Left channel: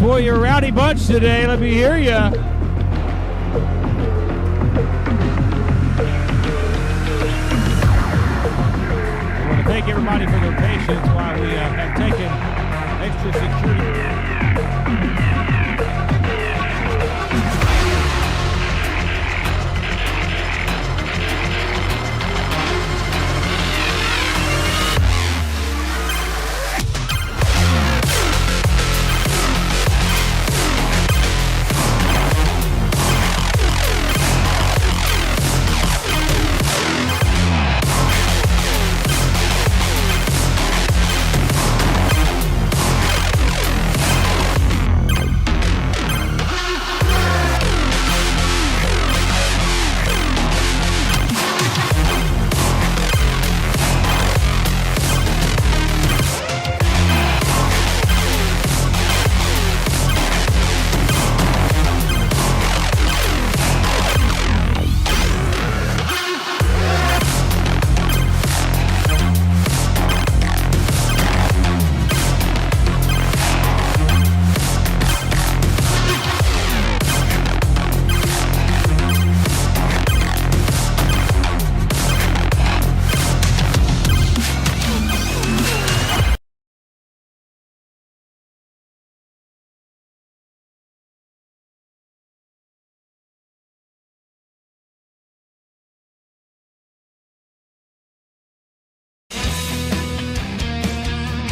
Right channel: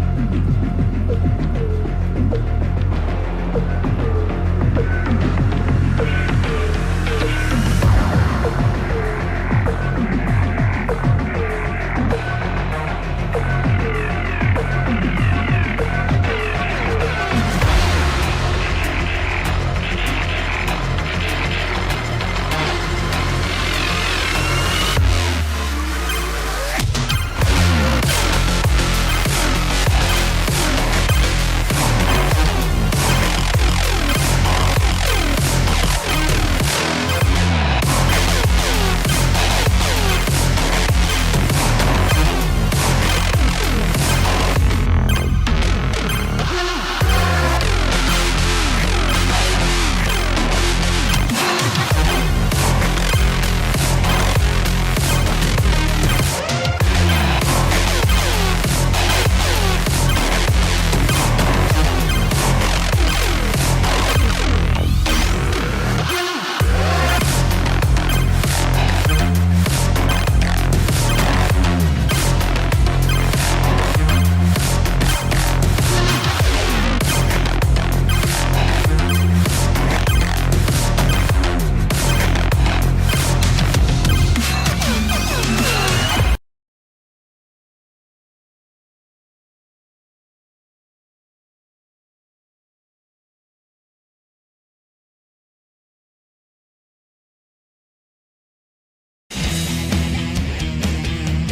Boy, you're a rowdy bunch today. Let me hear ya. Thank everybody for their patience while we have taken extra security.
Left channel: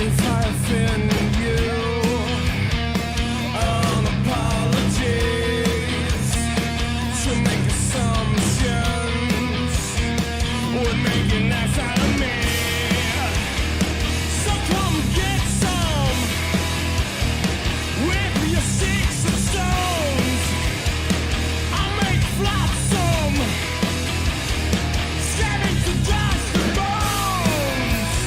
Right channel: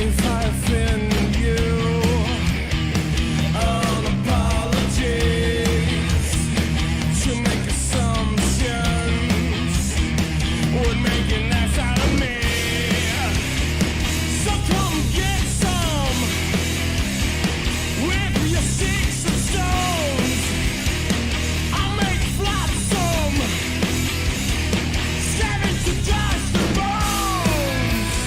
if I offend you. An apologies to make assumptions would make an ass out of me. So come get some with your sticks and stones. I'll make flotsam, savage to dust and bones.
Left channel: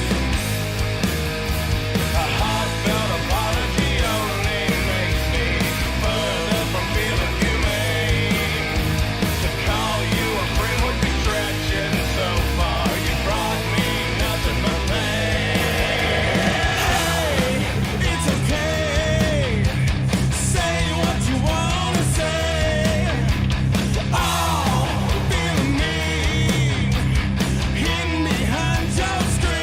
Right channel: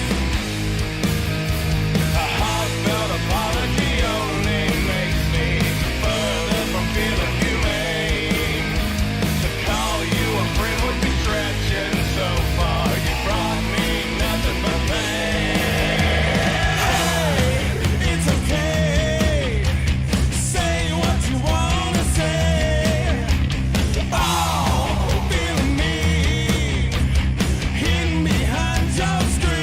A heartfelt apology only makes me further from feeling humane. To call you a friend would be stretching so far. You brought me nothing but pain. Hey, it's okay. Say what you wanna say. Oh, feeling mean, hidden behind your screen.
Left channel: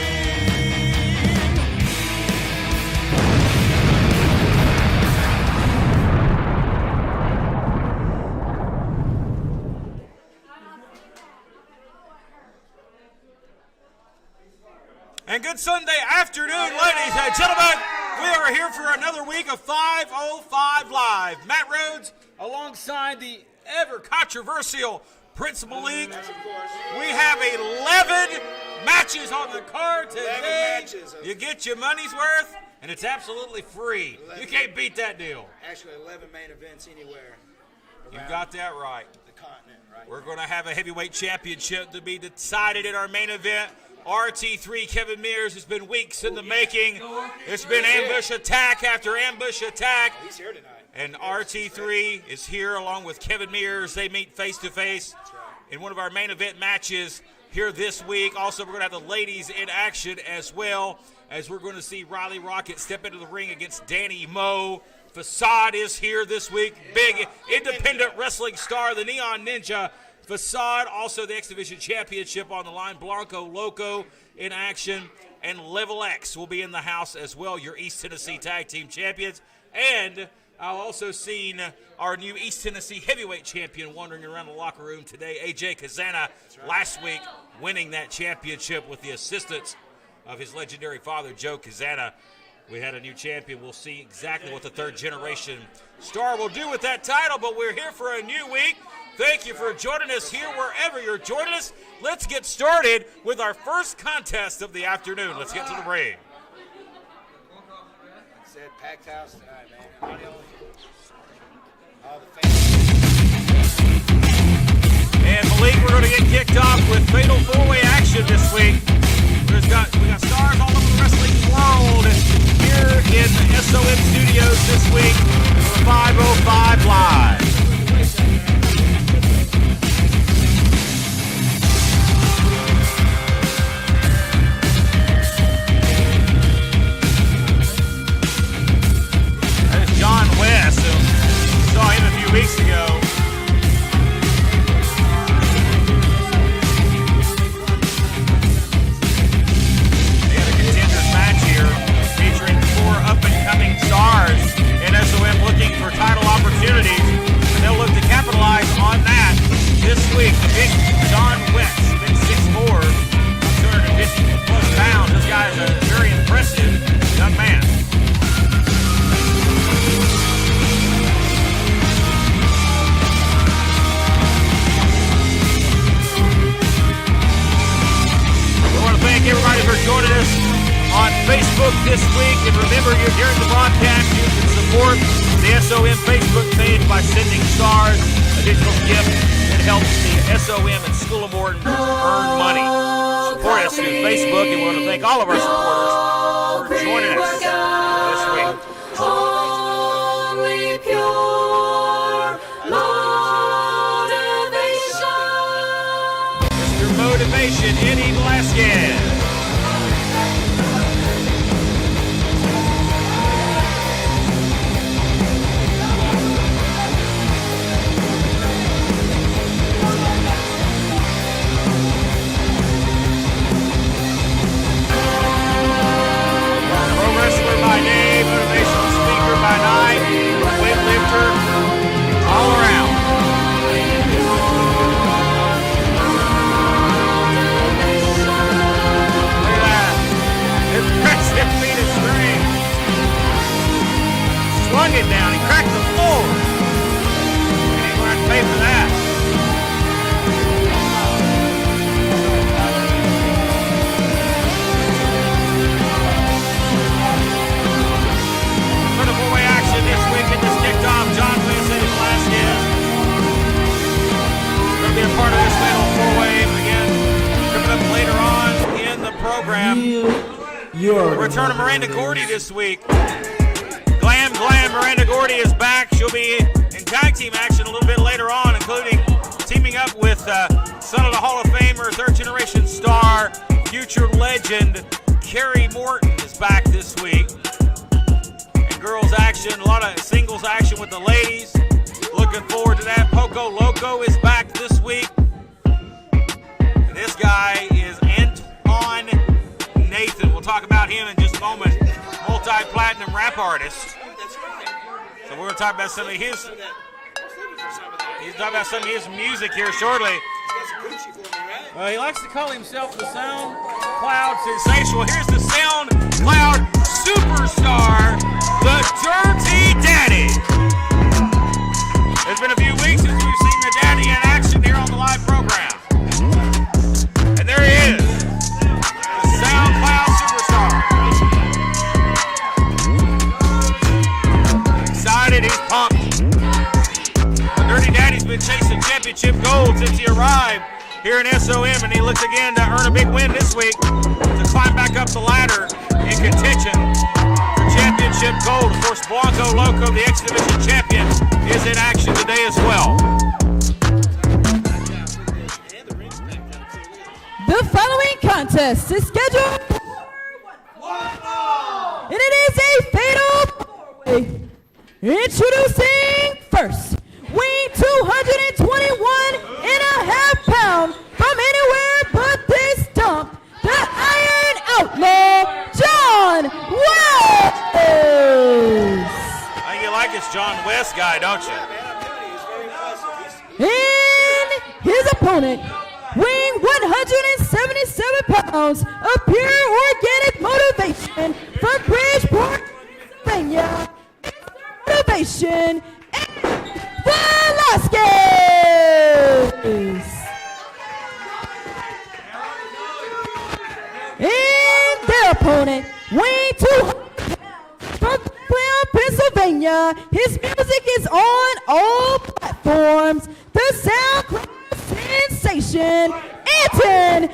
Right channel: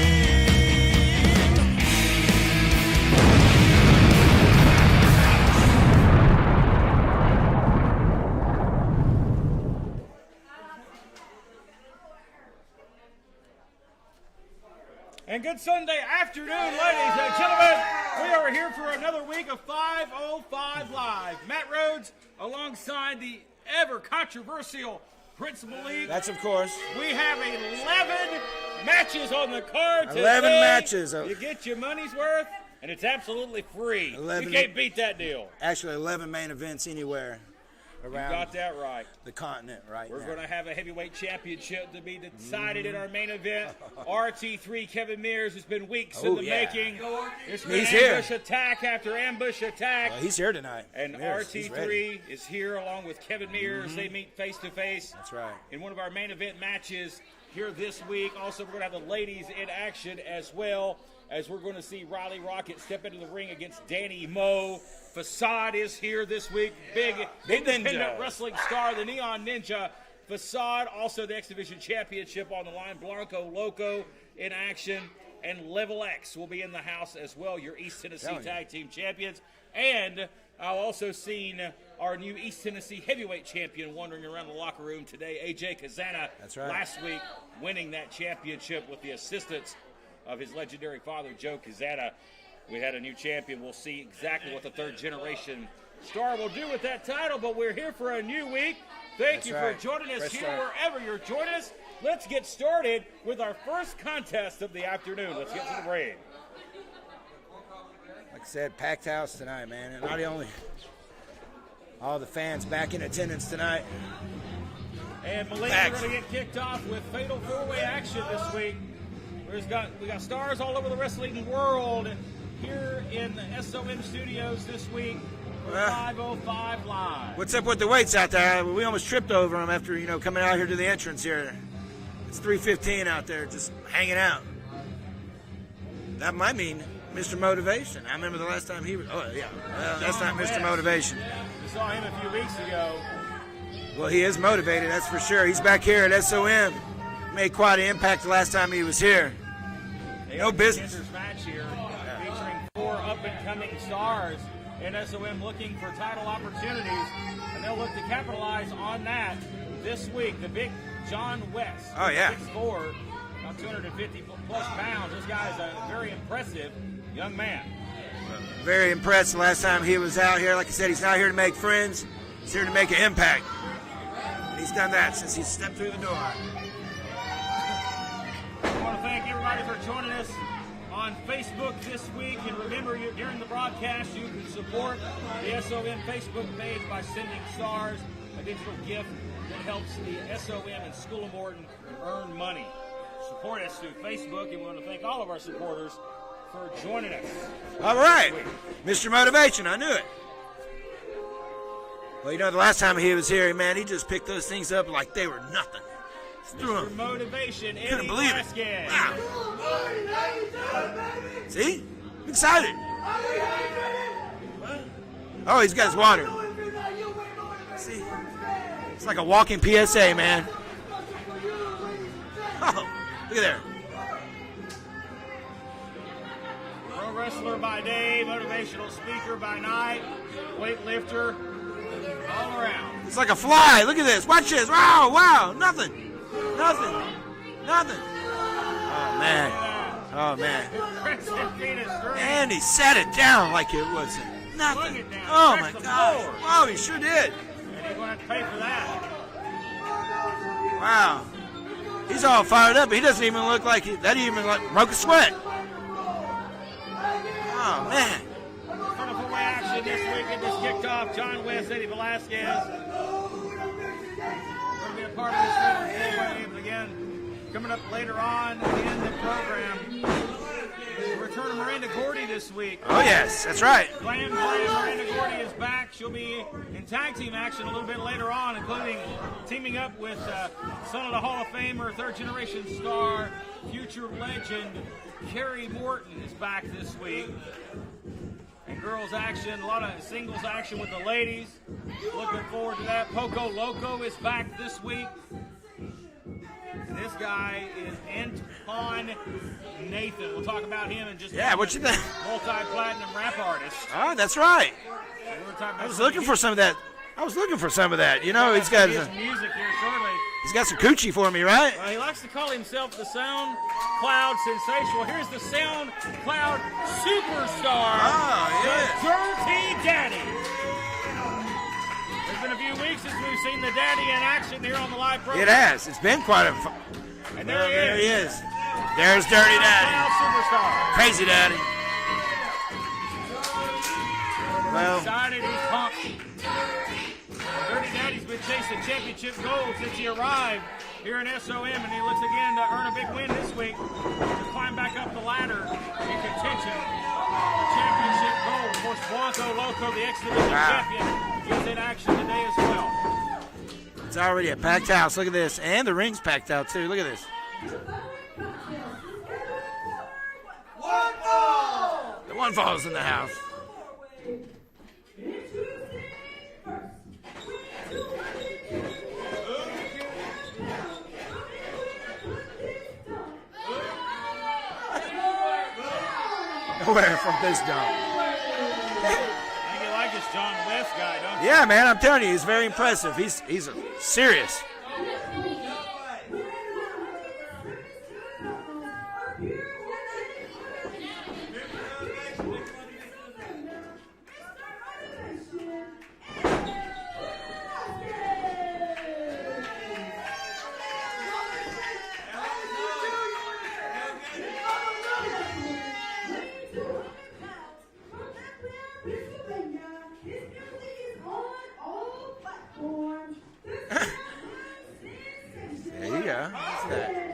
And good Sunday afternoon, ladies and gentlemen. We are here for another week of 505 Live. Matt Rhodes alongside the ever controversial Prince Malik. That's of course. We have 11 matches on the card today. 11 matches. You get your money's worth, and it's absolutely free. 11. You can't beat that deal. Actually, 11 main events anywhere You around got that right. the continent right We're now. going to have a heavyweight championship to be decided in our main event. RT3 Kevin Mears has been weeks in Oh, the yeah. making. It's been He's here. ambush attack after ambush attack. Oh, he's here tonight. And Mears, he's ready. RT3 is here along with Kevin Mears. They meet face to face That's right. in one of our main event matches here this week. Also, we're going to have the ladies in action as well, as we're going to see Riley Rocket step into the ring against Danny Moe. Facade is here this week. Big independent Ninja. wrestling star, the Neon Ninja. Facade, also the X Division Championship on the line. Blanco Loco in action. And Level X will be in the house as well, your East Tennessee Tag Team Champions. And I've also seen our new East Tennessee Heavyweight Champion wandering around the locker room today, AJ Kazana. That's right. Last week, winning that championship with the assistance of his legendary father, Joe Kazana. We had a new champion. We'll see exactly what the third generation star will do with that title, but we're here for a new week. Thank you for joining us here wherever you're joining us. Let's get started with our first contest of the afternoon. Let's get to the ring. Like I said, packed house tonight, man. And not only all the fans back in the tickets tonight. And Malik, we're going to get kicked off with Fatal 4-Way action this week. We got stars all over the wrestling world here in the SOM studios this week for 505 Live. What's up with the weights out there? We almost tripped over them after coming out here to the entrance here. 315 out there, just hanging out. That might be just motivation. That is John West. We saw him a few weeks ago. Well, he is motivated, that's for sure. He's back here at SOM. He made quite an impact last time he was here. No business match here, featuring 4 up-and-coming stars in SOM looking for title opportunities. And they'll look to capitalize on that this week. The big John West, 6'4", 250-plus pounds. This guy is a very impressive young man. Very impressed last time he was out here. Like I said, he's not here to make friends. He's here to make an impact. He's got that. We want to thank everybody for joining us on Facebook this week. And remember, you're during the broadcast, you can support the SOM Facebook page by sending stars, a digital gift that helps the SOM and School of Morton earn money. Support us through Facebook, and we want to thank all of our supporters for joining us. All right. Mr. Motivation, I knew it. You know, the last time he was here, man, he just picked those things up like they were nothing. Mr. Motivation, Eddie Velasquez. Excited. Oh, he's got his water. It's like a walking PSA, man. Oh, look at that. Pro wrestler by day, motivational speaker by night, weightlifter, all around. It's like a fly. Look at this. Watch this. Wow, wow. Nothing. Look at that. Impressive Phoenix swung it down. He cracked the floor. Oh, she did. And he's going to have to pay for that. Wow. He's all fired up. He doesn't even look like that. Even like a sweat. Oh, man. For the four-way action this week, it just kicked off. John West, Eddie Velasquez. Going to be a part of this fatal four-way. Again, coming up later on in the program. The return of Miranda Gordy this week. Oh, yes. That's right. Glam, Miranda Gordy is back. She'll be in tag team action a little bit later on, including teaming up with son of the Hall of Famer, third-generation star, future legend, Carrie Morton is back this week. And girls action, a lot of singles action with the ladies. Looking forward to that. Poco Loco is back this week. And this guy is Antoine Nathan. We'll talk about him in just a moment. what you think? Multi-platinum rap artist. Oh, that's right. So we're going to talk about I was looking for some of that. You know, he's got his music here shortly. he's got some coochie for me, right? He likes to call himself the Sound Cloud Sensational. Here's the Sound Cloud Superstar, the Dirty Daddy. It's been a few weeks since we've seen the Daddy in action here on the live program. It has. It's been quite a. And there he is. There's Dirty Sound Daddy. Cloud Superstar. Crazy Daddy. Excited, he's pumped. The Dirty Daddy's been chasing championship gold since he arrived here in SOM, and he looks again to earn a big win this week to climb back up the ladder in contention for championship gold. Of course, Blanco Loco, the X-Division champion, is in action today as well. It's already a packed house. Look at this. And the ring's packed out, too. Look at this. The following contest is scheduled. And it is a fatal four-way. Introducing first, weighing 221.5 pounds from anywhere but this dump, the Iron Outlaw, John West. I think you like this John West guy, don't you? Yeah, man. I'm telling you, he's very impressive. He's And serious. his opponent, weighing 177 pounds of pure organic motivation from Bridgeport, Pennsylvania. Motivation and Velasquez. And their opponent, weighing 200 from Cleveland, Pennsylvania. His music is on all platforms. The SoundCloud sensation, Anton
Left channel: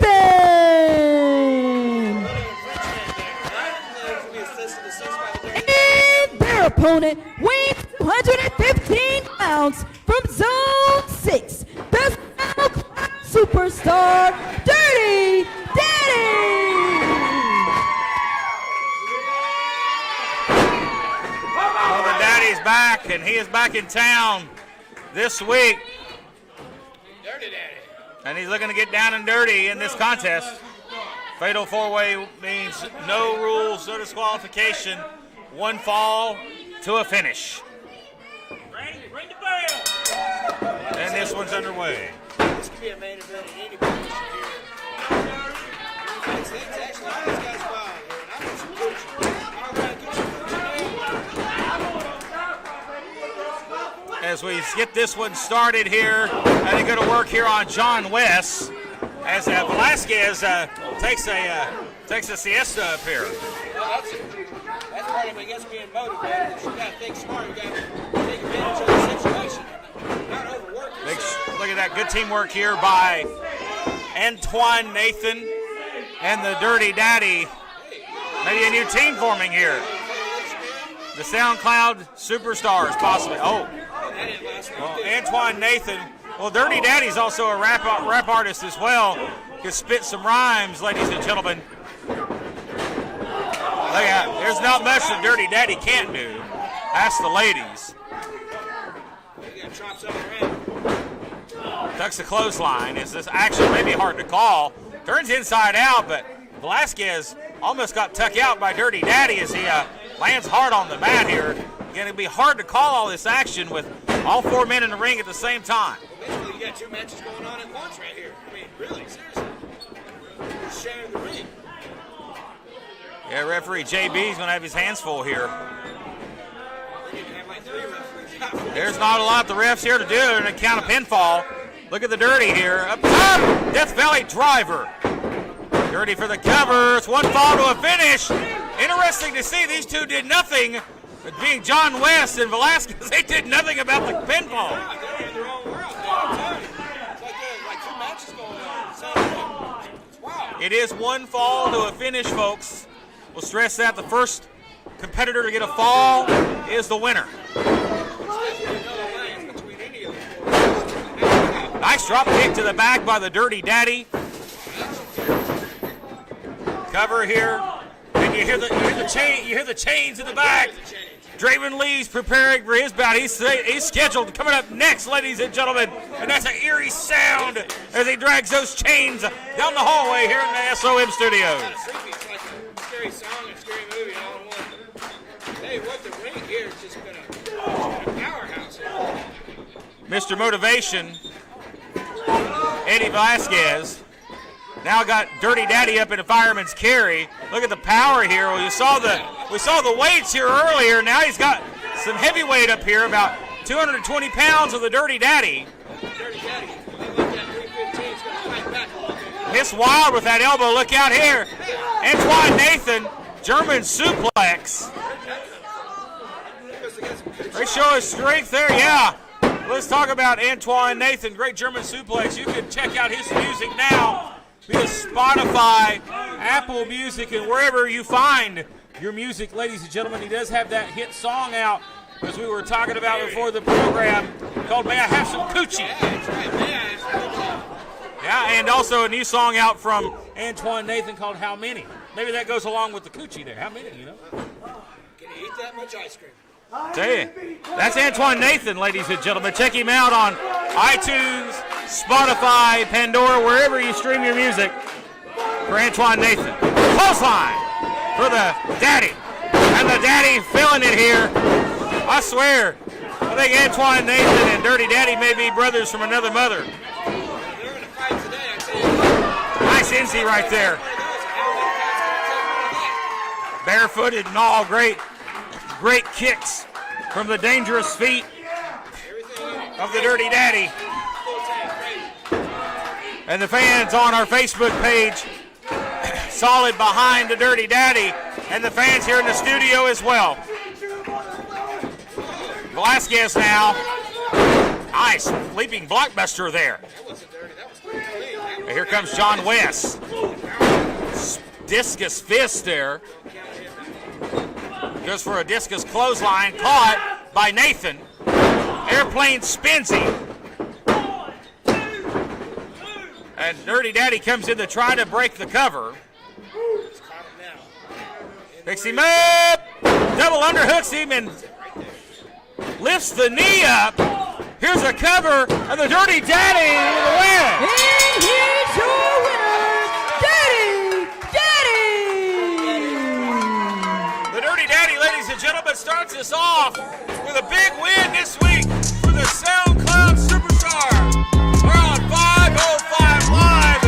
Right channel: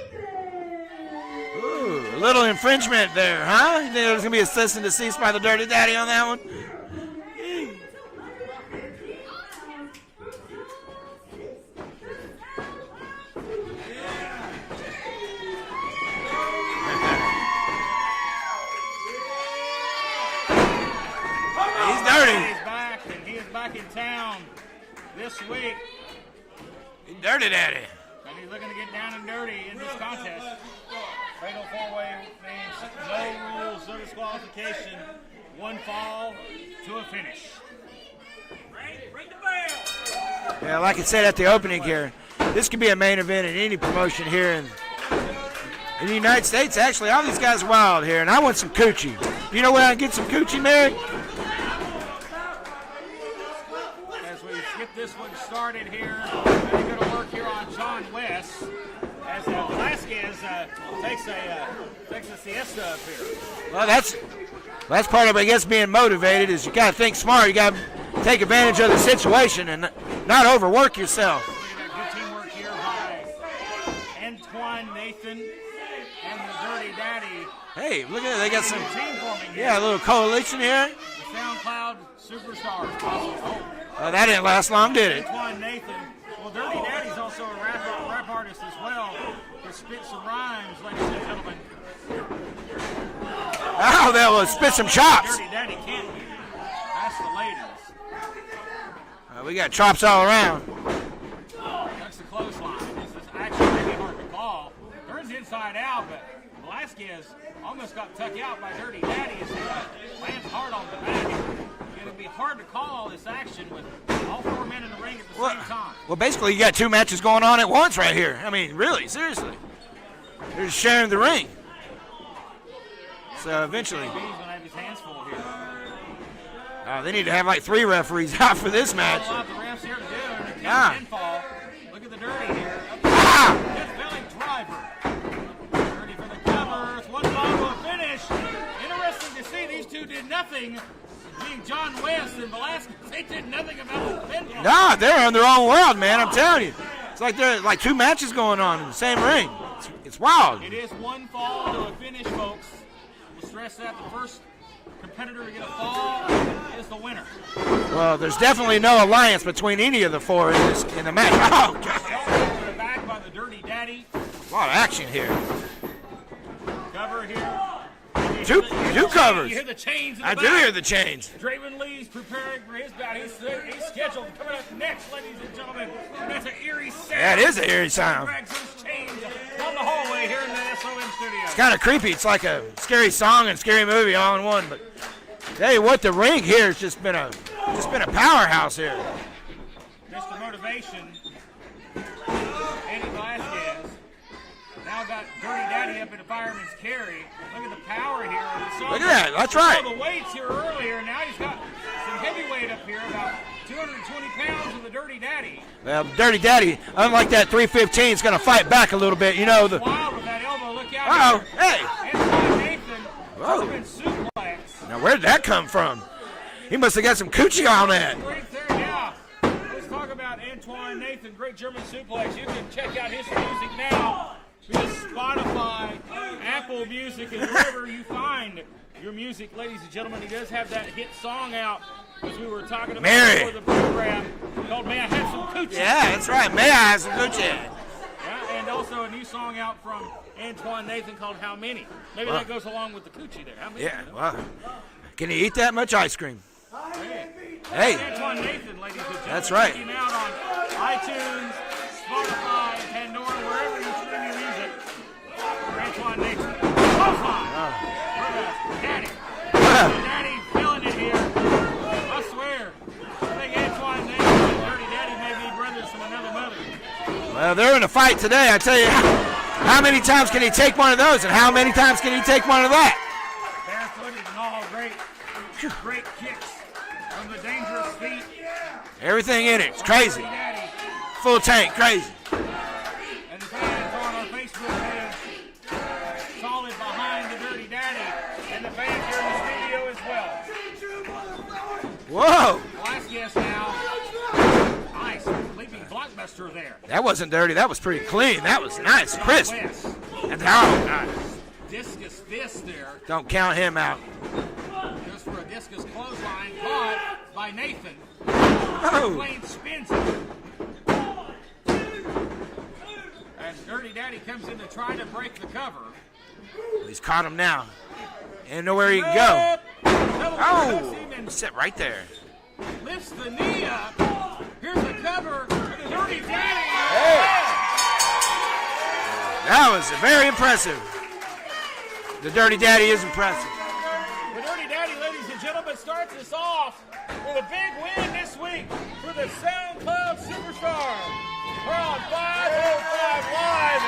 Nathan. A little infringement there, huh? You think there's going to be a cease and desist by the Dirty Daddy on that one? Their opponent, weighing 215 pounds from Zone 6. The SoundCloud superstar, Dirty Daddy. Daddy's back, and he is back in town this week. Dirty Daddy. And he's looking to get down and dirty in this contest. Fatal four-way means no rules, no disqualification, one fall to a finish. Ring the bell. Yeah, like I And said this at the one's opening underway. here, this can be a main event in any promotion here in the United States. Actually, all these guys are wild here, and I want some coochie. Do you know where I can get some coochie, Merrick? As we get this one started here, and they go to work here on John West as Velasquez takes a siesta up here. Well, that's part of, I guess, being motivated is you got to think smart. You got to take advantage of the situation and not overwork yourself. Look at that good teamwork here by Antoine Nathan and the Dirty Daddy. Hey, look at that. They Maybe a got new team forming you got here. a little coalition here. The SoundCloud Superstars, possibly. Oh, Well, that didn't last long, did it? Antoine Nathan. Well, Dirty Daddy's also a rap artist as well. Can spit some rhymes, ladies and gentlemen. Oh, that was There's spit not some much chops. Dirty Daddy can't do. Ask the ladies. We got chops all around. Ducks the clothesline. Is this actually maybe hard to call? Turns inside out, but Velasquez almost got tucked out by Dirty Daddy as he lands hard on the mat here. Going to be hard to call all this action with all four men in the ring at the same time. Well, basically, you got two matches going on at once right here. I mean, really, seriously. They're just sharing the ring. Yeah, referee JB is going to have his hands full here. They need to have like 3 referees out for this There's match. not a lot the refs here to do and a count pinfall. Look at the Dirty here. Up top, Death Valley driver. Dirty for the cover. It's 1 fall to a finish. Interesting to see these two did nothing. Being John West and Velasquez, they did nothing about the pinfall. Nah, they're in their own world, man. I'm telling you. It's like there's like 2 matches going on in the same ring. It's wild. It is 1 fall to a finish, folks. We'll stress that the first competitor to get a fall is the winner. There's definitely no alliance between any of the 4 in the match. Oh, Nice drop kick to the back by the Dirty Daddy. a lot of action here. Cover here. And you hear the chains in the I back. do hear the change. Draven Lee's preparing for his bout. He's scheduled coming up next, ladies and gentlemen. And that's an eerie sound. That is an eerie As sound. he drags those chains down the hallway here in the SOM studio. Kind of creepy. It's like a scary song and scary movie all in one. But tell you what, the ring here has just been a powerhouse here. Mr. Motivation, Eddie Velasquez, now got Dirty Daddy up in a fireman's carry. Look at the power here. Well, you saw saw the weights here earlier. Now he's got some heavyweight up here, about 220 pounds of the Dirty Daddy. Well, Dirty Daddy, unlike that 315, is going to fight back a little bit. You know, It's wild with that elbow. Look out here. Hey. Antoine Nathan, German suplex. Now, where did that come from? He must have got some coochie They on show that. his strength there, yeah. Let's talk about Antoine Nathan, great German suplex. You can check out his music now via Spotify, Apple Music, and wherever you find your music, ladies and gentlemen. He does have that hit song out, as we were talking about before the program, called May I Have Some Coochie. Yeah, that's right. May I have some coochie? Yeah, and also a new song out from Antoine Nathan called How Many. Maybe that goes along with the coochie there. How many? Yeah. You know? Wow. Can you eat that much ice cream? Tell you. That's Antoine Nathan, ladies and gentlemen. That's right. Check him out on iTunes, Spotify, Pandora, wherever you stream your music. For Antoine Nathan. Clothesline for the Daddy. And the Daddy feeling it here. I swear. I think Antoine Nathan and Dirty Daddy may be brothers from another mother. Well, they're in a fight today. I tell you, how many Nice times entry can he right take there. one of those, and how many times can he take one of that? Barefooted and all. Great kicks from the dangerous feet Everything in it. It's of the crazy. Dirty Daddy. Full tank. Crazy. And the fans on our Facebook page, solid behind the Dirty Daddy, and the fans here in the studio as well. Whoa. Velasquez now. Nice leaping blockbuster there. That wasn't dirty. That was pretty clean. That was Here nice. comes John crisp. West. And nice. Discus fist there. Don't count him out. Goes for a discus clothesline, caught by Nathan. Airplane spins him. And Dirty Daddy comes in to try to break the cover. He's caught him now. And know Picks where him he can go. up. Double underhooks him and Sit right there. lifts the knee up. Here's a cover, and the Dirty Daddy win. That was very impressive. Daddy! The Dirty Daddy is impressive. The Dirty Daddy, ladies and gentlemen, starts us off with a big win this week for the SoundCloud Superstars. We're on 505 Live.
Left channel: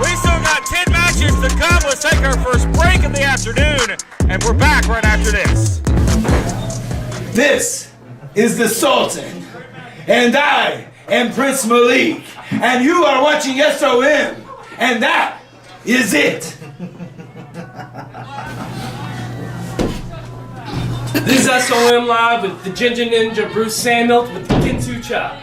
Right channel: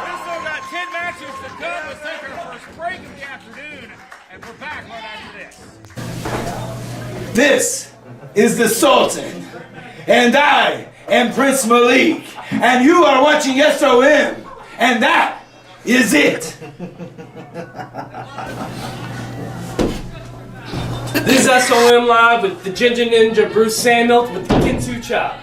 We still got 10 matches to come. Let's take our first break of the afternoon, and we're back right after this. This is the Sultan, and I am Prince Malik, and you are watching SOM, and that is it. This is SOM Live with the Ginger Ninja Bruce Samuel with the Kintu Chop.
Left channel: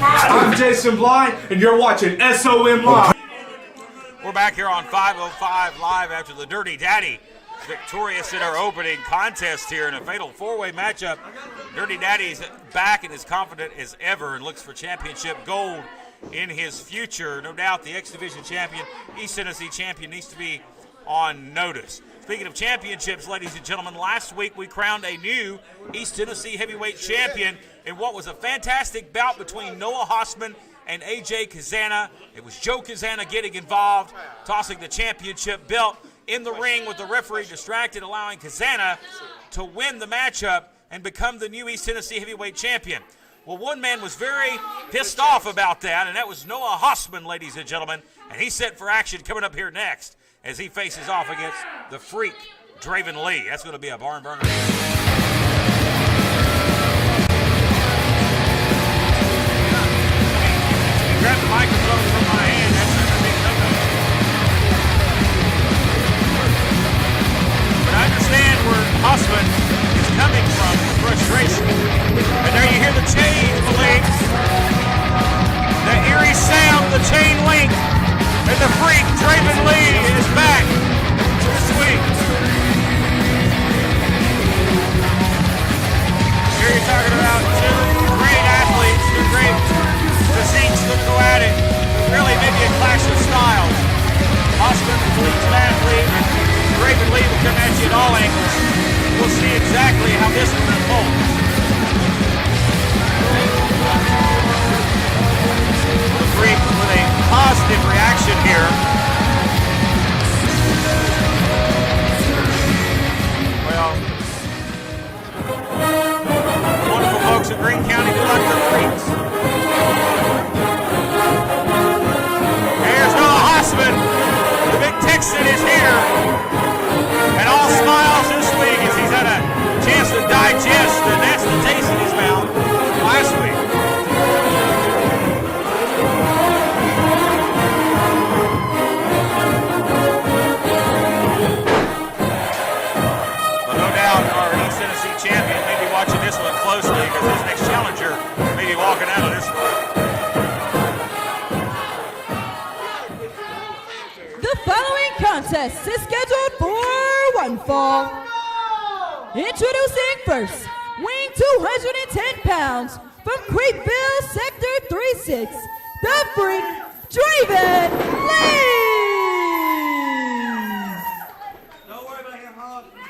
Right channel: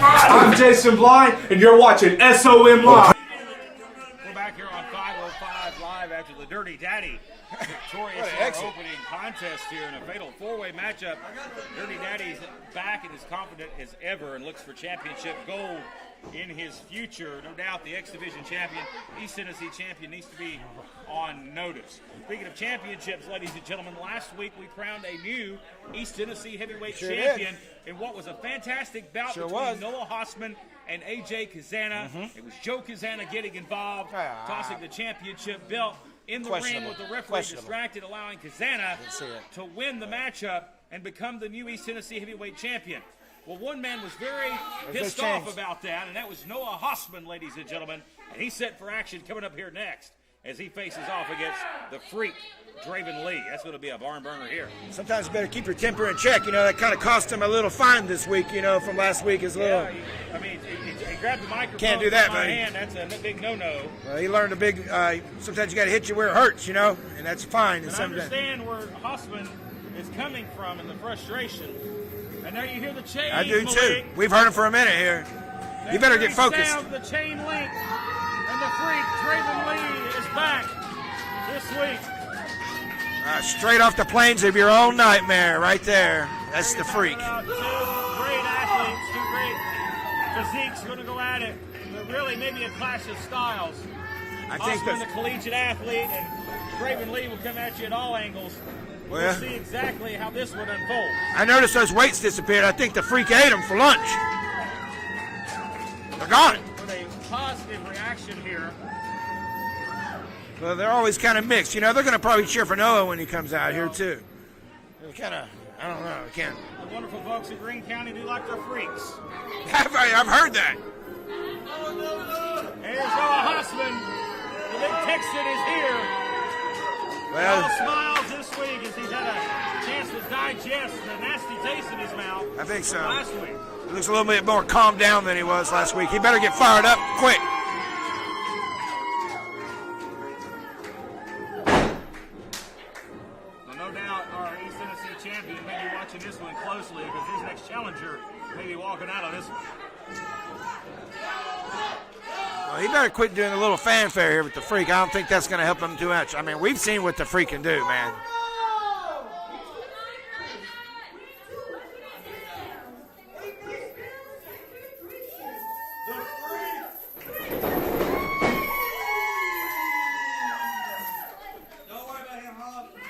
I'm Jason Blind, and you're watching SOM Live. We're back here on 505 Live after the Dirty Daddy victorious in our opening contest here in a fatal four-way matchup. Dirty Daddy's back and as confident as ever and looks for championship gold in his future. No doubt the X Division champion, East Tennessee champion, needs to be on notice. Speaking of championships, ladies and gentlemen, last week we crowned a new East Tennessee heavyweight champion in what was a fantastic bout between Noah Hossman and AJ Kazana. It was Joe Kazana getting involved, tossing the championship belt in the ring with the referee distracted, allowing Kazana to win the matchup and become the new East Tennessee heavyweight champion. Well, one man was very pissed off about that, and that was Noah Hossman, ladies and gentlemen. And he's set for action coming up here next as he faces off against the freak, Draven Lee. That's going to be a barn burner. Check, it kind of cost him a little fine this week, from last week as well. He grabbed the microphone with that hand. That's a big no-no. You learned a big, that's got to hit you where it hurts, That's fine. But I understand where Hossman is coming from, frustration. And there you hear the chain link. We've heard for a minute here. The eerie sound, the chain link. And the freak, Draven Lee, is back this week. Straight off the plains of your own nightmare, right there. Here you're talking about two great athletes, two great physiques going to go at it. Really, maybe a clash of styles. Hossman, the collegiate athlete, and Draven Lee will come at you at all angles. We'll see exactly how this will unfold. I noticed those weights disappeared. I think the freak ate them for lunch. Freak with a positive reaction here. They're always kind of mixed, They're going to probably cheer for Noah when he comes out, too. Wonderful folks in Greene County who like the freaks. I've heard that. Here's Noah Hossman. The big Texan is here. And all smiles this week as he's had a chance to digest the nasty taste in his mouth. It's last week. It's a little bit more calmed down than he was last week. He better get fired up quick. But no doubt our East Tennessee champion may be watching this one closely because his next challenger may be walking out of this one. He better quit doing a little fanfare here with the The freak. I don't think that's going to help him do it. I mean, we've seen what the freak can do, man. Introducing first, weighing 210 pounds from Creekville, Sector 36, the freak, Draven Lee.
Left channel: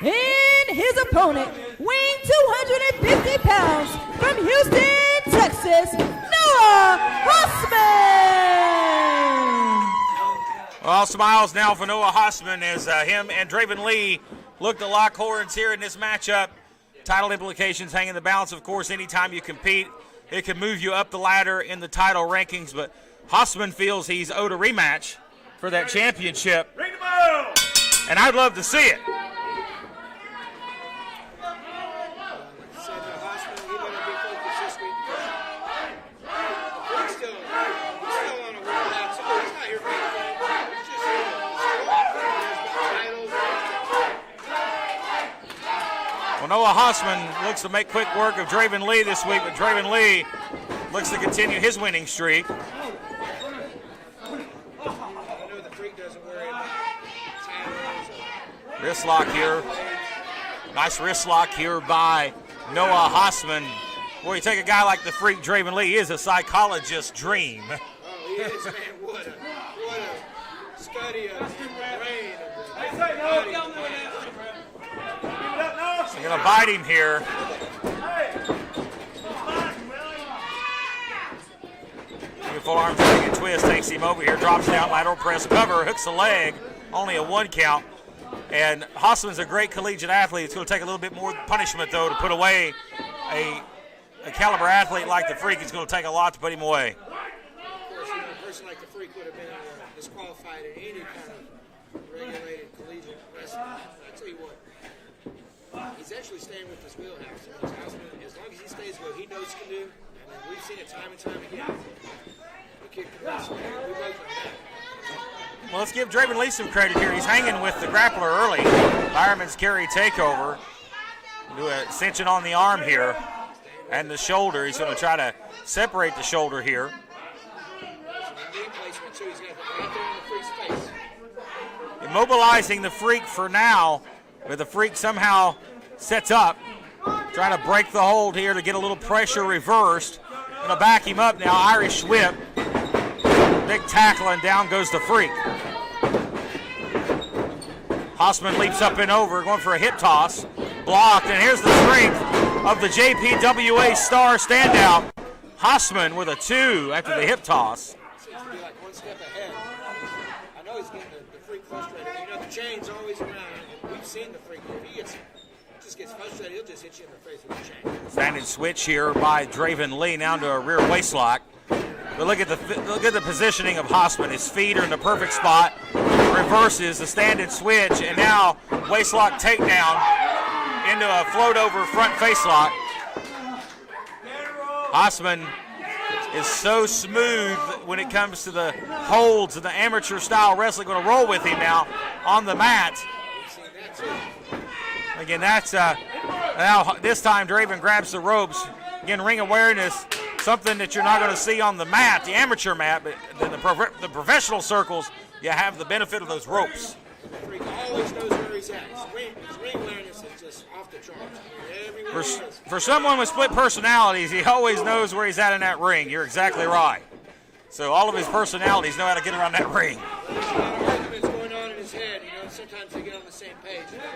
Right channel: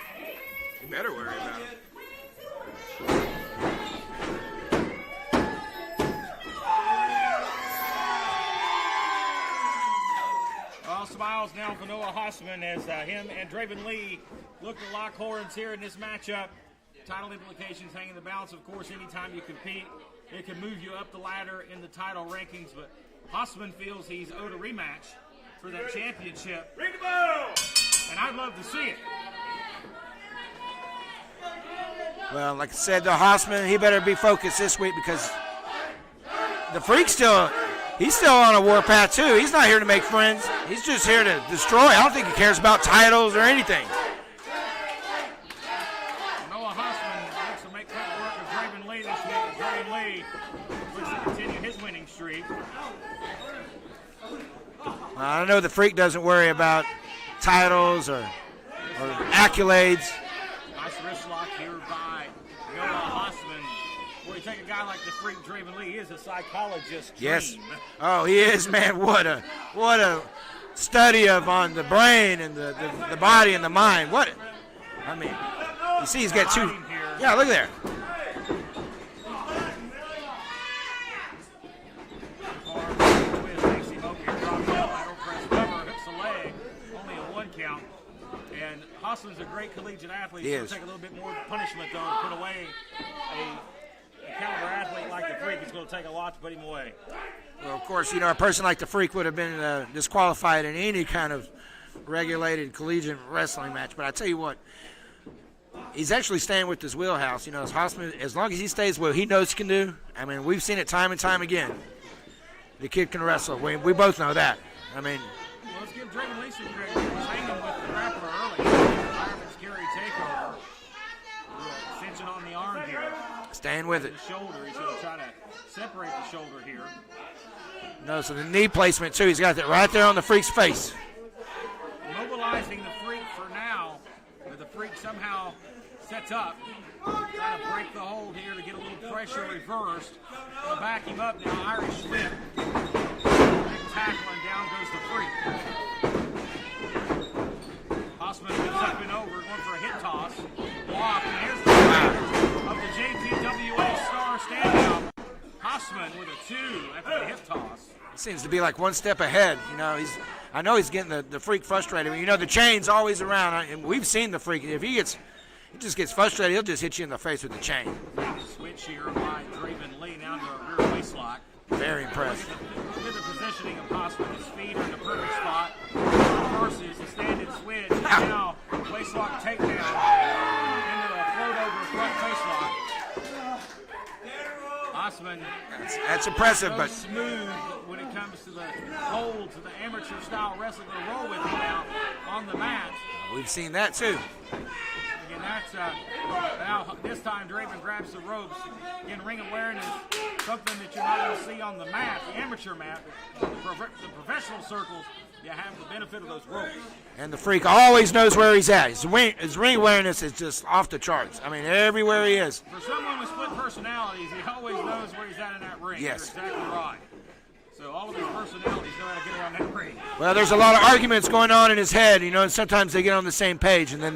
And his opponent, weighing 250 pounds from Houston, Texas, Noah Hossman. All smiles now for Noah Hossman as him and Draven Lee look to lock horns here in this matchup. Title implications hang in the balance, of course. Anytime you compete, it can move you up the ladder in the title rankings, but Hossman feels he's owed a rematch for that championship. And I'd love to see it. Well, like I said, the Hossman, he better be focused this week because the freak's he's still on a warpath too. He's not here to make friends. He's just here to destroy. I don't think he cares about titles or anything. Well, Noah Hossman looks to make quick work of Draven Lee this week, but Draven Lee looks to continue his winning streak. I know the freak doesn't worry about titles or Wrist lock here. accolades. Nice wrist lock here by Noah Hossman. Boy, you take a guy like the freak Draven Lee, he is a psychologist's dream. Yes. Oh, he is, man. What a study on the brain and the body and the mind. I mean, you see he's got biting here. Yeah, look there. Beautiful arm swing and twist takes him over here, drops down, lateral press cover, hooks the leg, only a 1 count. And Hossman's a great collegiate athlete. It's going to take a little bit more punishment, though, to put away a caliber athlete like the freak. It's going to take a lot to put him away. Well, of course, a person like the freak would have been disqualified in any kind of regulated collegiate wrestling match. But I tell you what, he's actually staying with his wheelhouse. As Hossman, as long as he stays what he knows he can do. I mean, we've seen it time and time again. The kid can wrestle. We both know that. I mean, well, let's give Draven Lee some credit here. He's hanging with the grappler early. Fireman's carry takeover. Do a extension on the arm here. Staying with and the shoulder. He's going to try to separate the shoulder here. So the knee placement, too. He's got that right there on the freak's face. Immobilizing the freak for now, but the freak somehow sets up. Trying to break the hold here to get a little pressure reversed. Going to back him up now. Irish whip. Big tackle, and down goes the freak. Hossman leaps up and over, going for a hip toss. Blocked, and here's the strength of the JPWA star standout. Hossman with a 2 after the hip toss. Seems to be like one step ahead. I know he's getting the freak frustrated. The chain's always around, and we've seen the freak. If he gets he just gets frustrated. He'll just hit you in the face with the chain. Standing switch here by Draven Lee now to a rear waist lock. Very But look at the positioning of Hossman. His feet are in the perfect spot. Reverses the standing switch, and now waistlock takedown into a float over front face lock. Hossman That's is impressive. so smooth when it comes to the holds and the amateur style wrestling. Going to roll with him now on the mat. We've seen that too. Again, that's now this time Draven grabs the ropes. Again, ring awareness, something that you're not going to see on the mat, the amateur mat, but in the professional circles, you have the benefit of those ropes. And the Freak always knows where he's at. His ring awareness is just off the charts. I mean, everywhere he is. For someone with split personalities, he always knows where he's at in that ring. Yes. You're exactly right. So all of his personalities know how to get around that ring. Well, there's a lot of arguments going on in his head, you know, and sometimes they get on the same page, and then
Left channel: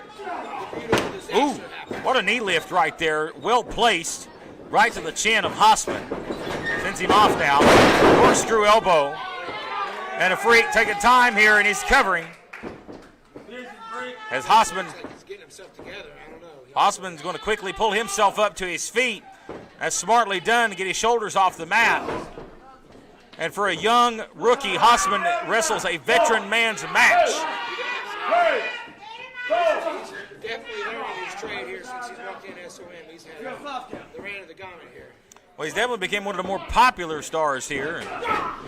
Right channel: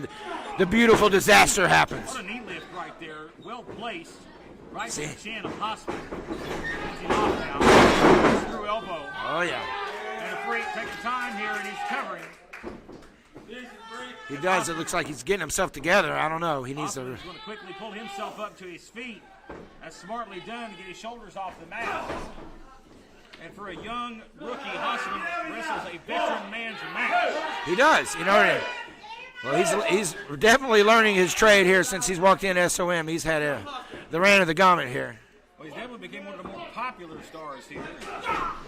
the beautiful disaster happens. What a knee lift right there. Well placed. Right to the chin of Hossman. Sends him off now. Corkscrew elbow. Oh, yeah. And a Freak taking time here, and he's covering. It As does. It Hossman, looks like he's getting himself together. I don't know. He needs to- Hossman's going to quickly pull himself up to his feet. That's smartly done to get his shoulders off the mat. And for a young rookie, Hossman wrestles a veteran man's match. He does. You know, well, he's definitely learning his trade here since he's walked in SOM. He's had the reign of the gauntlet here. Well, he's definitely became one of the more popular stars here.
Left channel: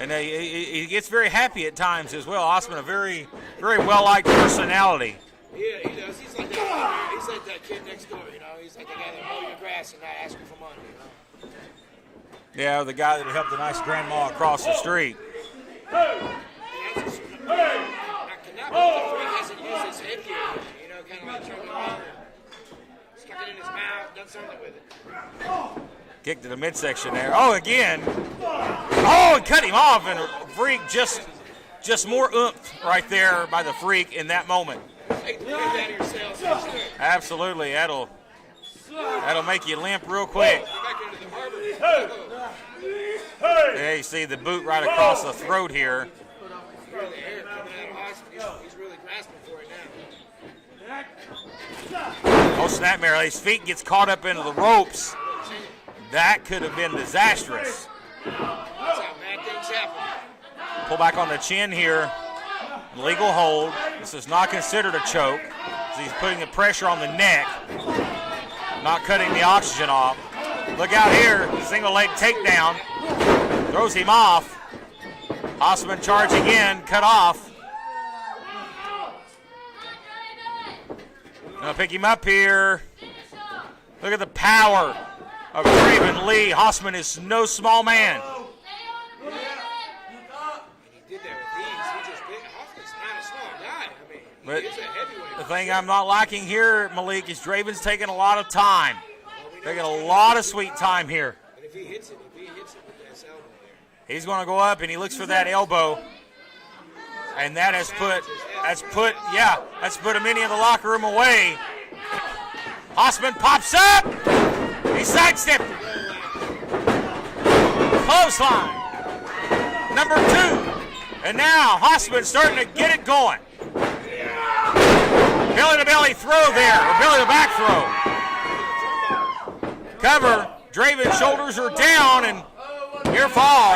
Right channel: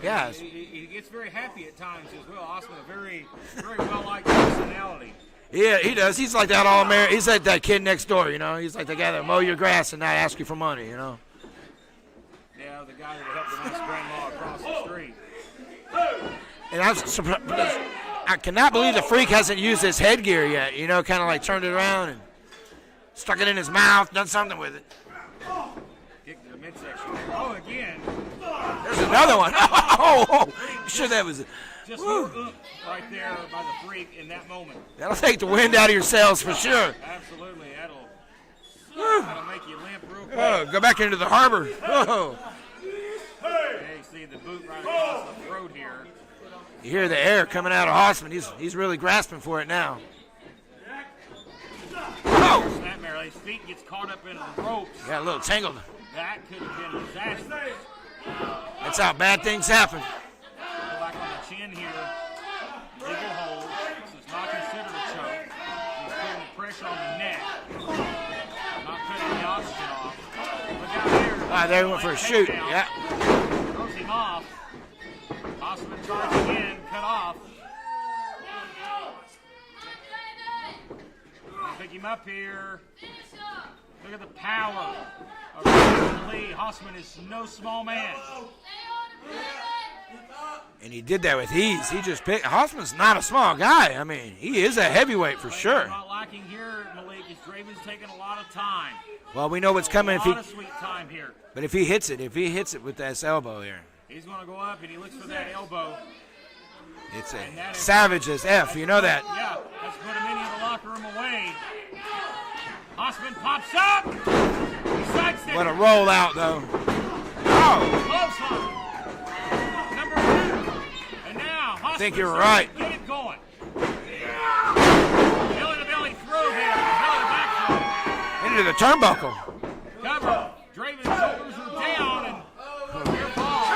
And Yeah. he gets very happy at times as well. Hossman, a very, very well-liked personality. Yeah, he does. He's like that all-American. He's like that kid next door, you know. He's like the guy that mow your grass and not ask you for money, you know. Yeah, the guy that helped the nice grandma across the street. And I cannot believe the Freak hasn't used his headgear yet, you know, kind of like turned it around and stuck it in his mouth, done something with it. Kick to the midsection there. Oh, again. There's another one. Cut him off. Oh, Freak shit, that was just more oomph right there by the Freak in that moment. That'll take the wind out of your sails for sure. Absolutely. That'll make you limp real quick. Whoa, go back into the harbor. Whoa. Yeah, you see the boot right across the throat here. You hear the air coming out of Hossman. He's really grasping for it now. Oh, snapmare. His feet gets caught up into the ropes. Got a little tangled. That could have been disastrous. That's how bad things happen. Pull back on the chin here. Legal hold. This is not considered a choke. He's putting the pressure on the neck. Not cutting the oxygen off. Look out here. Single leg takedown. Yeah. Throws him off. Hossman charging in. Cut off. Gonna pick him up here. Look at the power of Draven Lee. Hossman is no small man. And he did that with ease. He just picked. Hossman's not a small guy. I mean, he is a heavyweight The for thing sure. I'm not liking here, Malik, is Draven's taking a lot of time. Well, we know what's Taking coming. a lot of sweet time here. But if he hits it with that elbow here, He's going to go up and he looks for that elbow. it's And that has savage put, as F. that's You know put- that. Yeah, that's put many in the locker room away. Hossman pops up. He sidestepped. What a rollout, though. Clothesline. Number 2. And now think Hossman you're starting right. to get it going. Belly to belly throw there. Or belly to back throw. Into the turnbuckle. Cover. Draven's shoulders are down and near fall.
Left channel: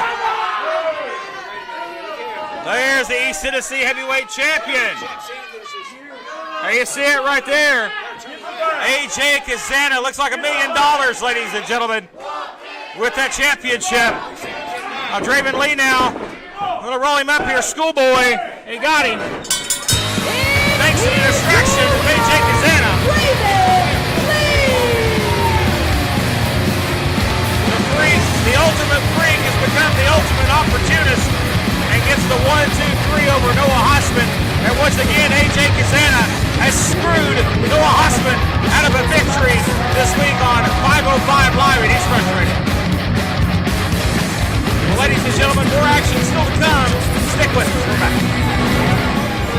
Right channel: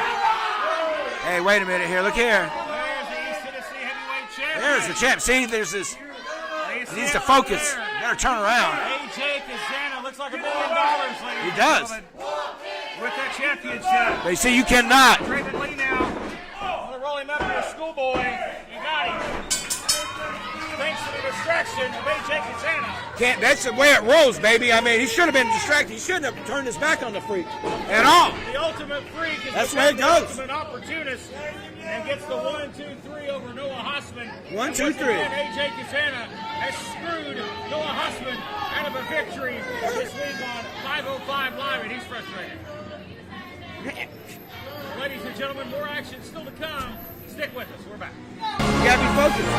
Hey, wait a minute here. Look here. There's the East Tennessee heavyweight champion. There's the champ. See, there's this. There you see Needs it to right focus. there. Better turn around. AJ Kazana looks like $1 million, ladies and does. gentlemen, with that championship. They see you cannot. Draven Lee now. I'm going to roll him up here, schoolboy. He got him. Thanks to the distraction of AJ Kazana. That's the way it rolls, baby. I mean, he should have been distracted. The ultimate freak has become the ultimate opportunist and gets the 1-2-3 over Noah Hossman. And once again, AJ Kazana has screwed Noah Hossman out of a victory this week on 505 Live, and he's frustrated. Well, ladies and gentlemen, more action still to come. Stick with us. We're back. You gotta be focused.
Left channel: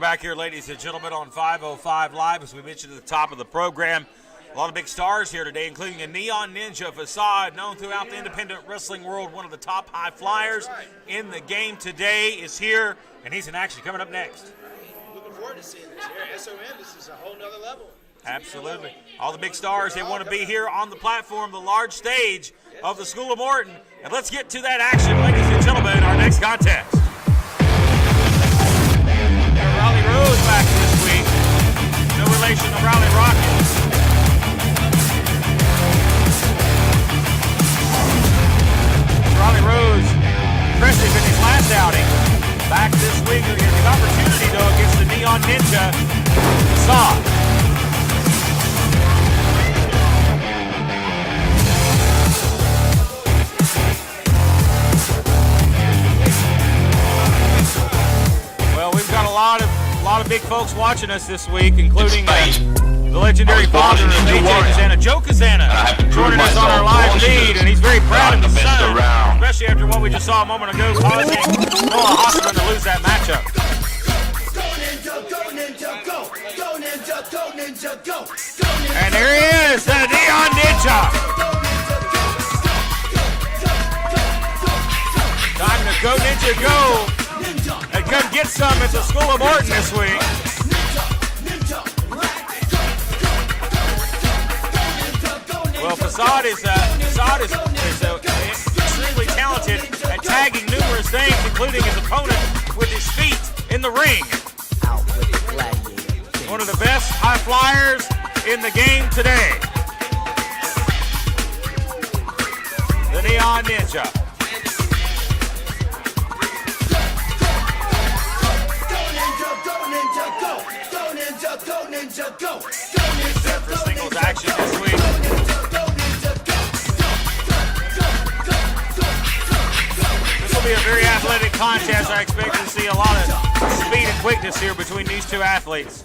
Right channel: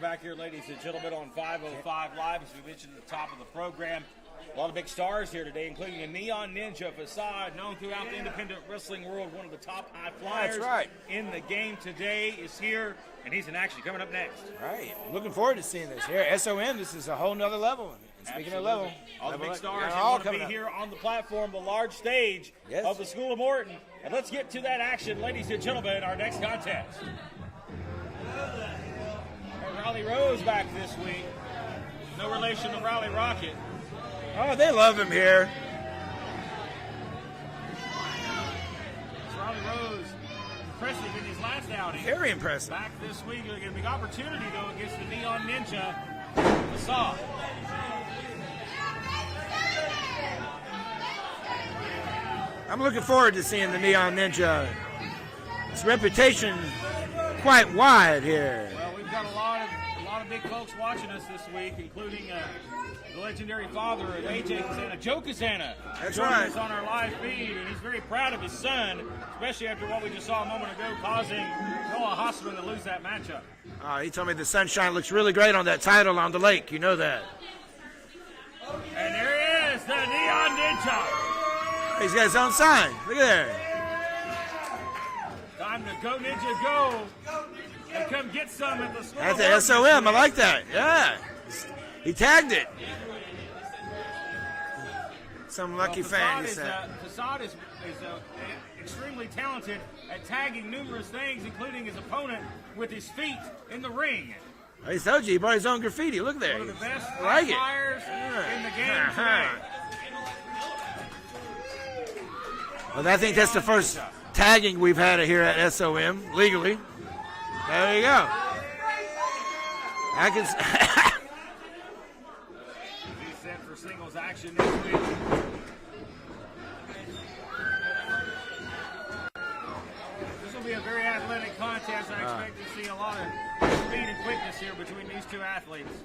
back here, ladies and gentlemen, on 505 Live. As we mentioned at the top of the program, a lot of big stars here today, including a Neon Ninja Facade, known throughout the independent wrestling world, one of the top high flyers in the game today, is here, and he's in action coming up next. Right. Looking forward to seeing this. Here, SOM, this is a whole nother level. Absolutely. All the big stars who want to be here on the platform, the large stage of the School of Morton. And let's get to that action, ladies and gentlemen, our next contest. Raleigh Rose back this week. No relation to Raleigh Rockets. Oh, they love him here. Raleigh Rose, impressive in his last outing. Back this week, he has an opportunity, though, against the Neon Ninja Facade. Looking forward to seeing the Neon Ninja. His reputation quite wide here. Well, we've got a lot of big folks watching us this week, including the legendary father of AJ Kazana, Joe Kazana, joining us on our live feed, and he's very proud of his son, especially after what we just saw a moment ago, causing Noah Hoffman to lose that matchup. He told me the sunshine looks really great on that title on the lake. You know that. And here he is, the Neon Ninja. He's got his own sign. There. Time to go, Ninja, go. And come get some at the School of Morton this I week. like that. Yeah. He tagged it. Well, Facade is extremely talented at tagging numerous things, including his opponent with his feet in the ring. He told you, he brought his own graffiti. Look at that. One of the best high flyers in the game today. Well, I The think that's the Neon first Ninja. tagging we've had here at SOM legally. There you go. Set for singles action this week. This will be a very athletic contest. I expect to see a lot of speed and quickness here between these two athletes.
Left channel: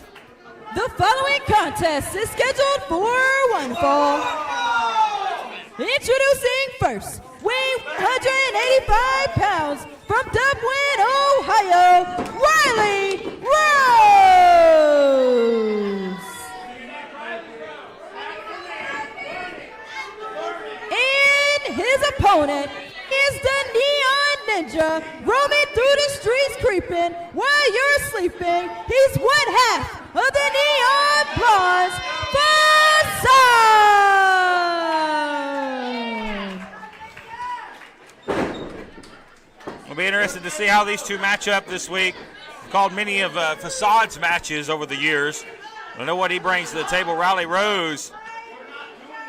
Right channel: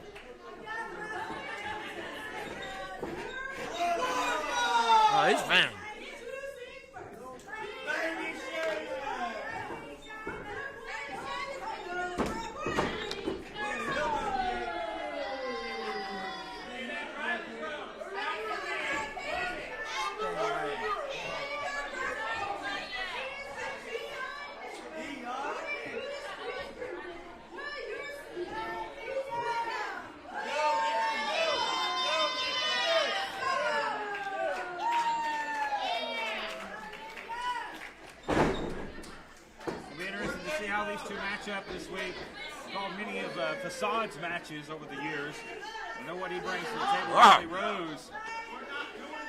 The following contest is scheduled for one fall. Oh, he's fine. Introducing first, weighing 185 pounds from Dublin, Ohio, Riley Rose. And his opponent is the Neon Ninja, roaming through the streets creeping while you're sleeping. He's one half of the Neon Blondes Facade. It'll be interesting to see how these two match up this week. I've called many of Facade's matches over the years. I know what he brings to the table. Riley Rose,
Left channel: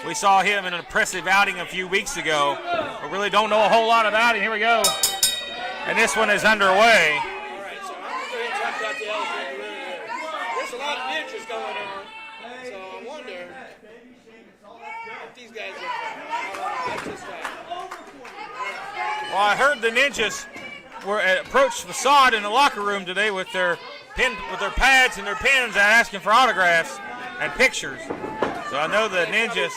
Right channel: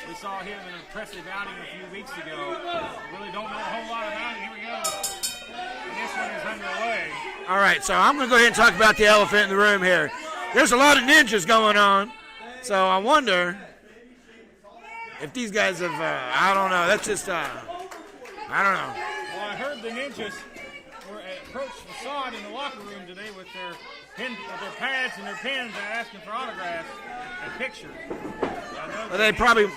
we saw him in an impressive outing a few weeks ago. We really don't know a whole lot about him. Here we go. And this one is underway. All right, so I'm going to go ahead and talk about the elephant in the room here. There's a lot of ninjas going on, so I wonder if these guys have, I don't know, that's just, I don't know. Well, I heard the Ninjas were approached Facade in the locker room today with their pads and their pens asking for autographs and pictures. So I know the They Ninjas probably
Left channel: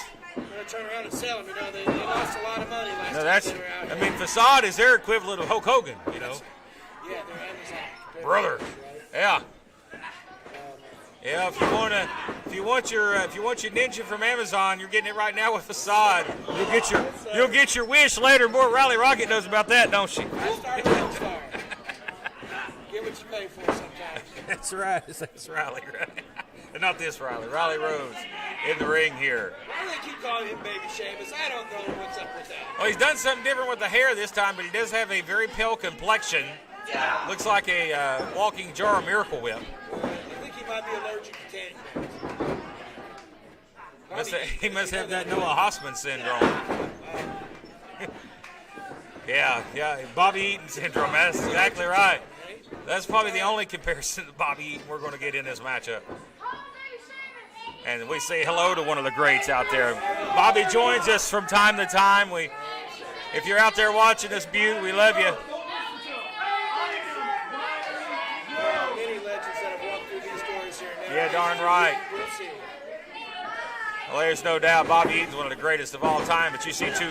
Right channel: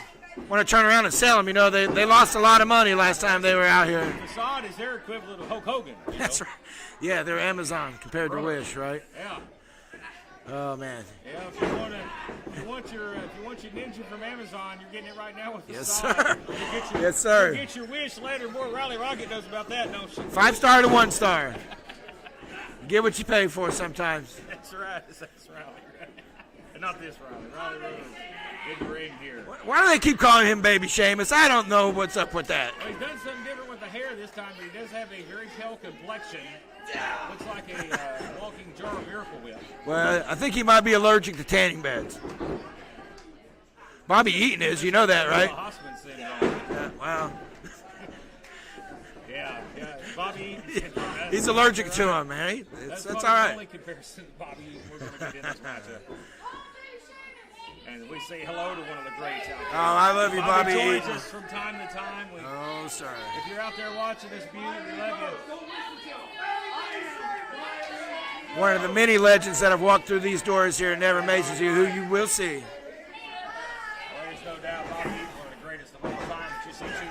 want to turn around and sell them. You know, they lost a lot of money last time they were out here. I mean, Facade is their equivalent of Hulk Hogan. You know? That's right. Yeah, they're Amazon compared Brother. to Wish, right? Yeah. Oh man. Yeah, if you want your ninja from Amazon, you're getting it right now with Facade. You'll get your you'll get your wish later. More Raleigh Rocket knows about that, don't she? 5-star to 1-star. Get what you pay for sometimes. That's right. That's Riley. Not this Riley. Riley Rose in the ring here. Why do they keep calling him Baby Sheamus? I don't know what's up with that. Well, he's done something different with the hair this time, but he does have a very pale complexion. Looks like a walking jar of Miracle Whip. Well, I think he might be allergic to tanning beds. Bobby Eaton is, you know that, right? Hoffman syndrome. Wow. Yeah, Bobby Eaton syndrome. That's He's exactly allergic right. to him, man. That's probably the only comparison to Bobby Eaton we're going to get in this matchup. And we say hello to one of the greats out there. Oh, I love you, Bobby Bobby joins Eaton. us from time to time. If you're out there watching this, Butte, we love you. One of the many legends that have walked through these doors here and never amazes you, right. who you will see. Well, there's no doubt Bobby Eaton's one of the greatest of all time, but you see two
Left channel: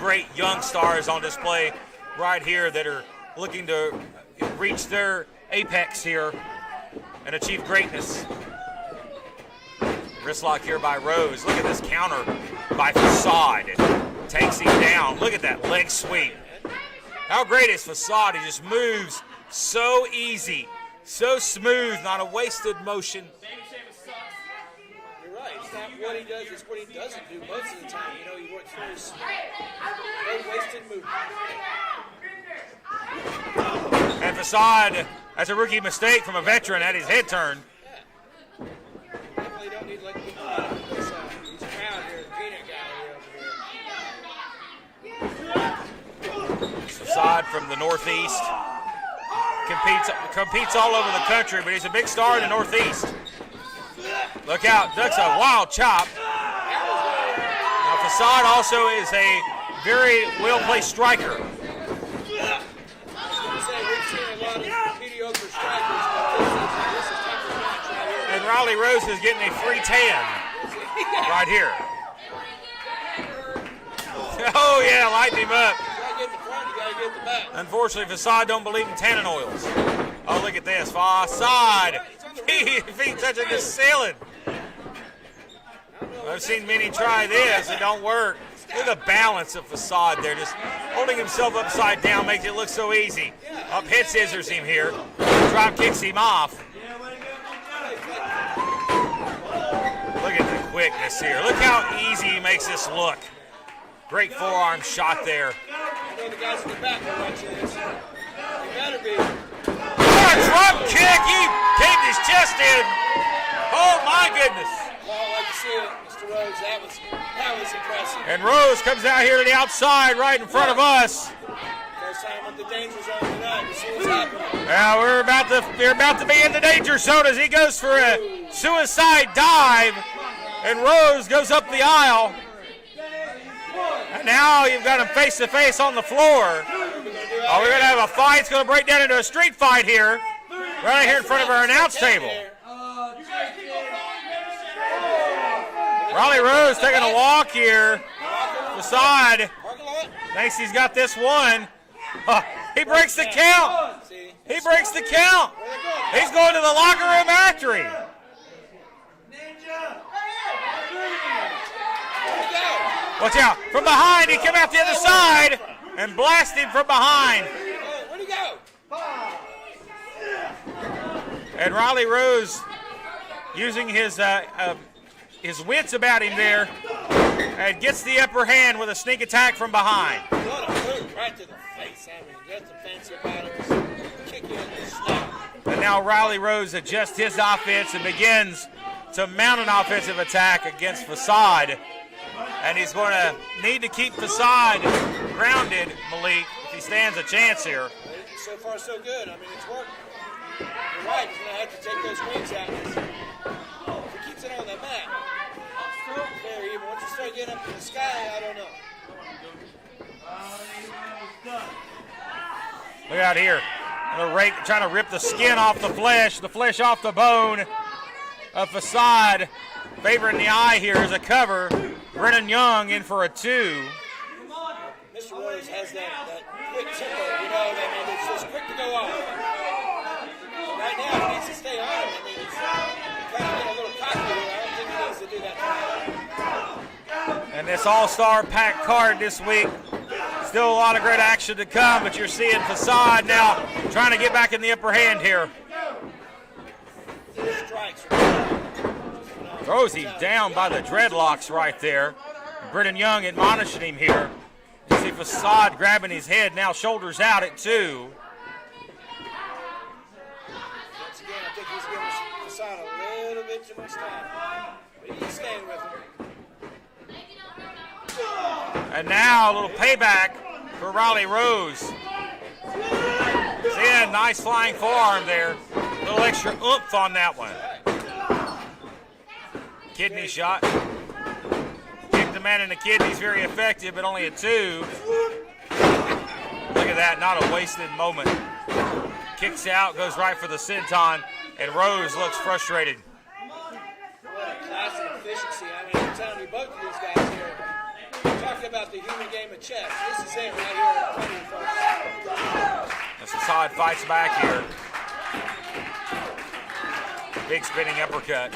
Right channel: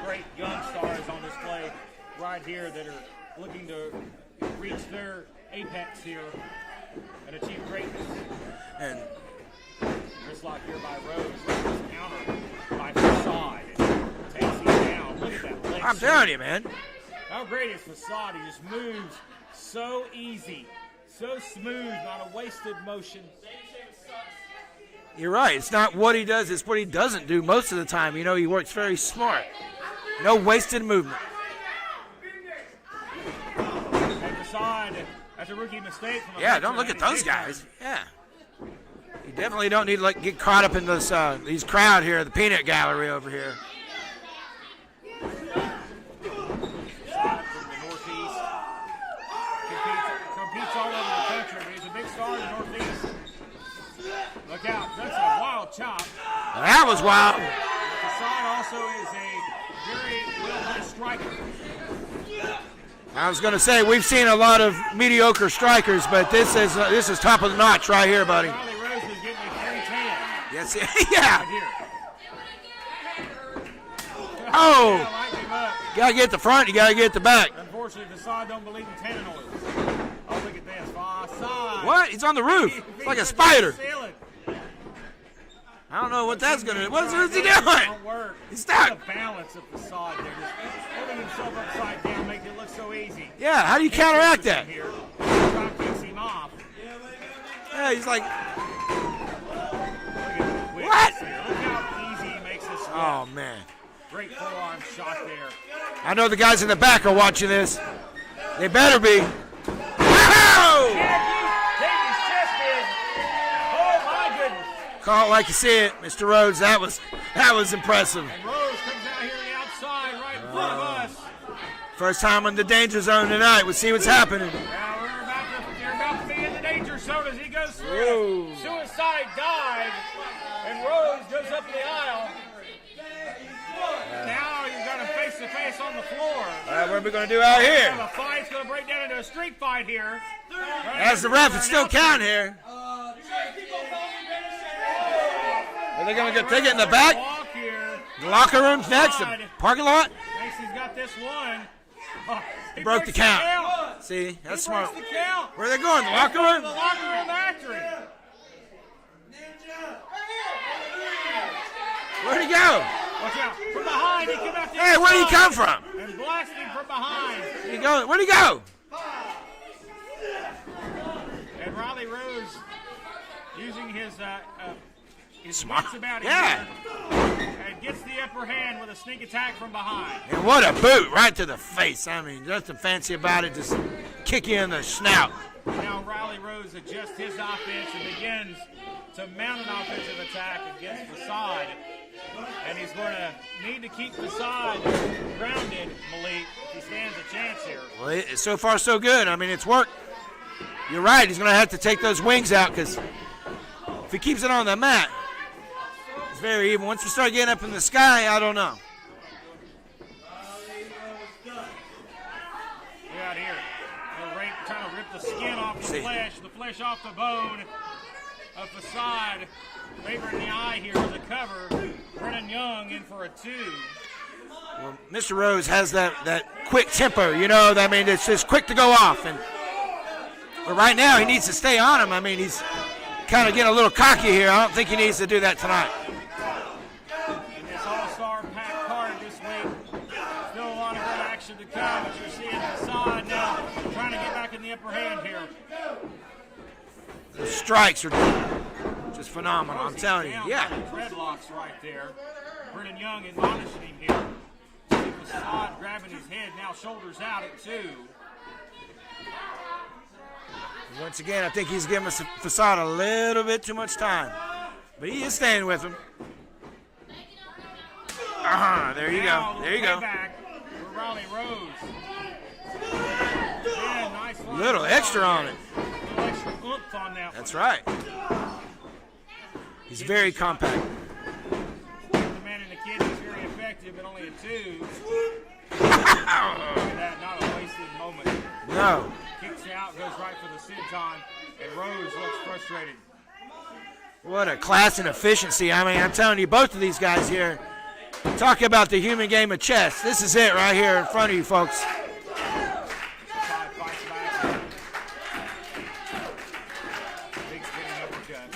great young stars on display right here that are looking to reach their apex here and achieve greatness. Wrist lock here by Rose. Look at this counter by Facade. Takes him down. Look at that leg I'm sweep. telling you, man. How great is Facade? He just moves so easy, so smooth, not a wasted motion. You're right. It's not what he does, it's what he doesn't do most of the time. You know, he works very smart. No wasted movement. And Facade, that's a rookie mistake from a Don't veteran look at at his those hit guys. turn. Yeah. You definitely don't need to get caught up in this these crowd here, the peanut gallery over here. Facade from the Northeast. Competes all over the country, but he's a big star in the Northeast. Look out, that's a wild chop. That was wild. Now, Facade also is a very well-placed striker. I was going to say, we've seen a lot of mediocre strikers, but this is top of the notch right here, buddy. Riley Rose is getting a free tan Yes, yeah. right here. Oh. Oh, yeah, lighten him up. You got to get the front, you got to get the back. Unfortunately, Facade don't believe in tannin oils. Oh, look at this. Facade. What? He's on the roof. He's like a touching spider. the ceiling. I don't know what I've that's seen going to many do. What's try he this. doing? It don't work. Stop. Look at the balance of Facade there. Just holding himself upside down makes it look so easy. Yeah, how do you Pitch counteract scissors him that? here. Drop kicks him off. Yeah, he's like, Look at the quickness here. Look how easy he makes this look. oh, man. Great forearm shot there. I know the guys in the back are watching this. They better be. Oh, kick! He caved his chest in. Oh my goodness! Call it like you see it, Mr. Rhodes. That was impressive. And Rose comes out here to the outside, right in front of us. First time in the danger zone tonight. We'll see what's happening. Now we're about to be in the danger zone as he goes for a suicide dive, and Rose goes up the aisle. Now you've got him face to face on the floor. What are we going to do Oh, out we're here? gonna have a fight. It's gonna break down into a street fight here. Right here That's in the front ref. of It's our still announce count table. here. Riley Rose taking a walk here. Locker room's Facade. next. Parking lot. Thinks he's got this one. He Broke breaks the the count. count. See? He That's breaks smart. the count. Where are they going? He's going to the locker room after him. Where'd he go? Watch out. From behind, he came out the Hey, other where'd he side come from? and blasted him from behind. Where'd he go? And Riley Rose, using his wits about him there, and gets the upper hand with a sneak attack from behind. What a boot right to the face. I mean, nothing fancy about it. Just kick you in the snout. And now Riley Rose adjusts his offense and begins to mount an offensive attack against Facade. And he's going to need to keep Facade grounded, Malik, if he stands a chance here. Well, so far, so good. I mean, it's worked. You're right. He's going to have to take those wings out because if he keeps it on the mat, it's very even. Once you start getting up in the sky, I don't know. Look out here. Trying to rip the skin off the flesh off the bone of Facade. Favoring the eye here is a cover. Brennan Young in for a 2. Well, Mr. Rose has that quick tempo, you know. I mean, it's just quick to go off. But right now, he needs to stay on him. I mean, he's kind of getting a little cocky here. I don't think he needs to do that tonight. And this all-star packed card this week. Still a lot of great action to come, but you're seeing Facade now trying to get back in the upper hand here. The strikes are just phenomenal. Rosie's I'm telling down you. by the dreadlocks right there. Brennan Young admonishing him here. You see Facade grabbing his head, now shoulders out at 2. Once again, I think he's giving Facade a little bit too much time. But he is staying with him. And now a little payback for Riley Rose. Yeah, nice flying Little forearm extra on there. him. Little extra oomph on that one. That's right. He's Kidney very shot. compact. Kick the man in the kidneys, very effective, but only a 2. Look at that, not a wasted moment. No. Kicks out, goes right for the senton, and Rose looks frustrated. What a class and efficiency. I mean, I'm telling you, both of these guys here, talk about the human game of chess. This is it right here in front of you, folks. As Facade fights back here. Big spinning uppercut.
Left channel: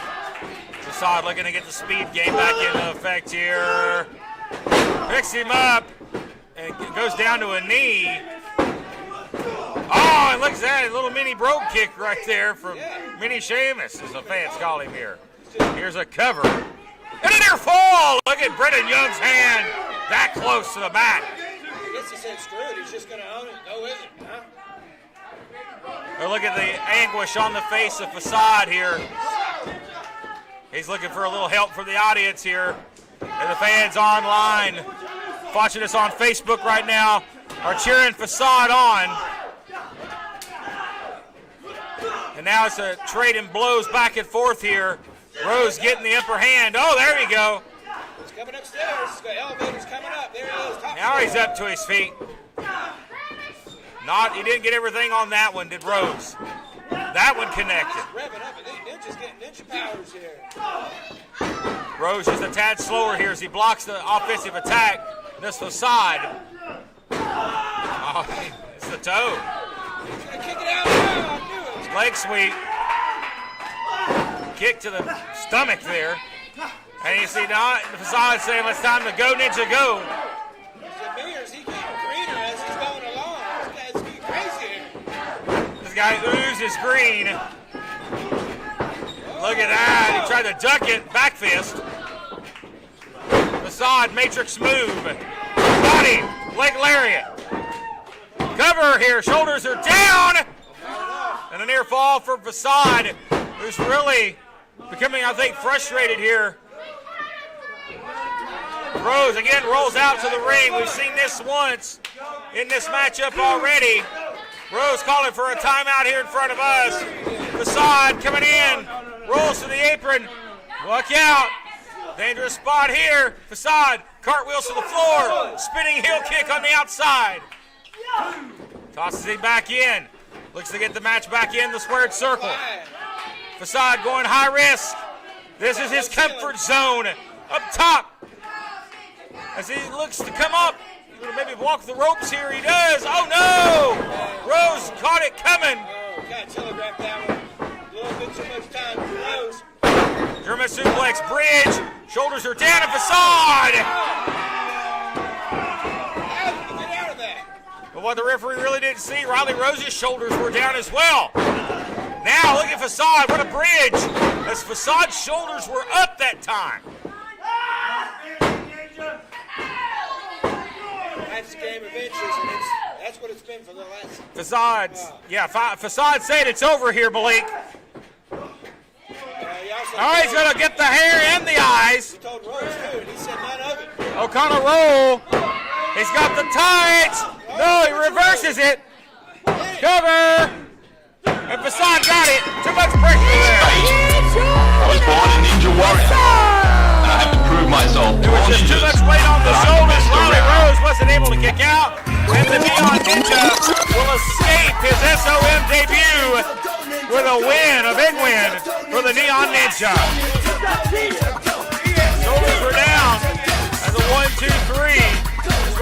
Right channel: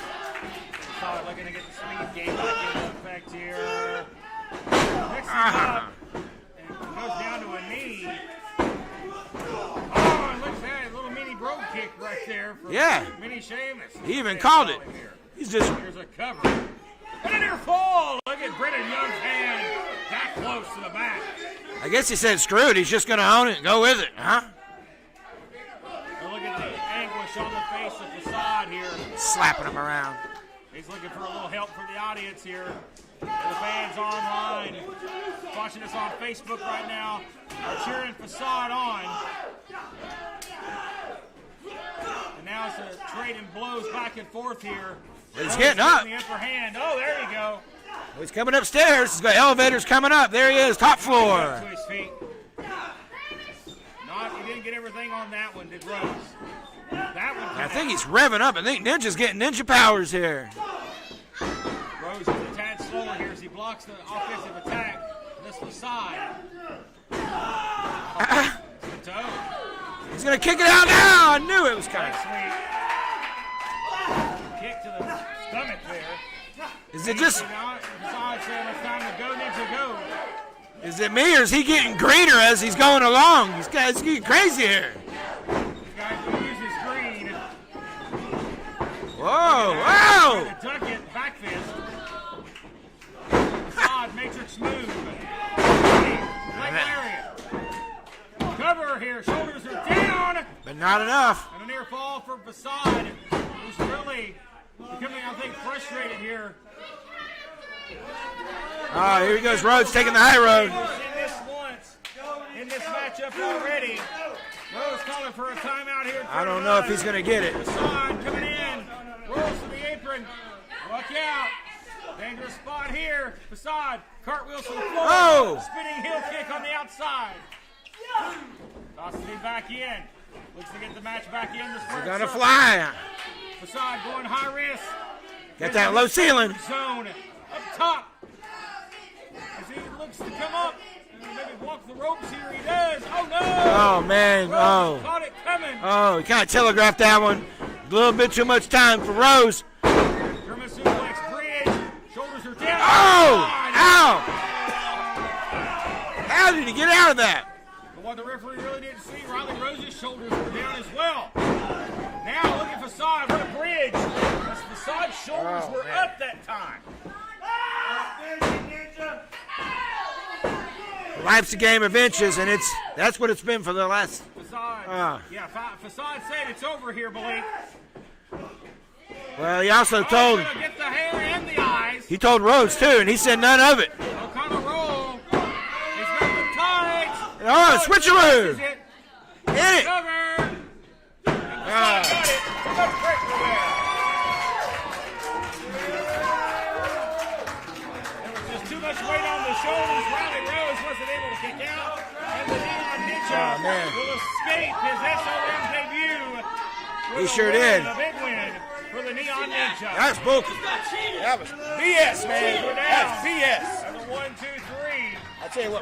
Facade looking to get the speed game back into effect here. Picks him up and goes down to a knee. Oh, it looks at a little mini brogue kick right there from Mini Sheamus. He even called it. Here. He's Here's a cover. And a near fall. Look at Brennan Young's hand that close to the back. I guess he said screw it. He's just going to own it and go with it, huh? But look at the anguish on the face of Facade here. Slapping him around. He's looking for a little help from the audience here. And the fans online watching us on Facebook right now are cheering Facade on. And now it's a trading blows back and forth here. Rose getting the upper hand. Oh, there you go. He's coming upstairs. He's got elevators coming up. There he is, top floor. Now he's up to his feet. He didn't get everything on that one, did Rose? That one connected. I think he's revving up. I think Ninja's getting ninja powers here. Rose is a tad slower here as he blocks the offensive attack. This Facade. Oh, it's the toe. He's going to kick it out now. I knew it was leg sweep. Kick to the stomach there. Is and it just the Facade saying, it's time to go, Ninja, go. Is it me or is he getting greener as he's going along? This guy's getting crazy here. This guy oozes green. Whoa, look at that. wow. Trying to duck it. Back fist. Facade, matrix move. Body, leg lariat. Cover here. Shoulders are down. But not enough. And a near fall for Facade, who's really becoming, I think, frustrated here. Rose again rolls out to the ring. We've seen this once in this matchup already. Rose calling for a timeout here in front of us. He's going to get it. Facade coming in. Rolls to the apron. Look out. Dangerous spot here. Facade cartwheels to the floor. Oh. Spinning heel kick on the outside. Tosses it back in. Looks to get the match back in the squared circle. Fly. Facade going high risk. This is his comfort zone. Up top. As he looks to come up, maybe walk the ropes here. He does. Oh, no. Oh, man. Rose caught it coming. Oh, he kind of telegraphed that one. A little bit too much time for Rose. German suplex bridge. Shoulders are down. Oh, ow. How did he get out of that? But what the referee really didn't see, Riley Rose's shoulders were down as well. Now look at Facade. What a bridge. As Facade's shoulders were up that time. Life's a game of inches, and that's what it's been for the last. Facade, Facade said it's over here, Malik. Well, he also he's told. Gonna get the hair and the eyes. He told Rose too, and he said none of it. O'Connor roll. He's got the tights. Oh, switcheroo. Reverses it. Cover. And Facade got it. Too much pressure there. I was born a ninja warrior. I have to prove myself. There was just too much weight on the shoulders. Riley Rose wasn't able to kick out. And the Neon Ninja will escape his SOM debut with a win, a big win for the Neon Ninja. Shoulders were down. As a 1, 2, 3.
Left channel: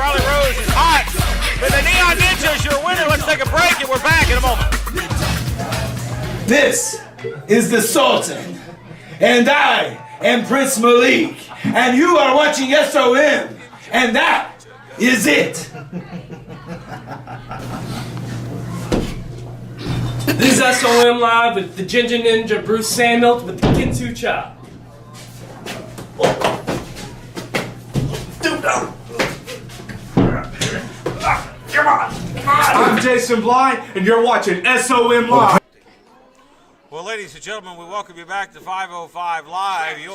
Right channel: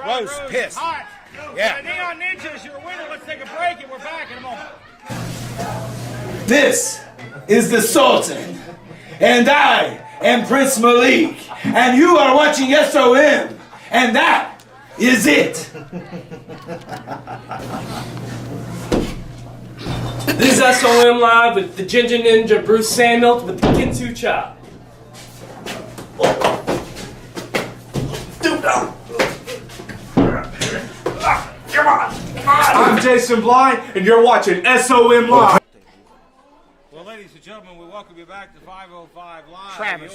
Riley Rose is hot. And the Neon Ninja is your winner. Let's take a break and we're back in a moment. This is the Sultan, and I am Prince Malik, and you are watching SOM, and that is it. This is SOM Live with the Ginger Ninja Bruce Samuel with the Kinsu Chop. I'm Jason Blind, and you're watching SOM Live. Well, ladies and gentlemen, we welcome you back to 505 Live. You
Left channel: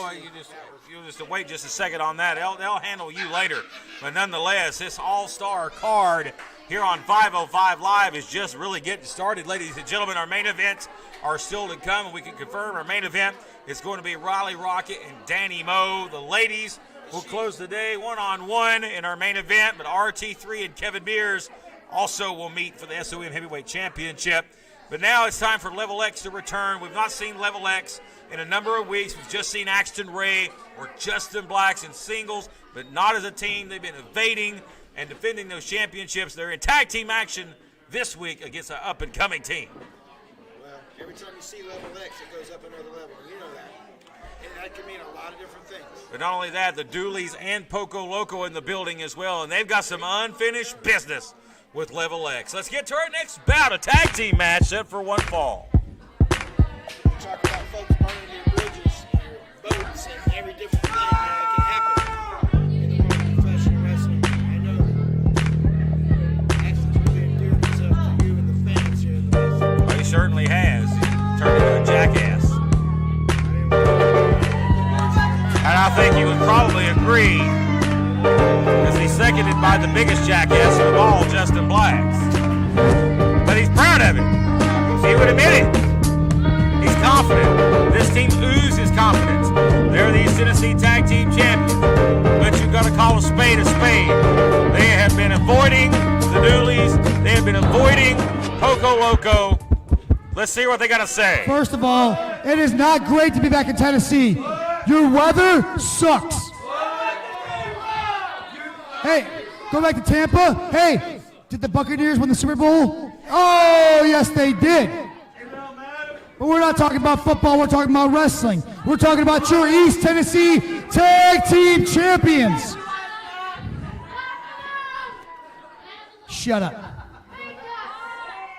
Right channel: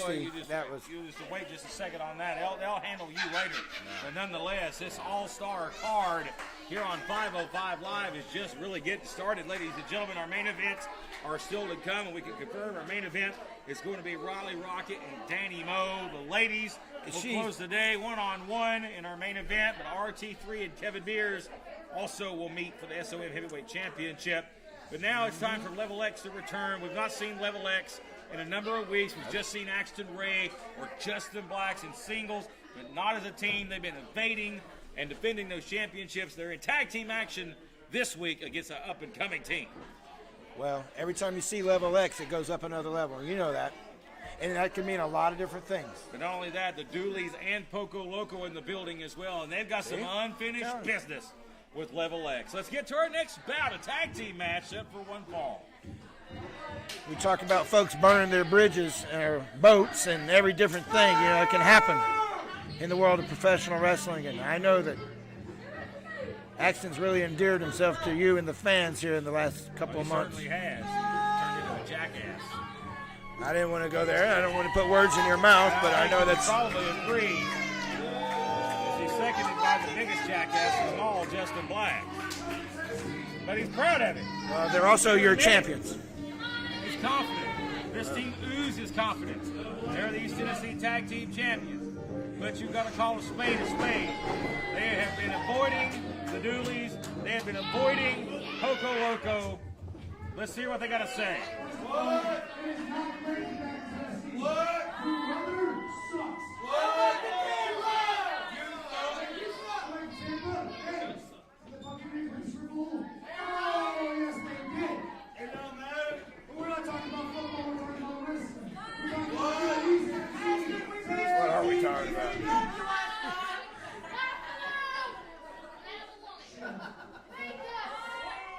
just wait just a second on that. They'll handle you later. But nonetheless, this all-star card here on 505 Live is just really getting started. Ladies and gentlemen, our main events are still to come, and we can confirm our main event is going to be Riley Rocket and Danny Moe. The ladies will close the day one-on-one in our main event, but RT3 and Kevin Mears also will meet for the SOM Heavyweight Championship. But now it's time for Level X to return. We've not seen Level X in a number of weeks. We've just seen Axton Ray or Justin Blacks in singles, but not as a team. They've been evading and defending those championships. They're in tag team action this week against an up-and-coming team. Well, every time you see level X, it goes up another level. You know that. And that can mean a lot of different things. But not only that, the Dooleys and Poco Loco in the building as well, and they've got some unfinished business with Level X. Let's get to our next bout, a tag team match set for one fall. You talk about folks burning their bridges or boats and every different thing, it can happen in the world of professional wrestling. And I know that Axton's really endeared himself to you and the fans here in the last couple of He months. certainly has. He turned into a jackass. I didn't want to put words in your mouth. And I think you would probably agree, because he's seconded by the biggest jackass of all, Justin Blacks. But he's proud of it. He would admit it. He's confident. This team oozes confidence. They're the East Tennessee Tag Team Champions. But you've got to call a spade a spade. They have been avoiding the Dooleys. They have been avoiding Poco Loco. Let's see what they got to say. First of all, it is not great to be back in Tennessee. Your weather sucks. Hey, go back to Tampa. Hey, did the Buccaneers win the Super Bowl? Oh, yes, they did. But we're not talking about football. We're talking about wrestling. We're talking about your East Tennessee Tag Team Champions. Shut up.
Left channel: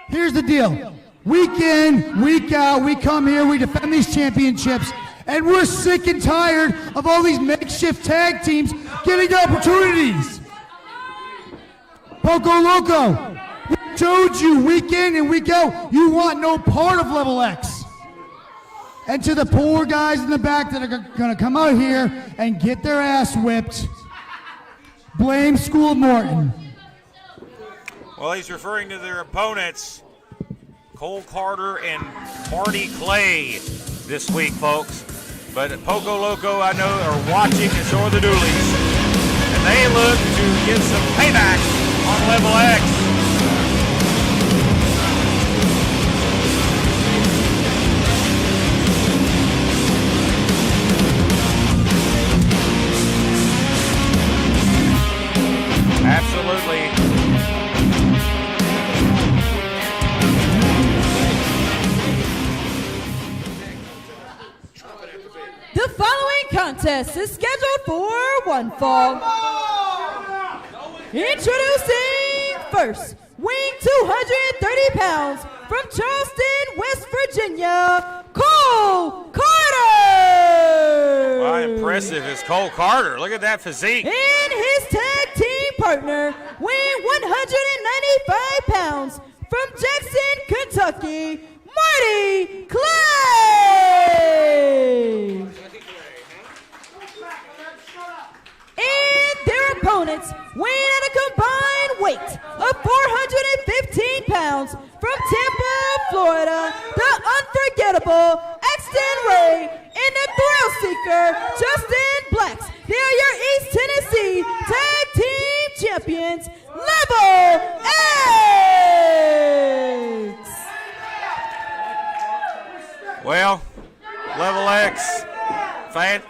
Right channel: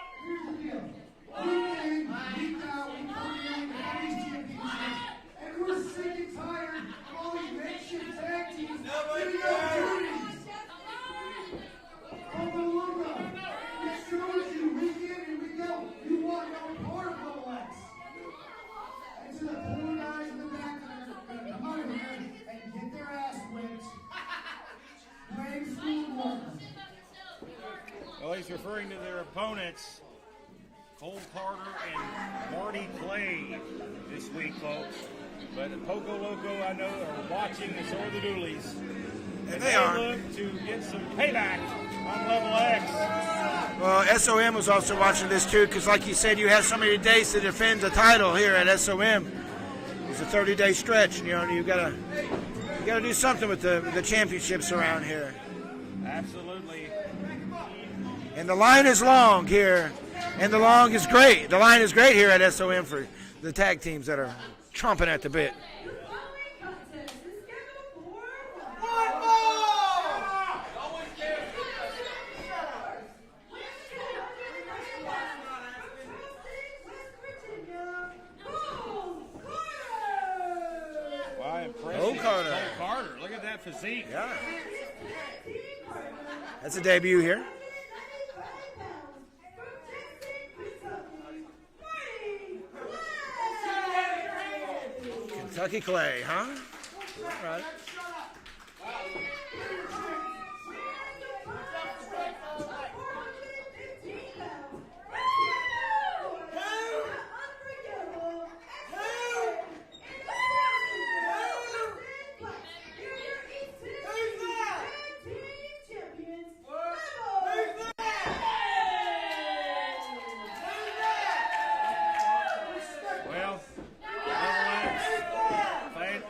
Here's the deal. Week in, week out, we come here, we defend these championships, and we're sick and tired of all these makeshift tag teams getting opportunities. Poco Loco, we showed you week in and week out, you want no part of Level X. And to the poor guys in the back that are gonna come out here and get their ass whipped, blame School of Morton. Well, he's referring to their opponents, Cole Carter and Marty Clay, this week, folks. But Poco Loco, I know, are watching, and so are the Dooleys. And they look to get some payback on Level X. SOM was also watching this too, because like you said, you have so many days to defend the title here at SOM. 30-day stretch. There's something with the championships here. Absolutely. The line is long here, and the line is great. The line is great here at SOM for the tag teams that are chomping at the bit. The following contest is scheduled for one fall. Introducing first, weighing 230 pounds from Charleston, West Virginia, Cole Carter. How impressive is Cole Carter. Look at that physique. And his tag team partner, weighing debut here. 195 pounds from Jackson, Kentucky, Marty Clay. Kentucky Clay, huh? And their opponents, weighing at a combined weight of 415 pounds from Tampa, Florida, the unforgettable Axton Ray and the thrill seeker Justin Blacks. They are your East Tennessee Tag Team Champions, Level X. Well, Level X,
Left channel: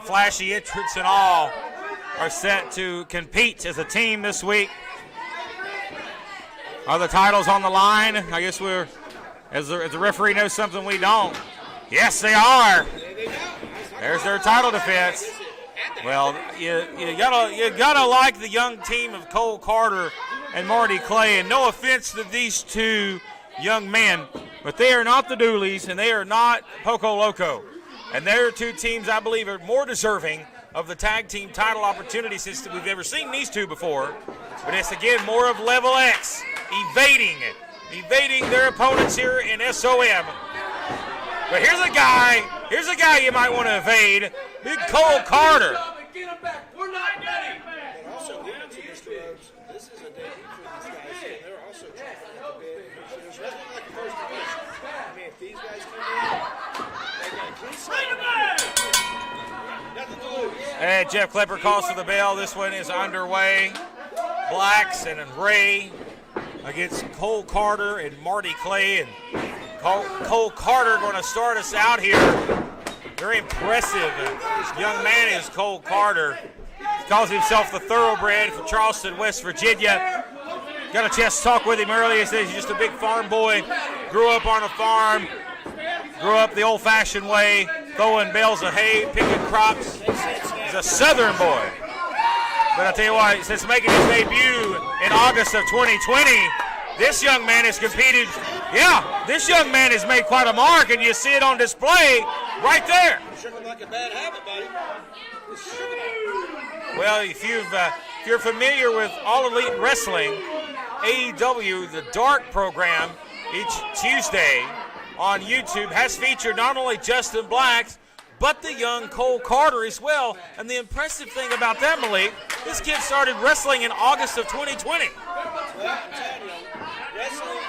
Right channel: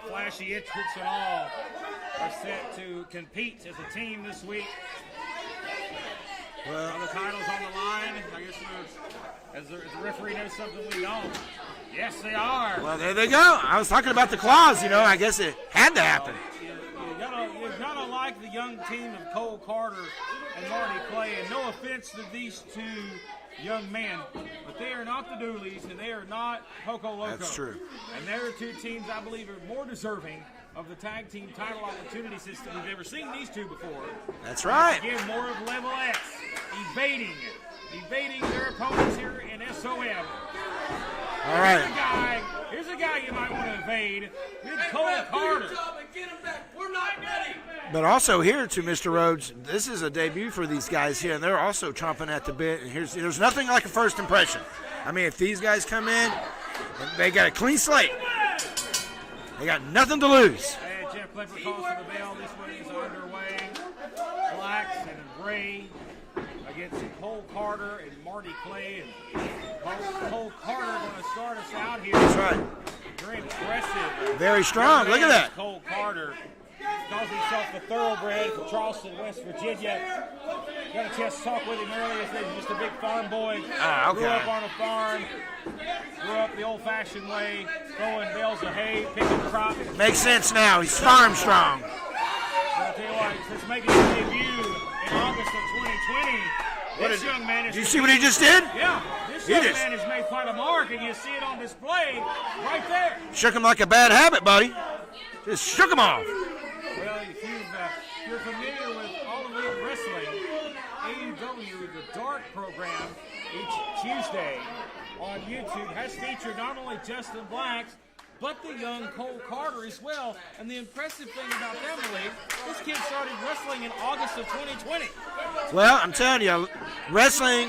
flashy entrants and all, are set to compete as a team this week. Are the titles on the line? I guess as the referee knows something we don't. Yes, they are. Well, there they go. I was talking There's about their the title claws, defense. I guess it had to happen. Well, you gotta like the young team of Cole Carter and Marty Clay, and no offense to these two young men, but they are not the Dooleys and they are not Poco Loco. And there are two teams I believe are more deserving of the tag team title opportunity since we've ever seen these two before. That's And right. it's again more of Level X evading their opponents here in SOM. But here's a guy you might want to evade, Big Cole Carter. But also here to Mr. Rhodes, this is a debut for these guys here, and they're also chomping at the bit. And there's nothing like a first impression. I mean, if these guys come in, they got a clean slate. They got nothing to lose. And Jeff Klepper calls for the bell. This one is underway. Blacks and Ray against Cole Carter and Marty Clay. And Cole Carter going to start us out here. Very impressive. Very strong. Young Look at man that. is Cole Carter. Calls himself the thoroughbred from Charleston, West Virginia. Got a chance to talk with him earlier. He says he's just a big farm boy. Grew up on a farm. Grew up the old-fashioned way, throwing bales of hay, picking crops. Makes sense now. He's Southern boy. strong. But I tell you what, since making his debut in August of 2020, this young man is You see competing. what he just did? Yeah, this young man has made quite a mark, and you see it on display right there. Shook him like a bad habit, buddy. Just shook him off. Well, if you're familiar with All Elite Wrestling, AEW, the Dark program, each Tuesday on YouTube has featured not only Justin Blacks, but the young Cole Carter as well. And the impressive thing about that, Malik, this kid started wrestling in August of 2020. Well, I'm telling you, wrestling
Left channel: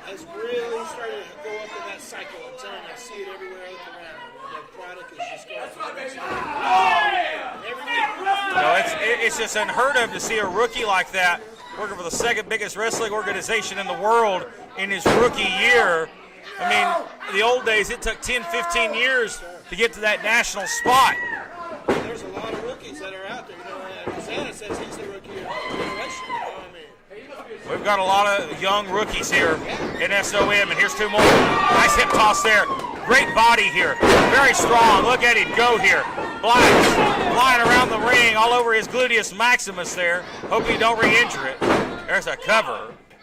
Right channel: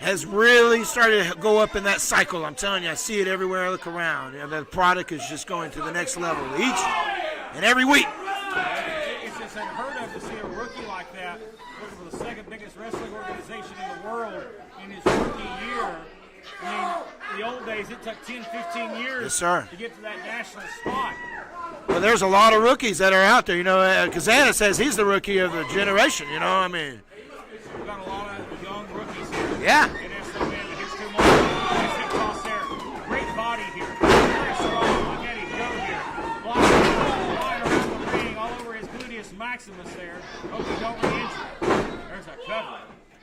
has really started to go up in that cycle. I'm telling you, I see it everywhere I look around. You know, the product is just going to the next level each and every week. You know, it's just unheard of to see a rookie like that working for the second biggest wrestling organization in the world in his rookie year. I mean, the old days, it took 10, 15 years Yes, to get to that national spot. Well, there's a lot of rookies that are out there. You know, Kazana says he's the rookie of the generation. You know, I mean, We've got a lot of young rookies here Yeah. in SOM, and here's two more. Nice hip toss there. Great body here. Very strong. Look at him go here. Black flying around the ring all over his gluteus maximus there. Hope he don't re-injure it. There's a cover.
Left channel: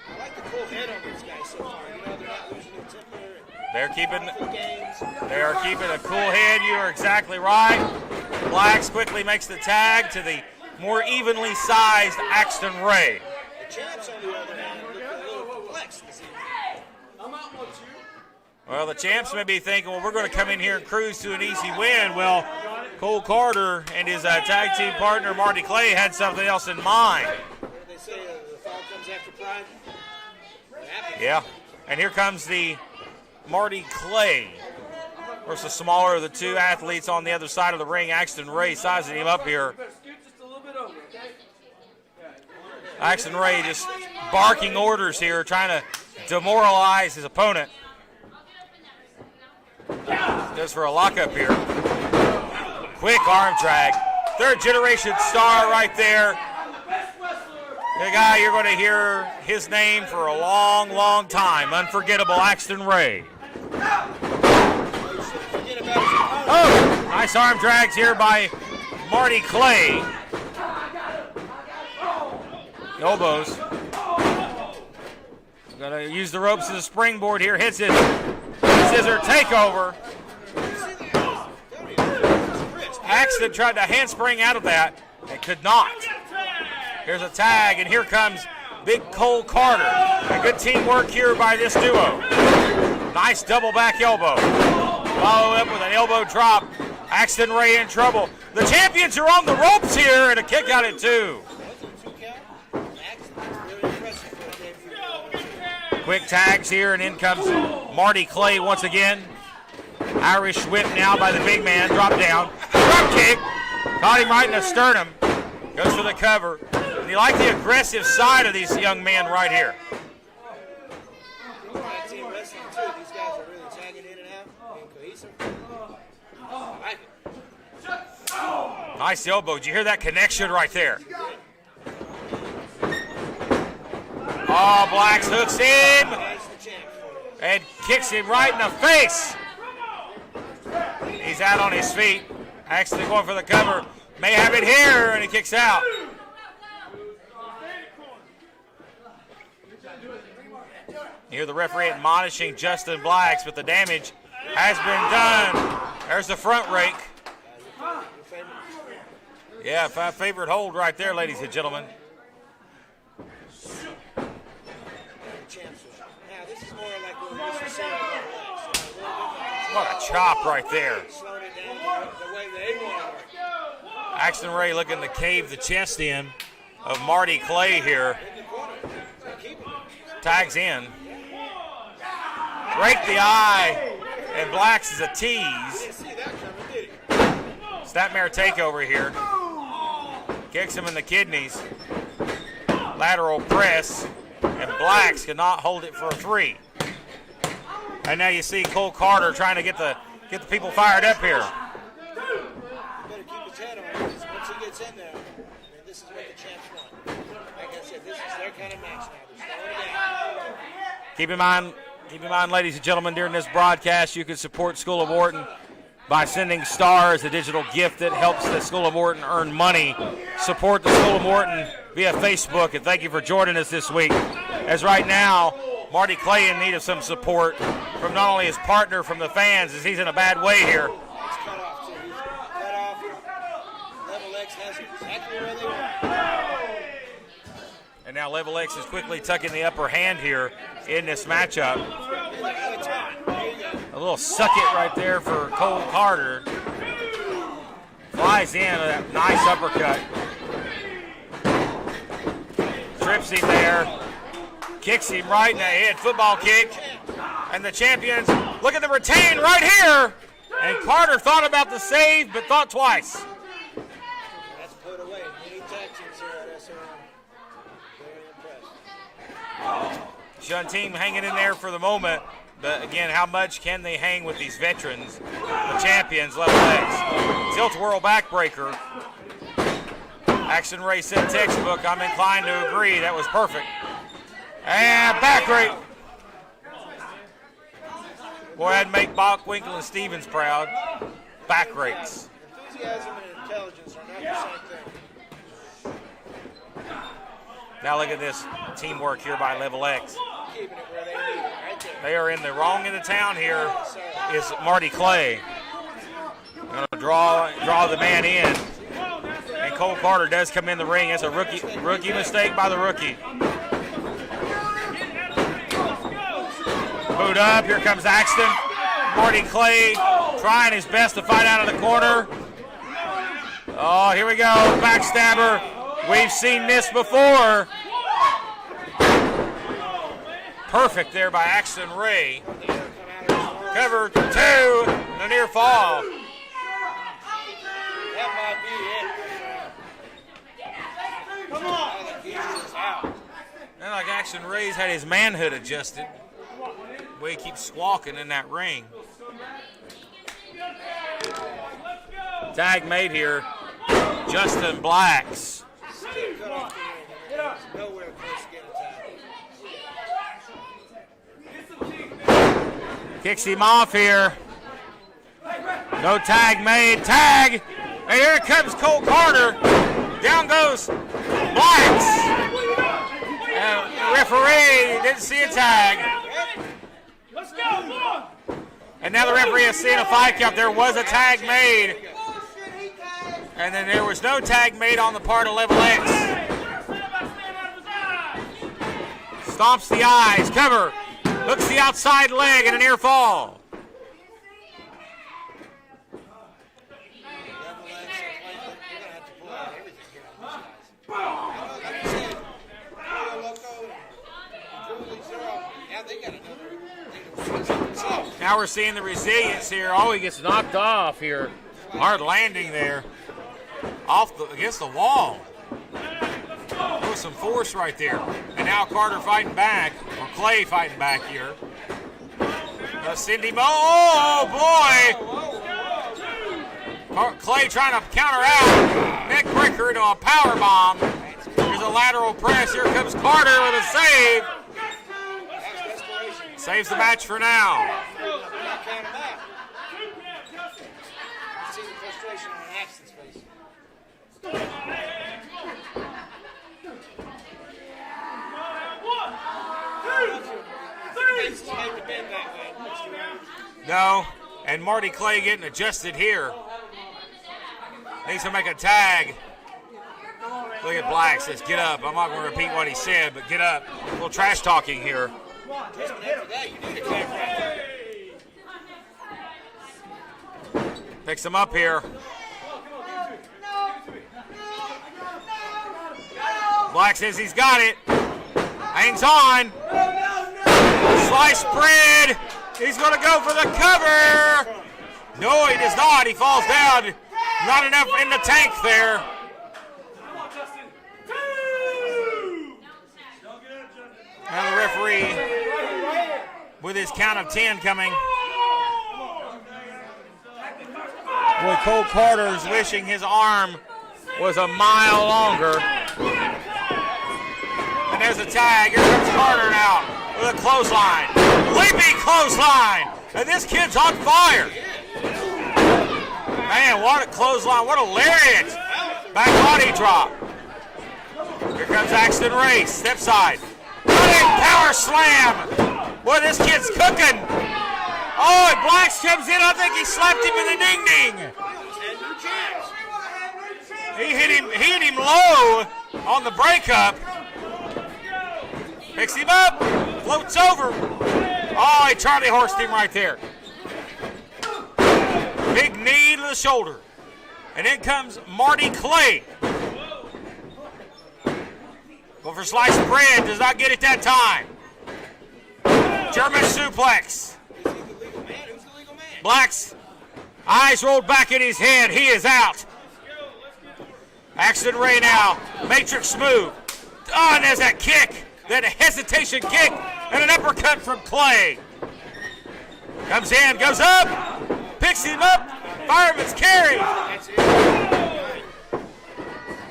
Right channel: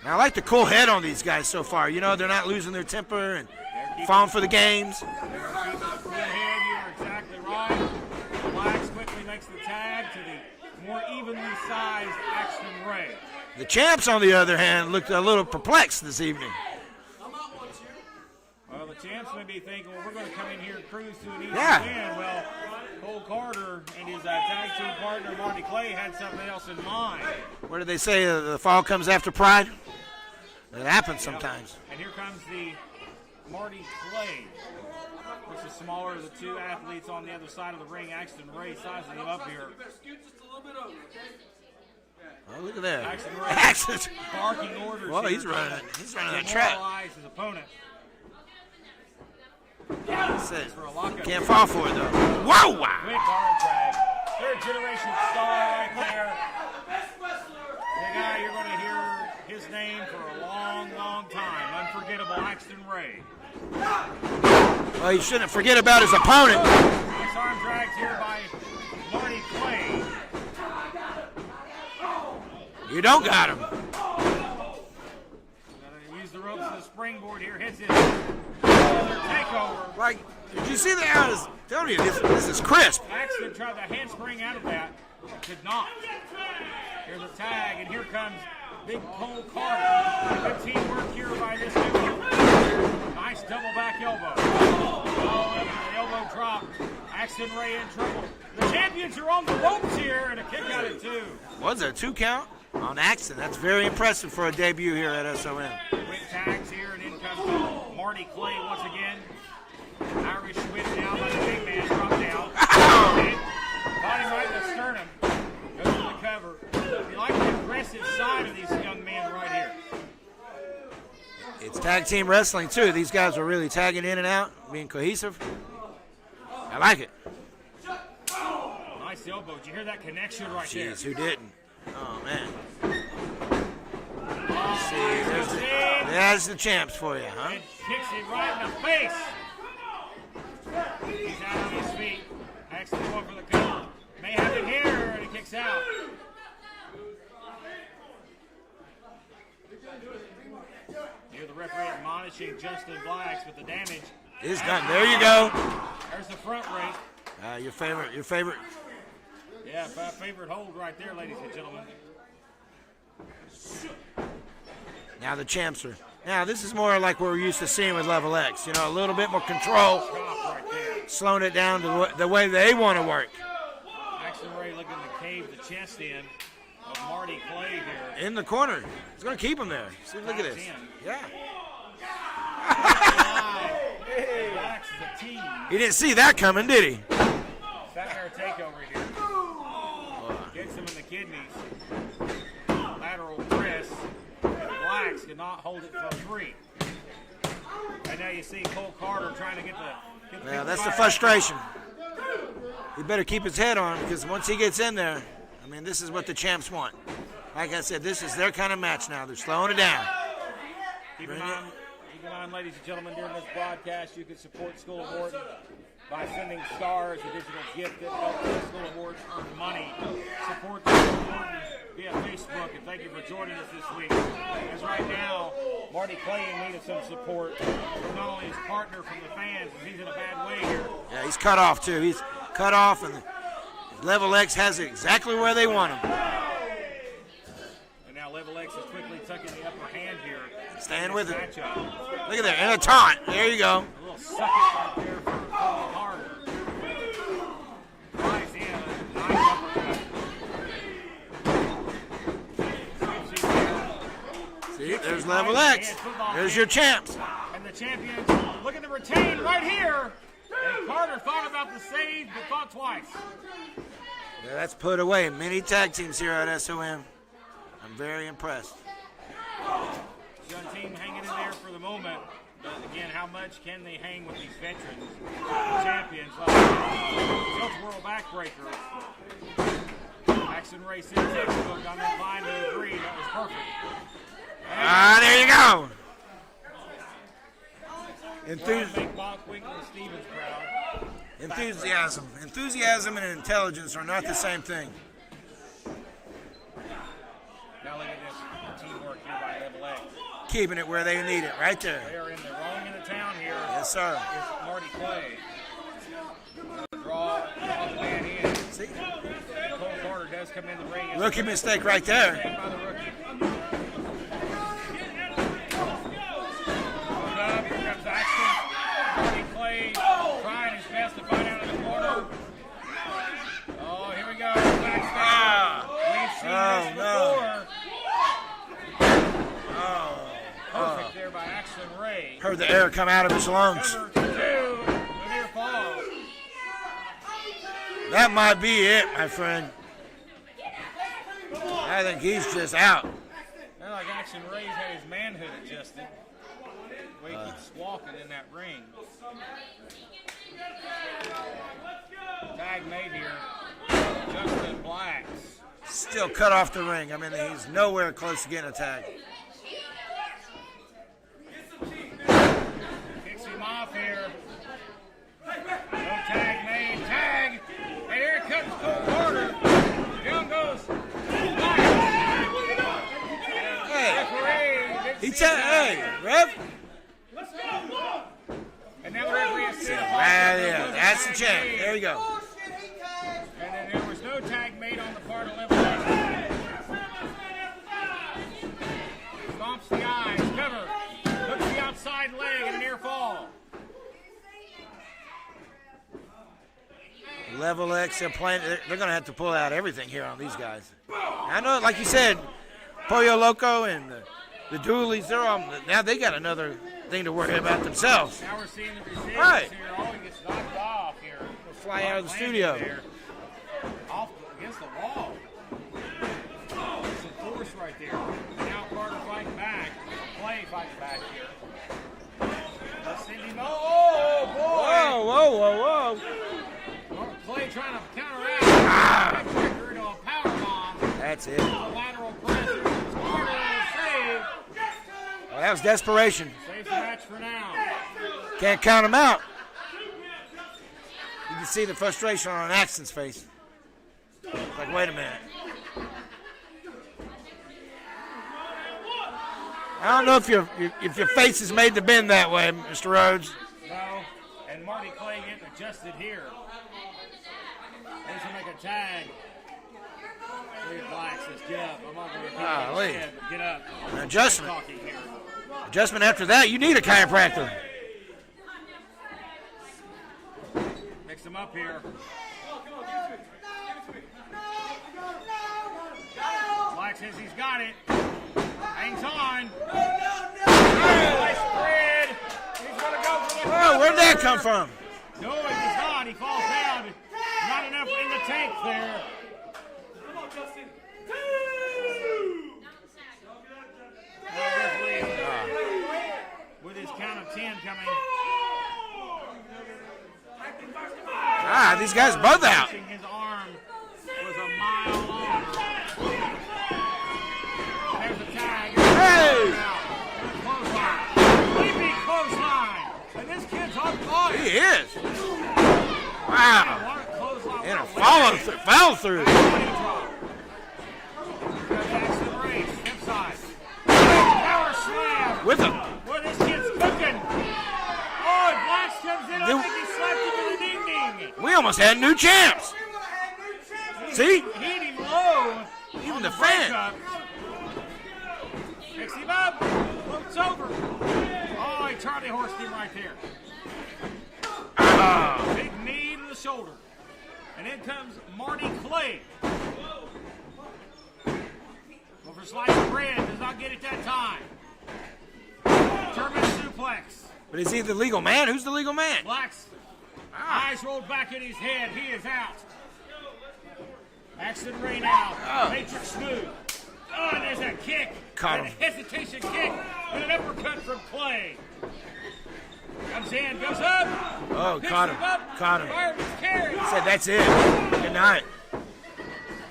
I like the cool head on these guys so far. You know, they're not losing their temper and They're keeping falling for the games. They are keeping a cool head. You are exactly right. Blacks quickly makes the tag to the more evenly sized Axton Ray. The champs, on the other hand, looked a little perplexed this evening. Well, the champs may be thinking, well, we're going to come in here and cruise to an easy Yeah. win. Well, Cole Carter and his tag team partner, Marty Clay, had something else in mind. What do they say? The fall comes after pride? That happens Yeah. sometimes. And here comes the Marty Clay. Of course, the smaller of the two athletes on the other side of the ring, Axton Ray, sizing him up here. Oh, look at that. Axton Ray is Axton. barking orders Well, here, he's trying running a to demoralize his opponent. This for a lockup Can't here. fall for it, though. Wow! Quick arm drag. Third generation star right there. The guy you're going to hear his name for a long, long time. Unforgettable Axton Ray. Well, you shouldn't forget about his opponent. Nice arm drags here by Marty Clay. You don't Elbows. got him. Gonna use the ropes as a springboard here. Hits it. Scissor takeover. Like, did you see that? I was telling you, this is crisp. Axton tried to handspring out of that and could not. Here's a tag, and here comes Big Cole Carter. A good teamwork here by this duo. Nice double back elbow. Follow up with an elbow drop. Axton Ray in trouble. The champions are on the ropes here, and a kick out at 2. Was there a 2 count? On Axton. That's very impressive for a debut here at SOM. Quick tags here, and in comes Marty Clay once again. Irish whip now by the big man. Drop down. Drop kick. Caught him right in the sternum. Goes for the cover. And you like the aggressive side of these young men right here. It's tag team wrestling, too. These guys are really tagging in and out, being cohesive. I like it. Nice elbow. Did you hear that connection right there? Who didn't? Oh, man. Oh, Blacks hooks in That's the champs for you. Huh? and kicks him right in the face. He's out on his feet. Axton going for the cover. May have it here, and he kicks out. You hear the referee admonishing Justin Blacks, but the damage Is has done. been There you done. There's the front rake. Your favorite. Yeah, favorite hold right there, ladies and gentlemen. Now the champs are. Now this is more like what we're used to seeing with Level X. You know, a little bit more control, Chop right there. slowing it down to the way they want to work. Axton Ray looking to cave the chest in of Marty Clay here. In the corner. It's going to keep him there. See, look Tags at it. in. Yeah. Right in the eye. And Blacks is a tease. He didn't see that coming, did he? Snapmare takeover here. Kicks him in the kidneys. Lateral press. And Blacks cannot hold it for a 3. And now you see Cole Carter trying to get the people That's fired the up frustration. here. He better keep his head on because once he gets in there, I mean, this is what the champs want. Like I said, this is their kind of match now. They're slowing it down. Keep in mind, ladies and gentlemen, during this broadcast, you can support School of Wharton by sending stars, a digital gift that helps the School of Wharton earn money. Support the School of Wharton via Facebook, and thank you for joining us this week. As right now, Marty Clay in need of some support from not only his partner, from the fans, as he's in a bad way here. Yeah, he's cut off, too. He's cut off, and Level X has it exactly where they want him. And now Level X is quickly tucking the upper hand here in this matchup. Look at that, and a taunt. There you go. A little suck it right there for Cole Carter. Flies in with a nice uppercut. Trips him there. Kicks him right in the head. Football There's kick. your champs. And the champions look at the retain right here. And Carter thought about the save, but thought twice. Yeah, that's put away. Many tag teams here at SOM. I'm very impressed. Shun team hanging in there for the moment. But again, how much can they hang with these veterans? The champions, Level X. Tilt whirl backbreaker. Action Ray said textbook. I'm inclined to agree. That was perfect. And there you go. Go ahead and make Bockwinkel and Stevens proud. Back race. Enthusiasm and intelligence are not the same thing. Now look at this teamwork here by Level X. Keeping it where they need it, right there. They are in the wrong end of town here. Yes, sir. Is Marty Clay. Going to draw the man in. And Cole Carter does come in the ring. It's a rookie mistake by the rookie. Boot up. Here comes Axton. Marty Clay trying his best to fight out of the corner. Oh, here we go. Backstabber. We've seen this before. Perfect there by Axton Ray. Heard the air come out of his lungs. Cover 2, and a near fall. That might be it, my friend. I think he's just out. And like Axton Ray's had his manhood adjusted. The way he keeps squawking in that ring. Tag made here. Justin Blacks. Still cut off the ring. I mean, he's nowhere close to getting a tag. Kicks him off here. No tag made. Tag! And here comes Cole Carter. Down goes Blacks. And referee didn't see a tag. And now the referee has seen a fight count. There was a tag made. There you go. And then there was no tag made on the part of Level X. Stomps the eyes. Cover. Hooks the outside leg and a near fall. Level X, they're going to have to pull out everything here on these guys. I know, like you said, Pollo Loco and the Doolies, now they got another thing to worry about themselves. Now we're seeing the resilience here. Oh, he gets knocked off here. Hard landing there. Against the wall. There was some force right there. And now Carter fighting back, or Clay fighting back here. Cindy Mo, oh boy! Whoa. Clay trying to counter out. Neck breaker into a power bomb. That's it. Here's a lateral press. Here comes Carter with a save. Well, that was desperation. Saves the match for now. Can't count him out. You can see the frustration on Axton's face. Like, wait a minute. I don't know if your face is made to bend that way, Mr. Rhodes. No, and Marty Clay getting adjusted here. Needs to make a tag. Look at Black says, get up. I'm not going to repeat what he said, but get up. A little trash talking here. Adjustment after that, you need a chiropractor. Picks him up here. Black says he's got it. Hangs on. Slice spread. He's going to go for the cover. Where'd that come from? No, he does not. He falls down. Not enough in the tank there. And the referee with his count of 10 coming. Cole Carter wishing his arm was a mile longer. tag. Here's Carter now with a clothesline. Leaping clothesline. And this kid's on fire. He is. Man, what a clothesline. What a lariat. Fell through. Back body drop. Here comes Axton Ray. Step side. Big power slam. Boy, this kid's cooking. Oh, and Blacks comes in. I think he slapped him in the ding-ding. We almost had new champs. He hit him low on the breakup. Picks him up, floats over. Oh, he Charlie horsed him right there. Big knee to the shoulder. And in comes Marty Clay. Go for sliced bread, does not get it that time. German suplex. But is he the legal man? Who's the legal man? Black's eyes rolled back in his head. He is out. Axton Ray now. Matrix move. Oh, and there's that kick. Then a hesitation kick and an uppercut from Clay. Comes in, goes up, picks him up. Fireman's carry. Said that's it. Good night.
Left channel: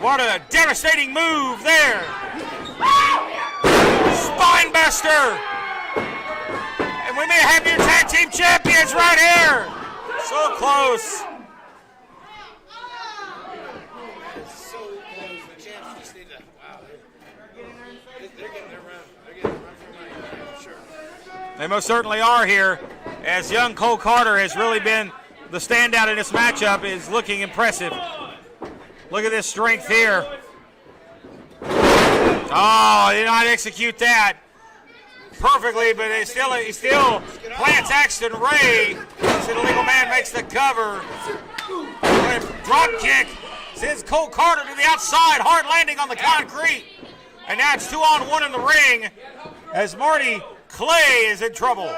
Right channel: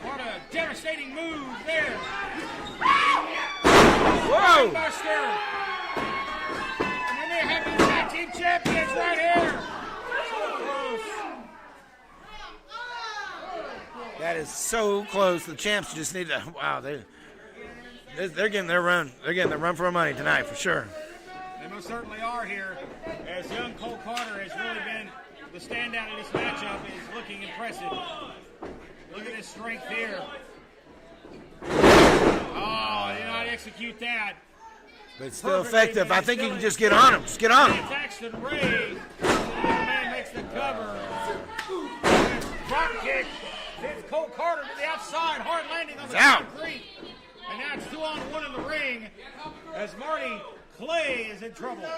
What a devastating move there. Spine buster. And we may have new tag team champions right here. So close. That is so close. The champs just need to. Wow, they're getting their run. They're getting the run for their money tonight for sure. They most certainly are here, as young Cole Carter has really been the standout in this matchup. Is looking impressive. Look at this strength here. Oh, did not execute that perfectly, but I think you can just still get on him. Just get on him. Lance Axton Ray. The legal man makes the cover. Drop kick sends Cole Carter to the outside. Hard landing on the concrete. And now it's 2-on-1 in the ring as Marty Clay is in trouble.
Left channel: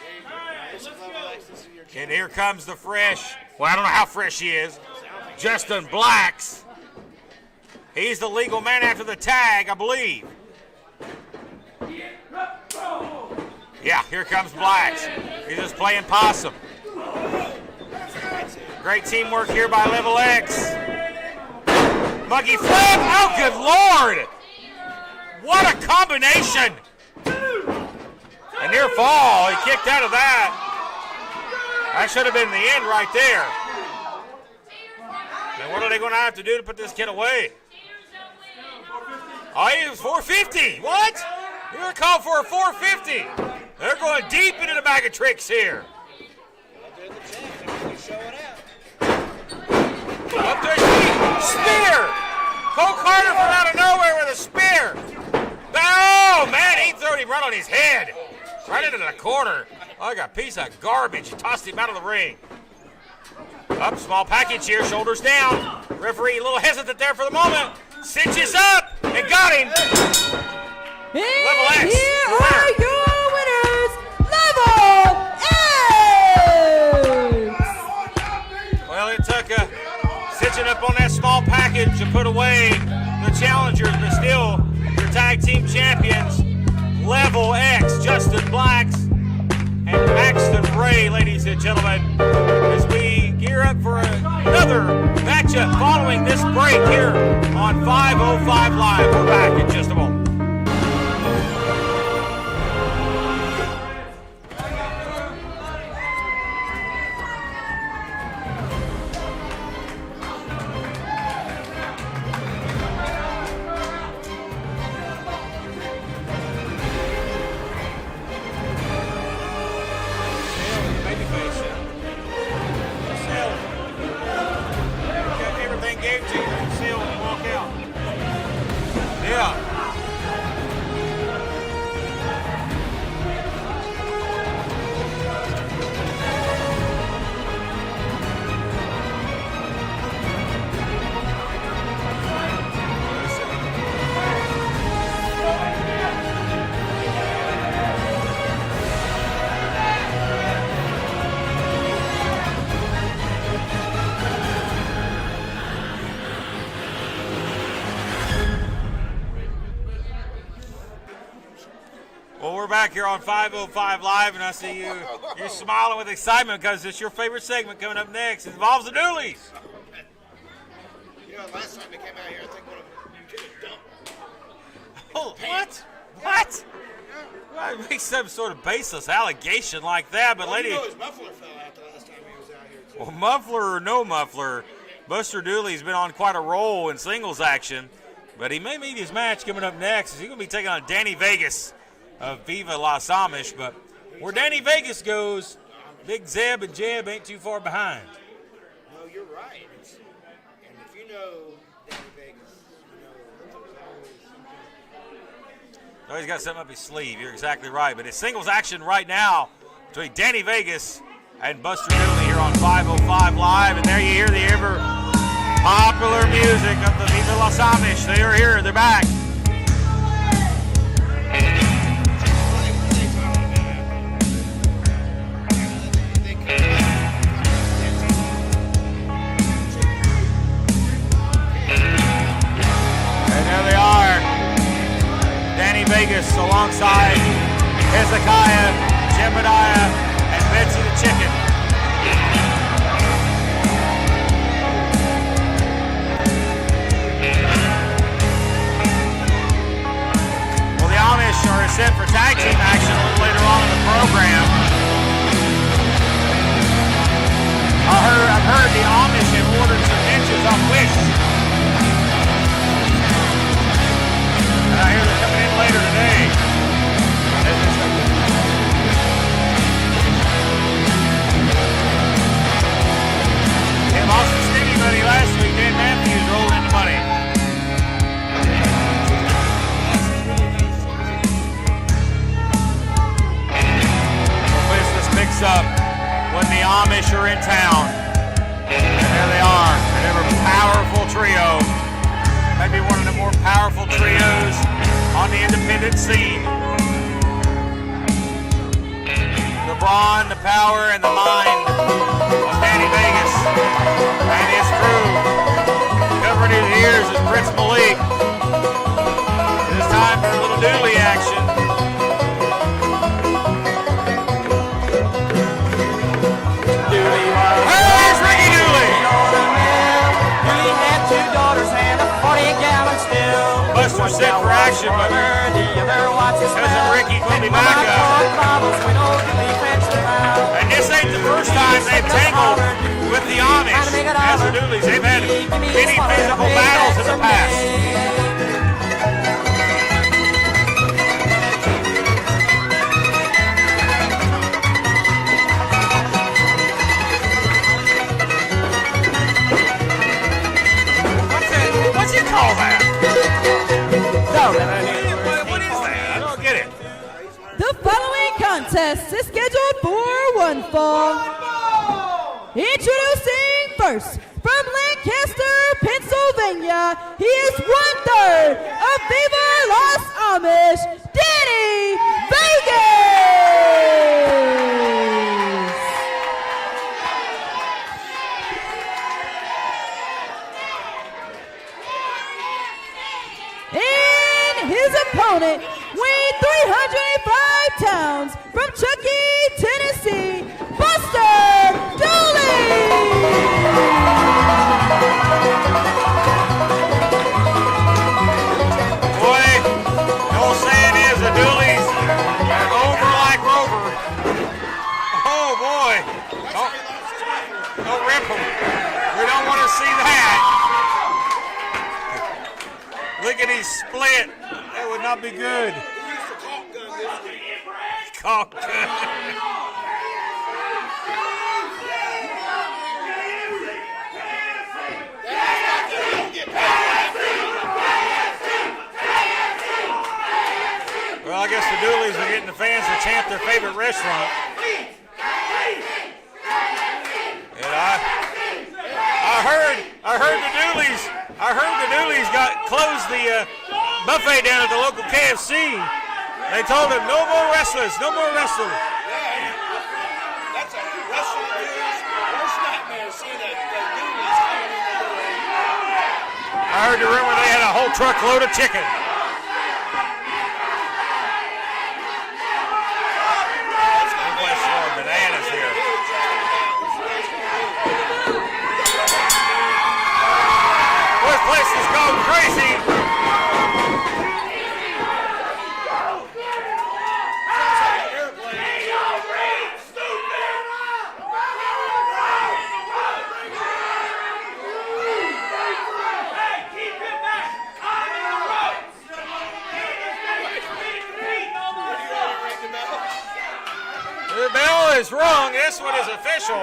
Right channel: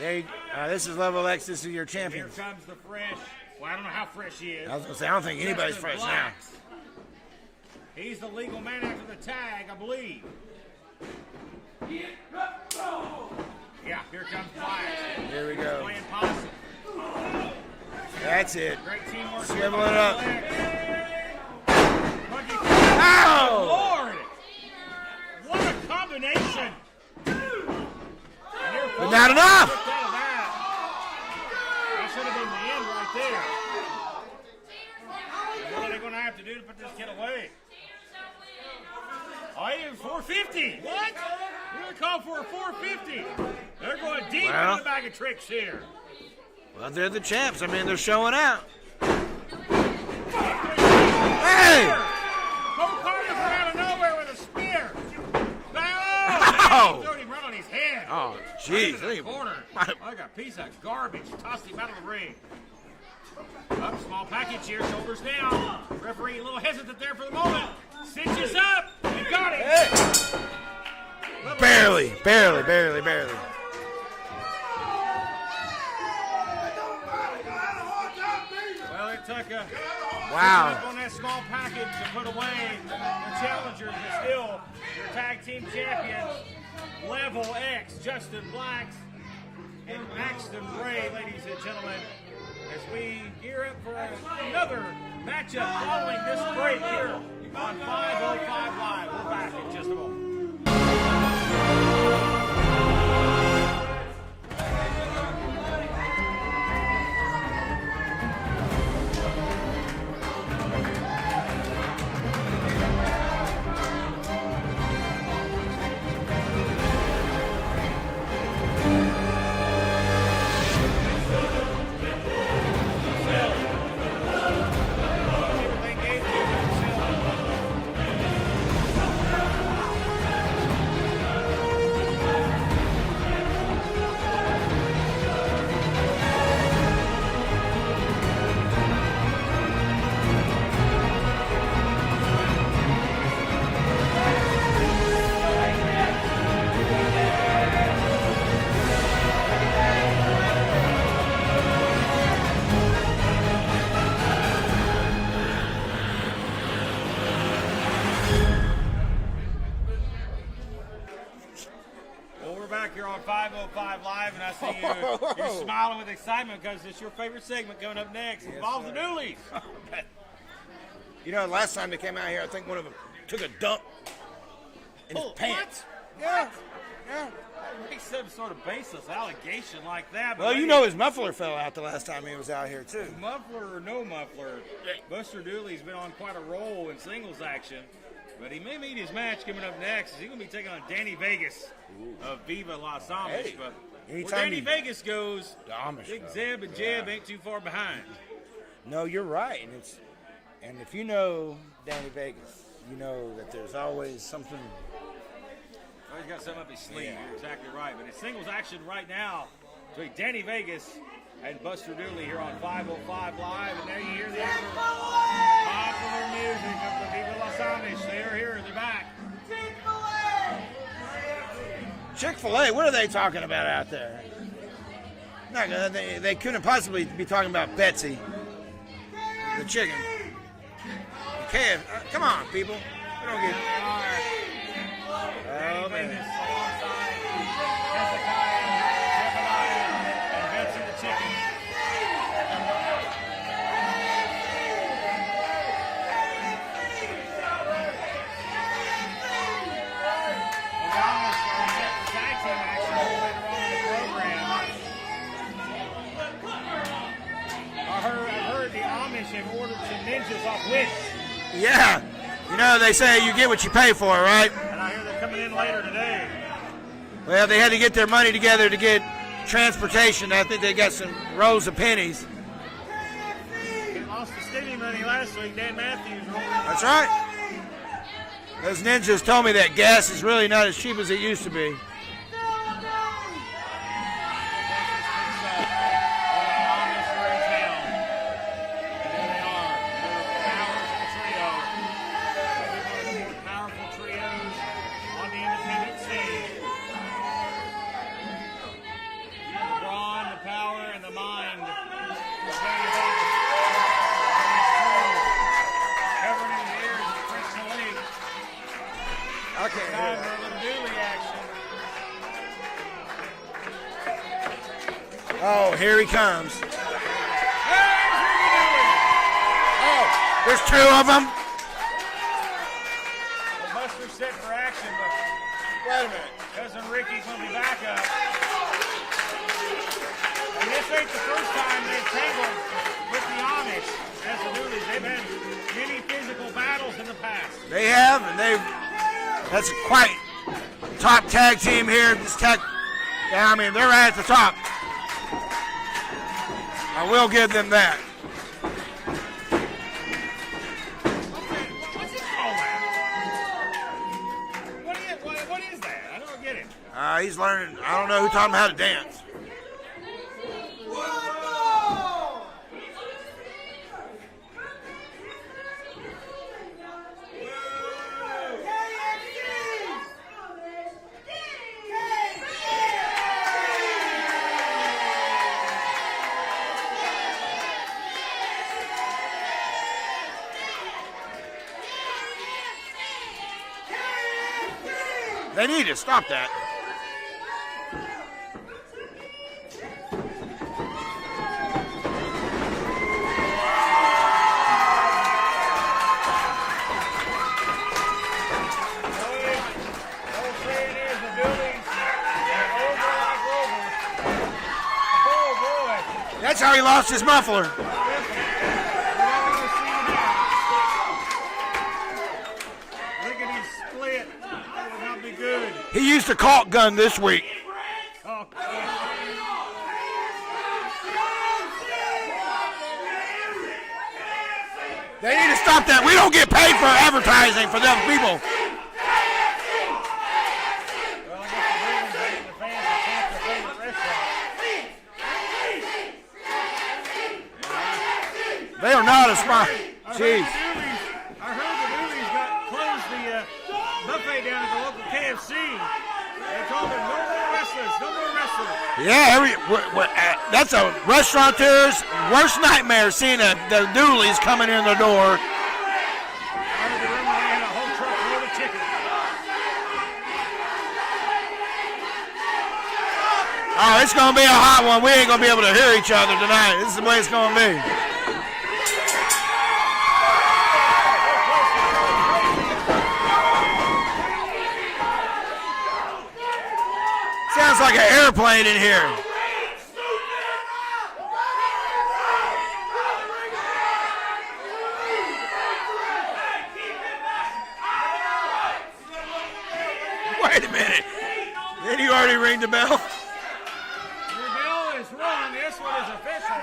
This is Level X. This is your champion. And here comes the fresh. Well, I don't know how fresh he is. I was gonna say, I don't think Justin fresh. Blacks. He's the legal man after the tag, I believe. Yeah, here comes Blacks. He's just playing possum. That's it. Great teamwork here by Level X. Muggy flip. Oh, good Lord. What a combination. A near fall. He kicked out of that. That should have been the end right there. And what are they going to have to do to put this kid away? Oh, he was 450. What? You were called for a 450. They're going deep into the bag of tricks here. Well, they're the champs. I mean, they're showing out. Up their feet. Spear. Cole Carter from out of nowhere with a spear. Oh, man, he threw him right on his head. Right into the corner. Like a piece of garbage. He tossed him out of the ring. Up, small package here, shoulders down. Referee a little hesitant there for the moment. Cinches up and got him. Barely. Your winners, Level X. Well, it took a cinching up on that small package to put away the challengers, but still, your tag team champions, Level X, Justin Blacks and Axton Ray, ladies and gentlemen, as we gear up for another matchup following this break here on 505 Live. We're back in just a moment. Back here on 505 Live, and I see you smiling with excitement because it's your favorite segment coming up next. It involves the Doolies. You know, last time they came out here, I think one of them took a dump. Oh, what? What? Why make some sort of baseless allegation like that? But Well, lady, you know his muffler fell out the last time he was out here, too. well, muffler or no muffler, Buster Dooley's been on quite a roll in singles action. But he may meet his match coming up next. He's going to be taking on Danny Vegas of Viva Las Amish. But where Danny Vegas goes, Big Zeb and Jeb ain't too far behind. No, you're right. And if you know Danny Vegas, you know that there's always something. Oh, he's got something up his sleeve. You're exactly right. But it's singles action right now between Danny Vegas and Buster Dooley here on 505 Live. And there you hear the ever popular music of the Viva Las Amish. They are here. They're back. Chick-fil-A, what are they talking about out there? They couldn't possibly be talking about Betsy. Chicken. Come on, people. And there they are. Danny Vegas alongside Hezekiah, Jebediah, and Betsy the Chicken. Well, the Amish are set for tag team action a little later on in the program. I've heard the Amish have ordered some ninjas on Wish. Yeah. No, they say you get what you pay for, right? I hear they're coming in later today. Well, they had to get their money together to get transportation. I think they got some rolls of pennies. They lost the skinny money last week. Dan Matthews rolled in the money. Right. Those ninjas told me that gas is really not as cheap as it used to be. The business picks up when the Amish are in town. And there they are, an ever powerful trio. Maybe one of the more powerful trios on the independent scene. The brawn, the power, and the mind of Danny Vegas and his crew. Covering his ears is Prince Malik. This time for a little Dooley action. Oh, here he comes. Where's Ricky Dooley? There's two of them. Buster's set for action, but cousin Ricky will be back up. And this ain't the first time they've tangled with the Amish as the Dooleys. They've had many physical battles in the past. Yeah, that's a fight. Top tag team here. I mean, they're right at the top. We'll give them back. What's he call that? What is that? I don't get it. He's learning. The following contest is scheduled for one fall. Introducing first, from Lancaster, Pennsylvania, he is 1/3 of Viva Las Amish, Danny Vegas. And his opponent, They need to stop weighing that. 305 pounds, from Chuckey, Tennessee, Buster Dooley. Boy, the old saying is the Dooleys are over like Rover. Oh, boy. That's how he lost his muffler. No ripple. We don't want to see that. Look at his split. That would not be good. He used a caulk gun this week. Caulk. They need to stop that. We don't get paid for advertising for them people. Well, I guess the Dooleys are getting the fans to chant their favorite restaurant. And They are not as I heard the Dooleys closed the buffet down at the local KFC. They told them no more wrestlers, no more wrestlers. Yeah, that's a restaurateur's worst nightmare, seeing the Dooleys coming in the door. I heard the rumor they had a whole truckload of chicken. Oh, it's going to be a hot one. We ain't going to be able to hear each other tonight. This is the way it's going to be. This place is going crazy. It's like an airplane in here. Wait a minute. Did you already ring the bell? The bell is rung. This one is official.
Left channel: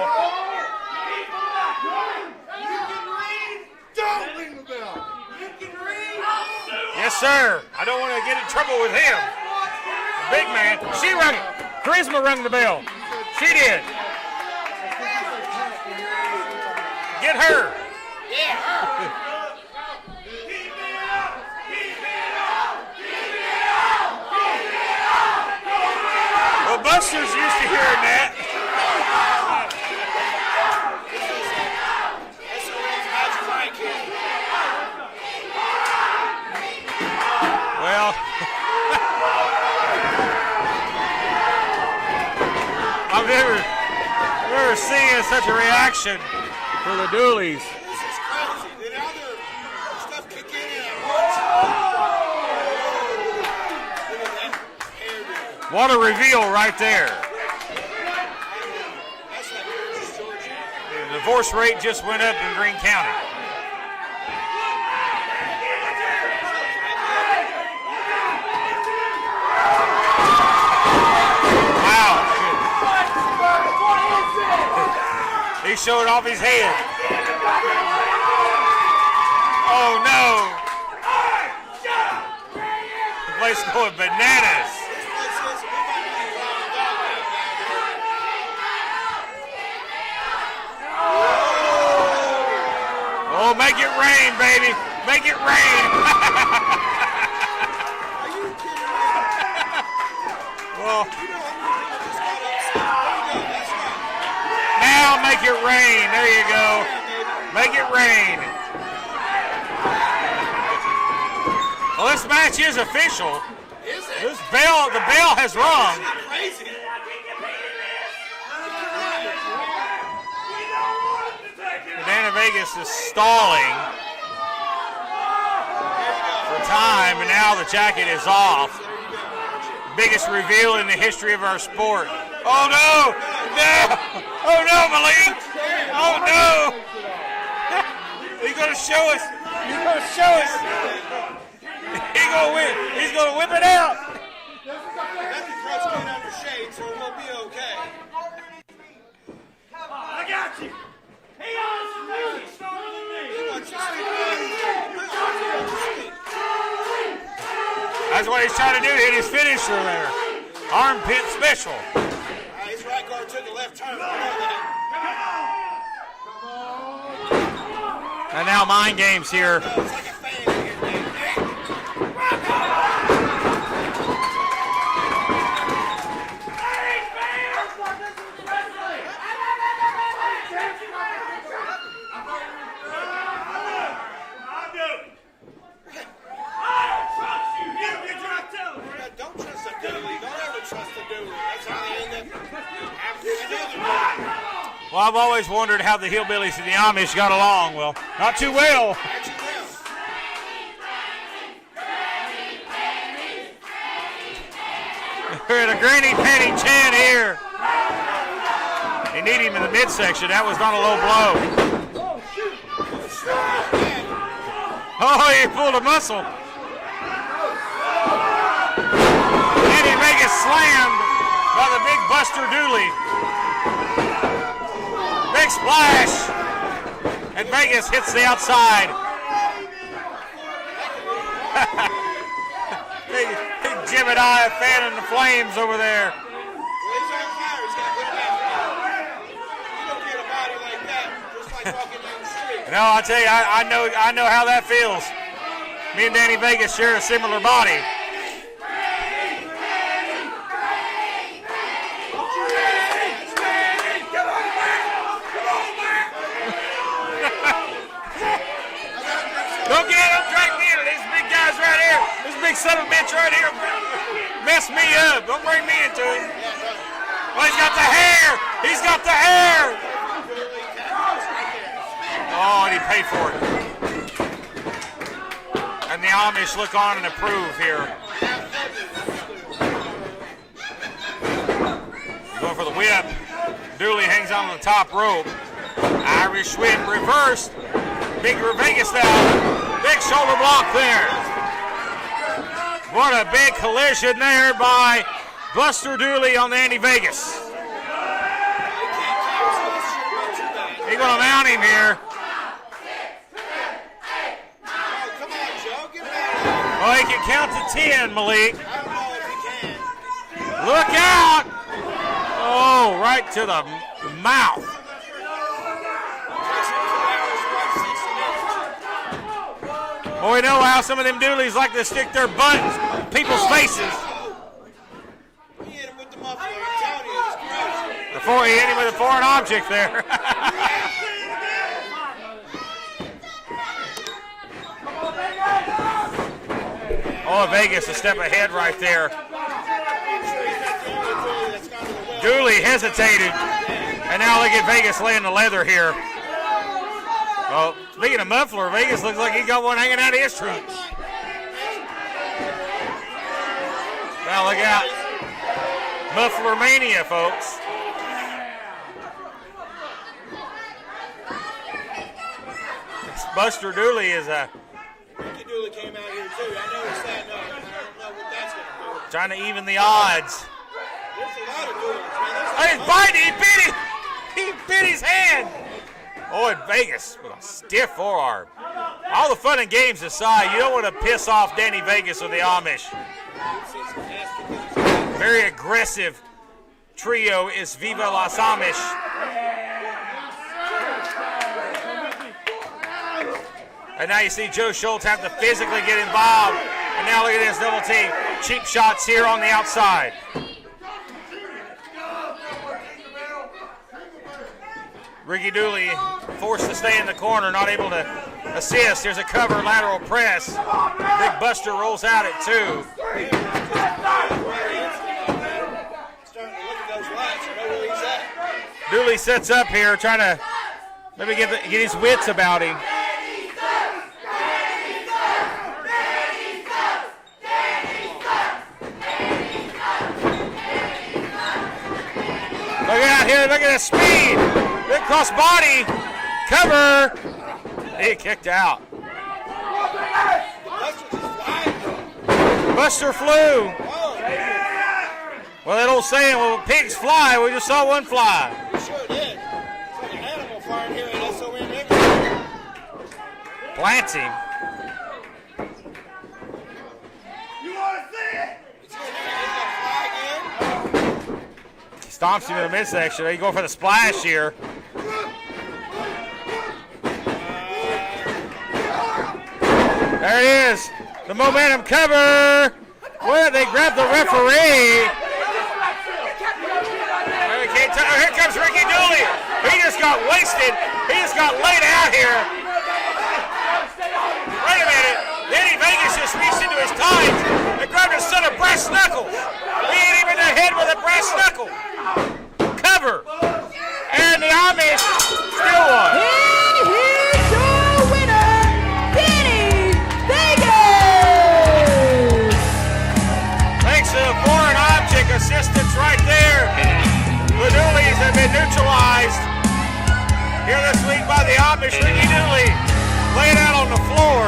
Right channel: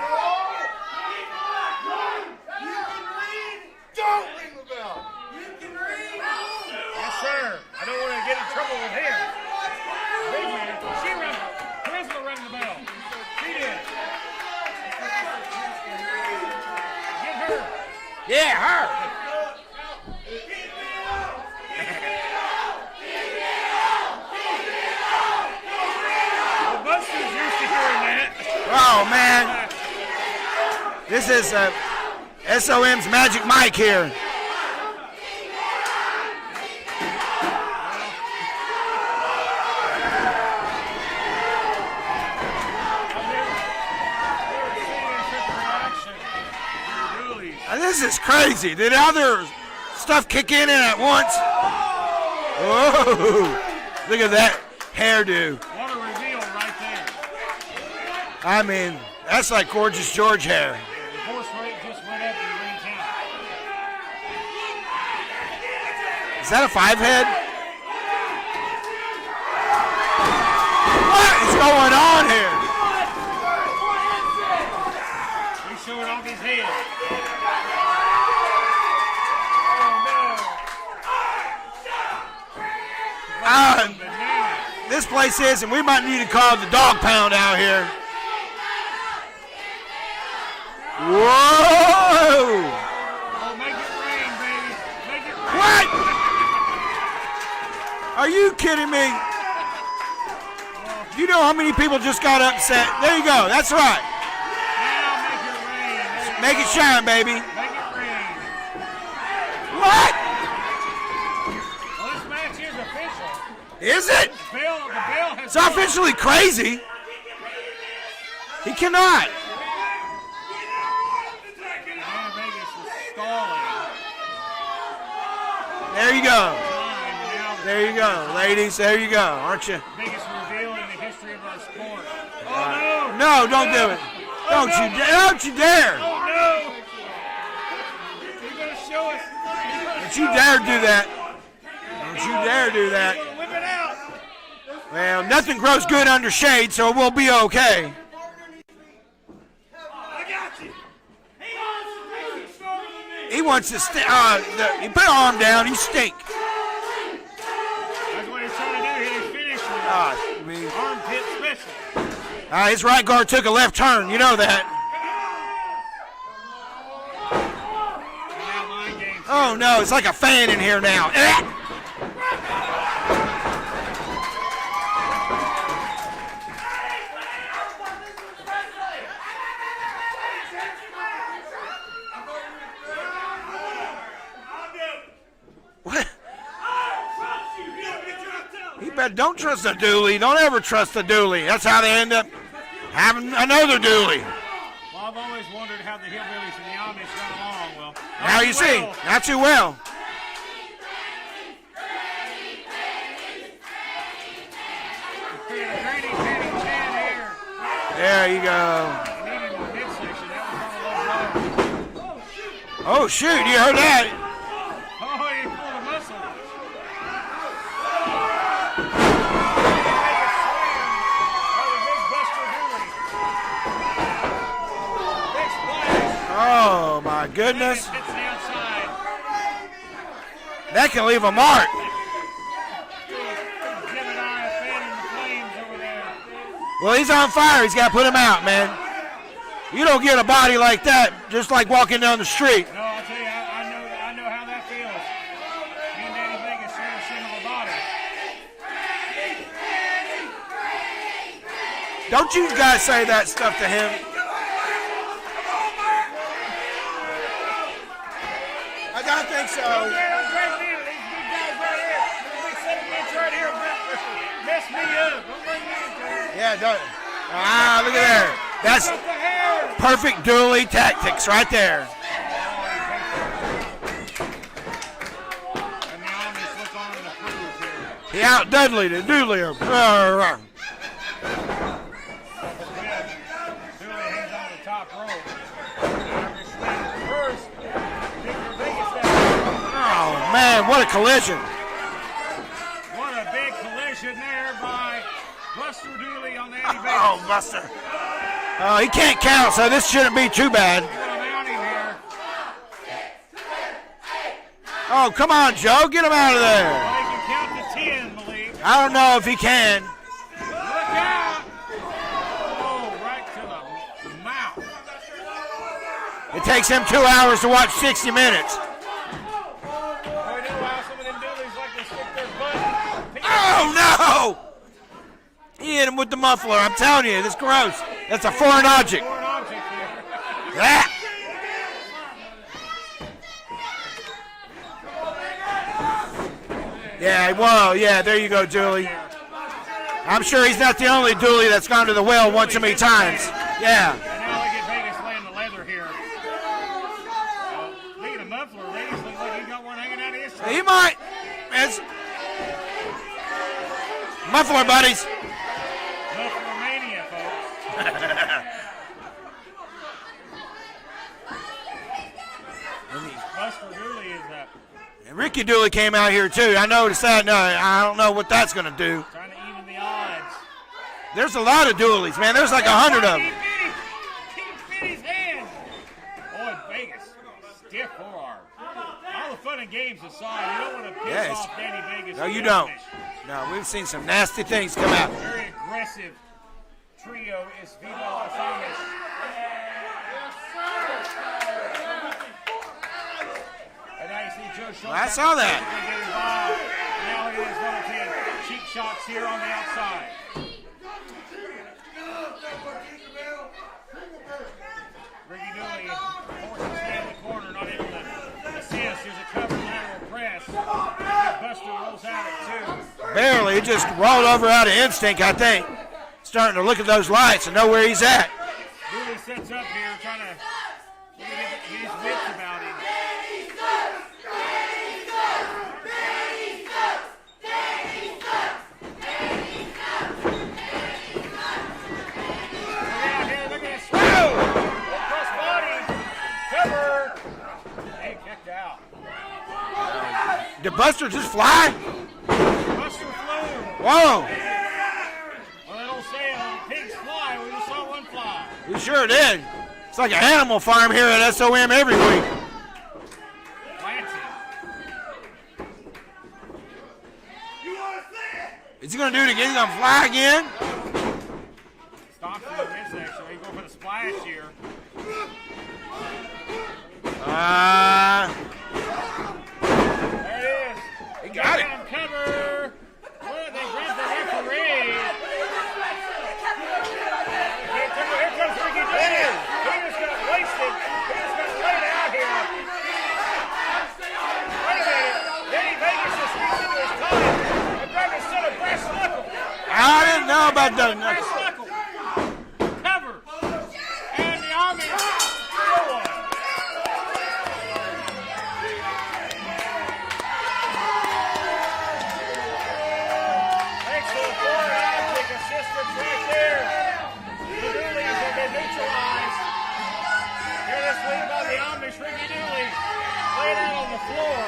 Don't ring the bell. You can read. Yes, sir. I don't want to get in trouble with him. Big man. She rung it. Charisma rung the bell. She did. Get her. Yeah, her. Well, Buster's used to hearing that. Oh, man. This is SOM's Magic Mike here. Well, I've never seen such a reaction for the Dooleys. This is crazy. Did other stuff kick in at once? Whoa. Look at that hairdo. What a reveal right there. I mean, that's like Gorgeous George hair. The divorce rate just went up in Greene County. Is that a 5-head? What is going on here? He showed off his head. Oh no. The place is going bananas. This place is, and we might need to call the dog pound out here. Whoa! Oh, make it rain, baby. Make it rain. Are you kidding me? Well, You know how many people just got upset? There you go. That's right. now make it rain. There you Make go. it shine, baby. Make it rain. What? Well, this match is official. Is it? The bell has It's rung. officially crazy. He cannot. Banana Vegas is stalling There you go. time, and now the There you jacket go, is off. ladies. There you go. Aren't you? Biggest reveal in the history of our sport. Oh no! No, don't do it. Oh Don't no, you Malik. dare. Don't you dare. Oh no! He's gonna show us. He's gonna Don't show you dare us. do that. He's you gonna dare whip, do that. He's gonna whip it out. Well, nothing grows good under shade, so we'll be okay. I got you. He wants to stink. He put an arm down. He stink. That's what he's trying to do. Hit his finisher. Armpit special. His right guard took a left turn. You know that. And now mind games here. Oh, no. It's like a fan in here now. What? You bet. Don't trust a dually. Don't ever trust a dually. That's how they end up having another dually. Well, I've always wondered how the hillbillies and the Amish got along. Well, Now not you too well. see. Not too well. We're in a granny panty chant here. There you go. You need him in the midsection. That was not a low blow. Oh, shoot. You heard that. Oh, he pulled a muscle. Danny Vegas slammed by the big Buster Dooley. Big splash. Oh, my goodness. Vegas hits the outside. That can leave a mark. Big Jebediah fanning the flames over there. Well, he's on fire. He's got to put him out, man. You don't get a body like that just like walking down the street. No, I tell you, I know how that feels. Me and Danny Vegas share a similar body. Don't you guys say that stuff to him. I gotta think so. Don't drag me into these big guys right here. This big son of a bitch right here mess me up. Don't bring me into it. Yeah, don't. Oh, he's got the hair. He's got the hair. Perfect dually tactics right there. Oh, and he paid for it. And the Amish look on and approve here. He out Dudley the dually. the top rope. Irish whip reversed. Big Vegas now. Big shoulder Man, block what a there. collision. What a big collision there by Buster Dooley on Danny Vegas. Oh, Buster. Oh, he can't count, so this shouldn't be too bad. He's going to mount him here. Oh, come on, Joe. Get him out of there. Oh, he can count to 10, Malik. I don't know if he can. Look out. Oh, right to the mouth. It takes him 2 hours to watch 60 minutes. Well, we know how some of them doolies like to stick their butts in people's faces. No! He hit him with the muffler. I'm telling you, this is gross. That's a Before he foreign hit the object. Foreign object there. Yeah, Oh, whoa, Vegas yeah, is there you go, stepping ahead Dooley. right there. I'm sure he's not the only Dooley that's gone to the well Dooley once so many hesitated. times. Yeah. And now look at Vegas laying the leather here. Oh, speaking of muffler, Vegas looks like he got one hanging out of his tree. He might. It's Now muffler look out. buddies. Muffler mania, folks. Buster Dooley is And Ricky Dooley came out here too. I noticed that. No, I don't know what that's gonna do. trying to even the odds. There's a lot of Doolies, man. There's like Hey, 100 of fight, them. he bit him. He bit his hand. Oh, and Vegas with a stiff forearm. All the fun and games aside, you don't want to piss Yes. off Danny Vegas No, or the you don't. Amish. No, we've seen some nasty things come out. Very aggressive trio is Viva Las Amish. And now you see Joe Schultz I have saw to that. physically get involved. And now look at this double team. Cheap shots here on the outside. Ricky Dooley forced to stay in the corner, not able to assist. There's a cover lateral press. Big Buster rolls out at 2. Barely. He just rolled over out of instinct, I think. Starting to look at those lights and know where he's at. Dooley sets up here, trying to maybe get his wits about him. Look out here, look at the speed. Big cross body, cover. He kicked out. Did Buster just fly? Buster flew. Whoa. Well, that old saying, well, pigs fly. We just saw one fly. He sure did. It's like an animal farm here at SOM every week. Plants him. Is he going to do it again? He's going to fly again? Stomps him in the midsection. He's going for the splash here. There it is. The momentum cover. Well, they grabbed the referee. Here comes Ricky Dooley. He just got wasted. He just got laid out here. Wait a minute. Danny Vegas just reached into his tights and grabbed a set of brass knuckles. I Hit him don't in know the head about with a that. brass knuckle. Cover. And the Amish still won. And here's your winner, Danny Vegas! Thanks to the foreign object assistance right there. The Dooleys have been neutralized here this week by the Amish. Ricky Dooley laid out on the floor.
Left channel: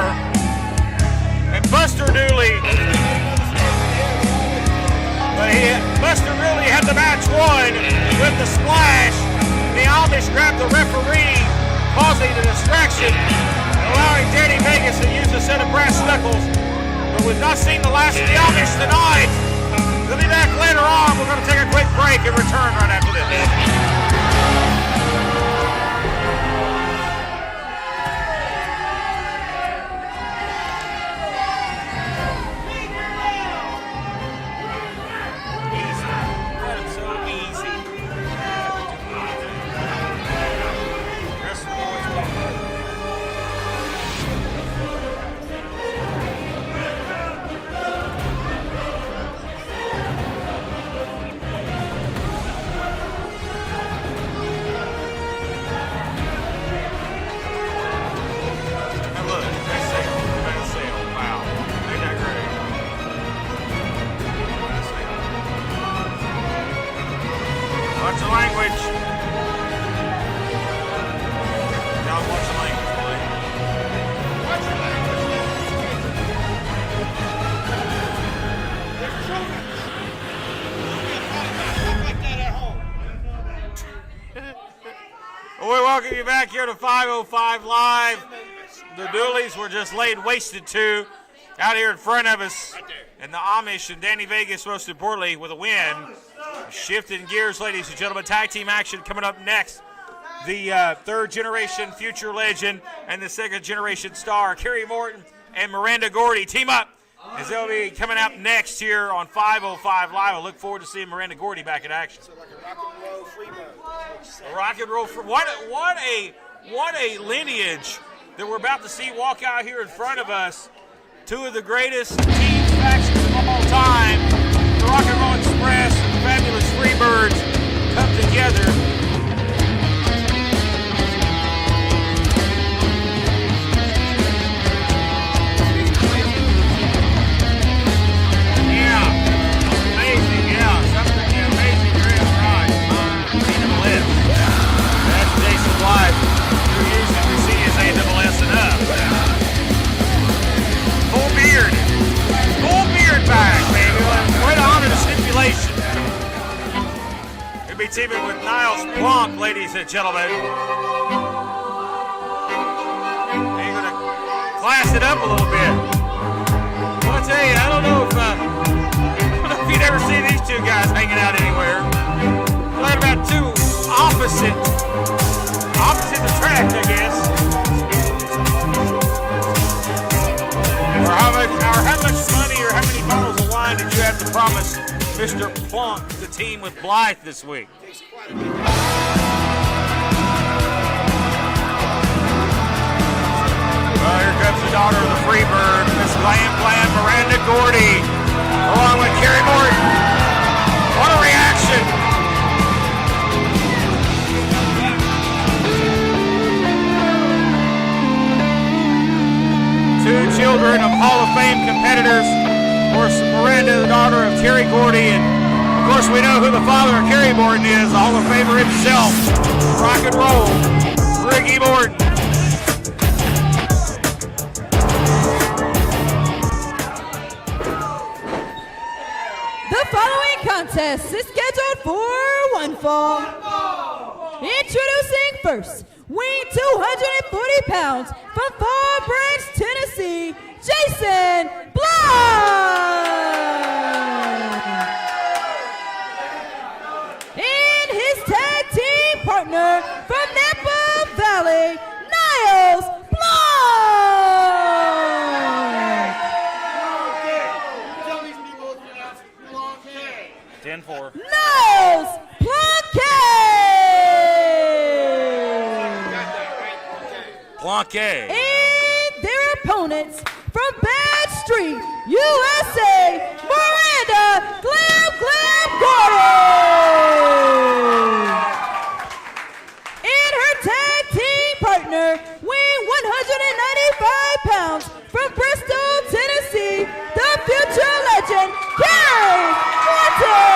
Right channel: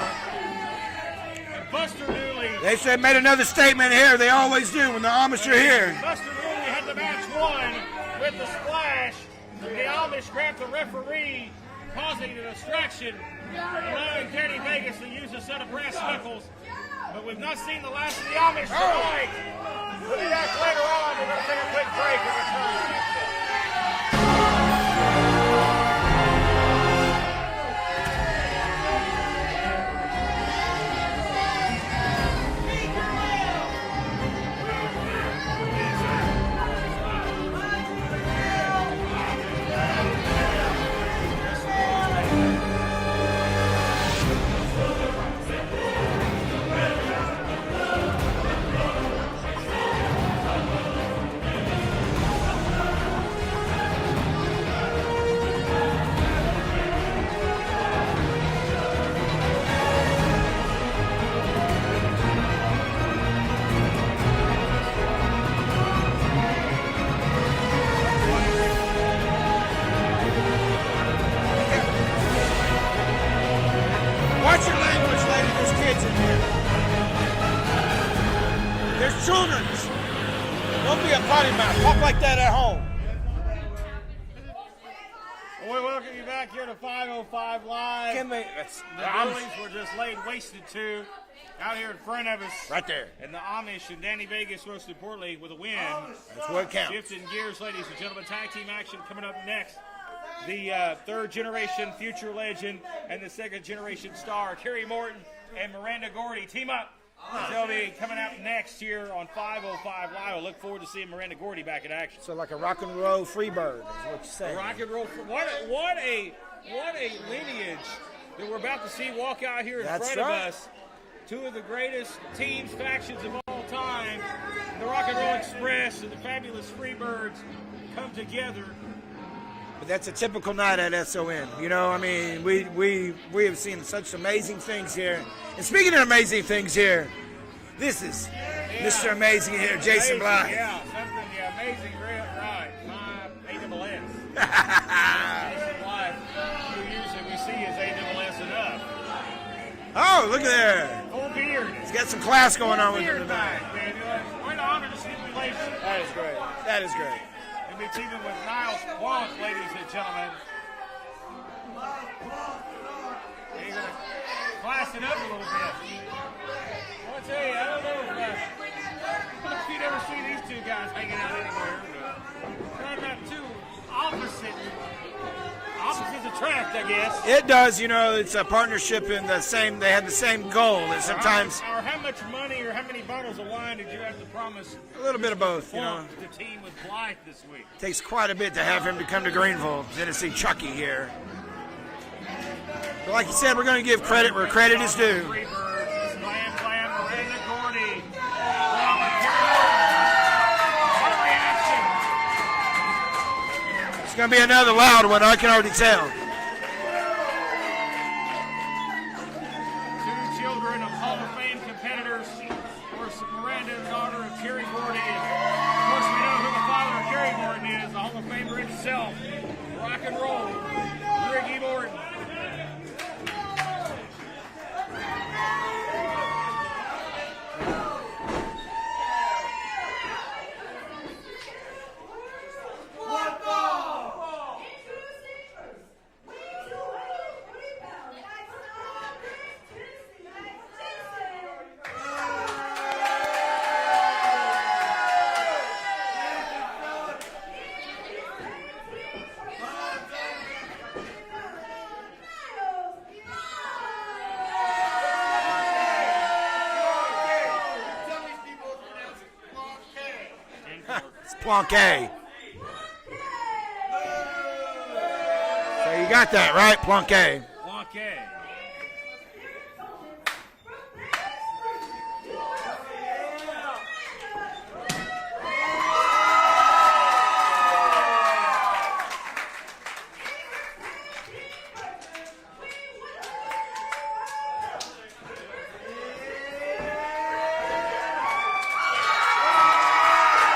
And Buster Dooley, They made another statement here. They always do when the Amish are here. Buster Dooley had the match won with the splash. The Amish grabbed the referee, causing the distraction, allowing Danny Vegas to use a set of brass knuckles. But we've not seen the last of the Amish tonight. We'll be back later on. We're going to take a quick break and return right after this. potty mouth. Talk like that at home. Well, we welcome you back here to 505 Live. The Doolies were just laid wasted to out here in front of us. Right there. And the Amish and Danny Vegas, most importantly, with a win. That's what counts. Shifting gears, ladies and gentlemen. Tag team action coming up next. The third generation future legend and the second generation star, Kerry Morton and Miranda Gordy, team up. As they'll be coming out next here on 505 Live. I look forward to seeing Miranda Gordy back in action. So like a rock and roll free bird. That's what you say. Rock and roll for what a lineage that we're about to see walk out here in front of us. Two of the greatest team factions of all time, the Rock and Roll Express and the fabulous Freebirds, come together. It's a typical night in SOM. You know, I mean, we've seen such amazing things here. Speaking of amazing things here, this is amazing. Jason, Something amazing here is right. A-double-S. That's Jason Blythe, who usually we see as A-double-S and up. oh, look there. Full beard. It's a class Full beard back, baby. Way to honor the stipulation. He'll be teaming with Niles Plonk, ladies and gentlemen. He's going to class it up a little bit. Well, I tell you, I don't know if you'd ever see these two guys hanging out anywhere. They're about two opposite attract, I guess. It does, you know, it's a partnership in the same, they have the same goal. Or how much money or how many bottles of wine did you have to promise Mr. Plonk, the team with Blythe this week? It takes quite a bit to have the green flag. Like you said, we're going to get The daughter of the Freebird, Miss Blam Blam, Miranda Gordy, along with Kerry Morton. What a reaction! It's going to be another wild one, I can already tell. Two children of Hall of Fame competitors. Of course, Miranda, the daughter of Terry Gordy, and of course we know who the father of Kerry Morton is, the Hall of Famer himself, rock and roll, Ricky Morton. The following contest is scheduled for one fall. Introducing first, weighing 240 pounds from Fall Branch, Tennessee, Jason Blythe. And his tag team partner from Napa Valley, Niles Blythe. 10-4. Niles You got that right, Plunquet. Plonquet. And their opponents from Bad Street, USA, Miranda Glam Gordy. And her tag team partner, weighing 195 pounds from Bristol, Tennessee, the future legend, Kerry Morton.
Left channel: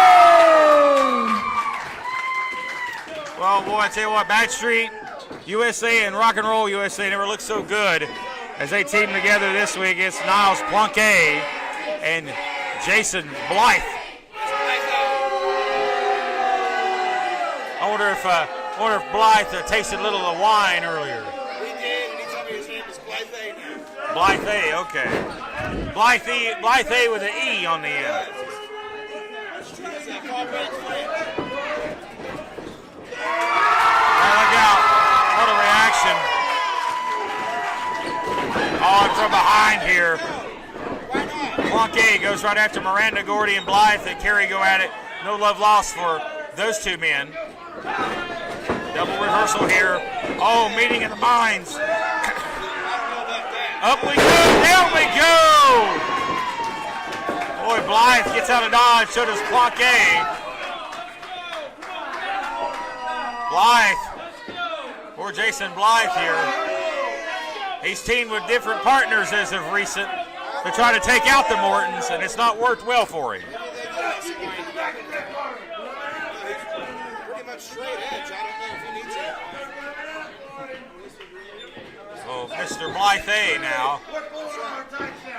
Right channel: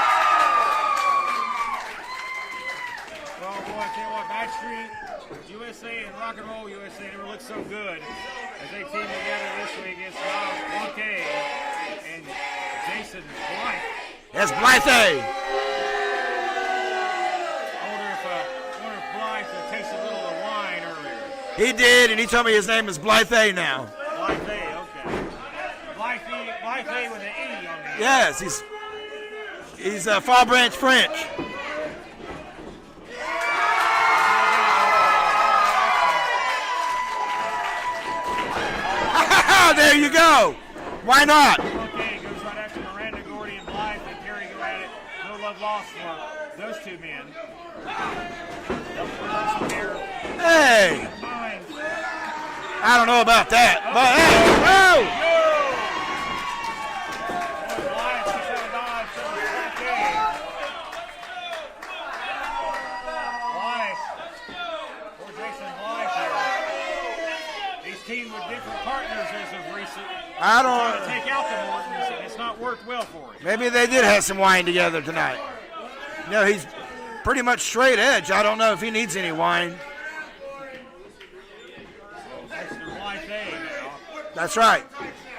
Well, boy, I tell you what, Bad Street USA and Rock and Roll USA never looked so good as they team together this week against Niles Plonquet and Jason Blythe. That's Blythe. I wonder if Blythe tasted a little of the wine earlier. He did, and he told me his name is Blythe now. Blythe, okay. Blythe with an E on the end. Yes, he's Fall Branch French. Look out. What a reaction. Oh, from behind There here. you go. Why not? Plonquet goes right after Miranda Gordy and Blythe, and Kerry go at it. No love lost for those two men. Double reversal here. Oh, Hey. meeting in the minds. I don't know about that. Up But, there we hey, go. Boy, Blythe gets out of dodge, so does Plonquet. Blythe, poor Jason Blythe here. He's teamed with different partners as of recent to try to take out the Mortons, and it's not worked well for him. Maybe they did have some wine together tonight. You know, he's pretty much straight edge. I don't know if he needs any wine. So Mr. Blythe now. That's right.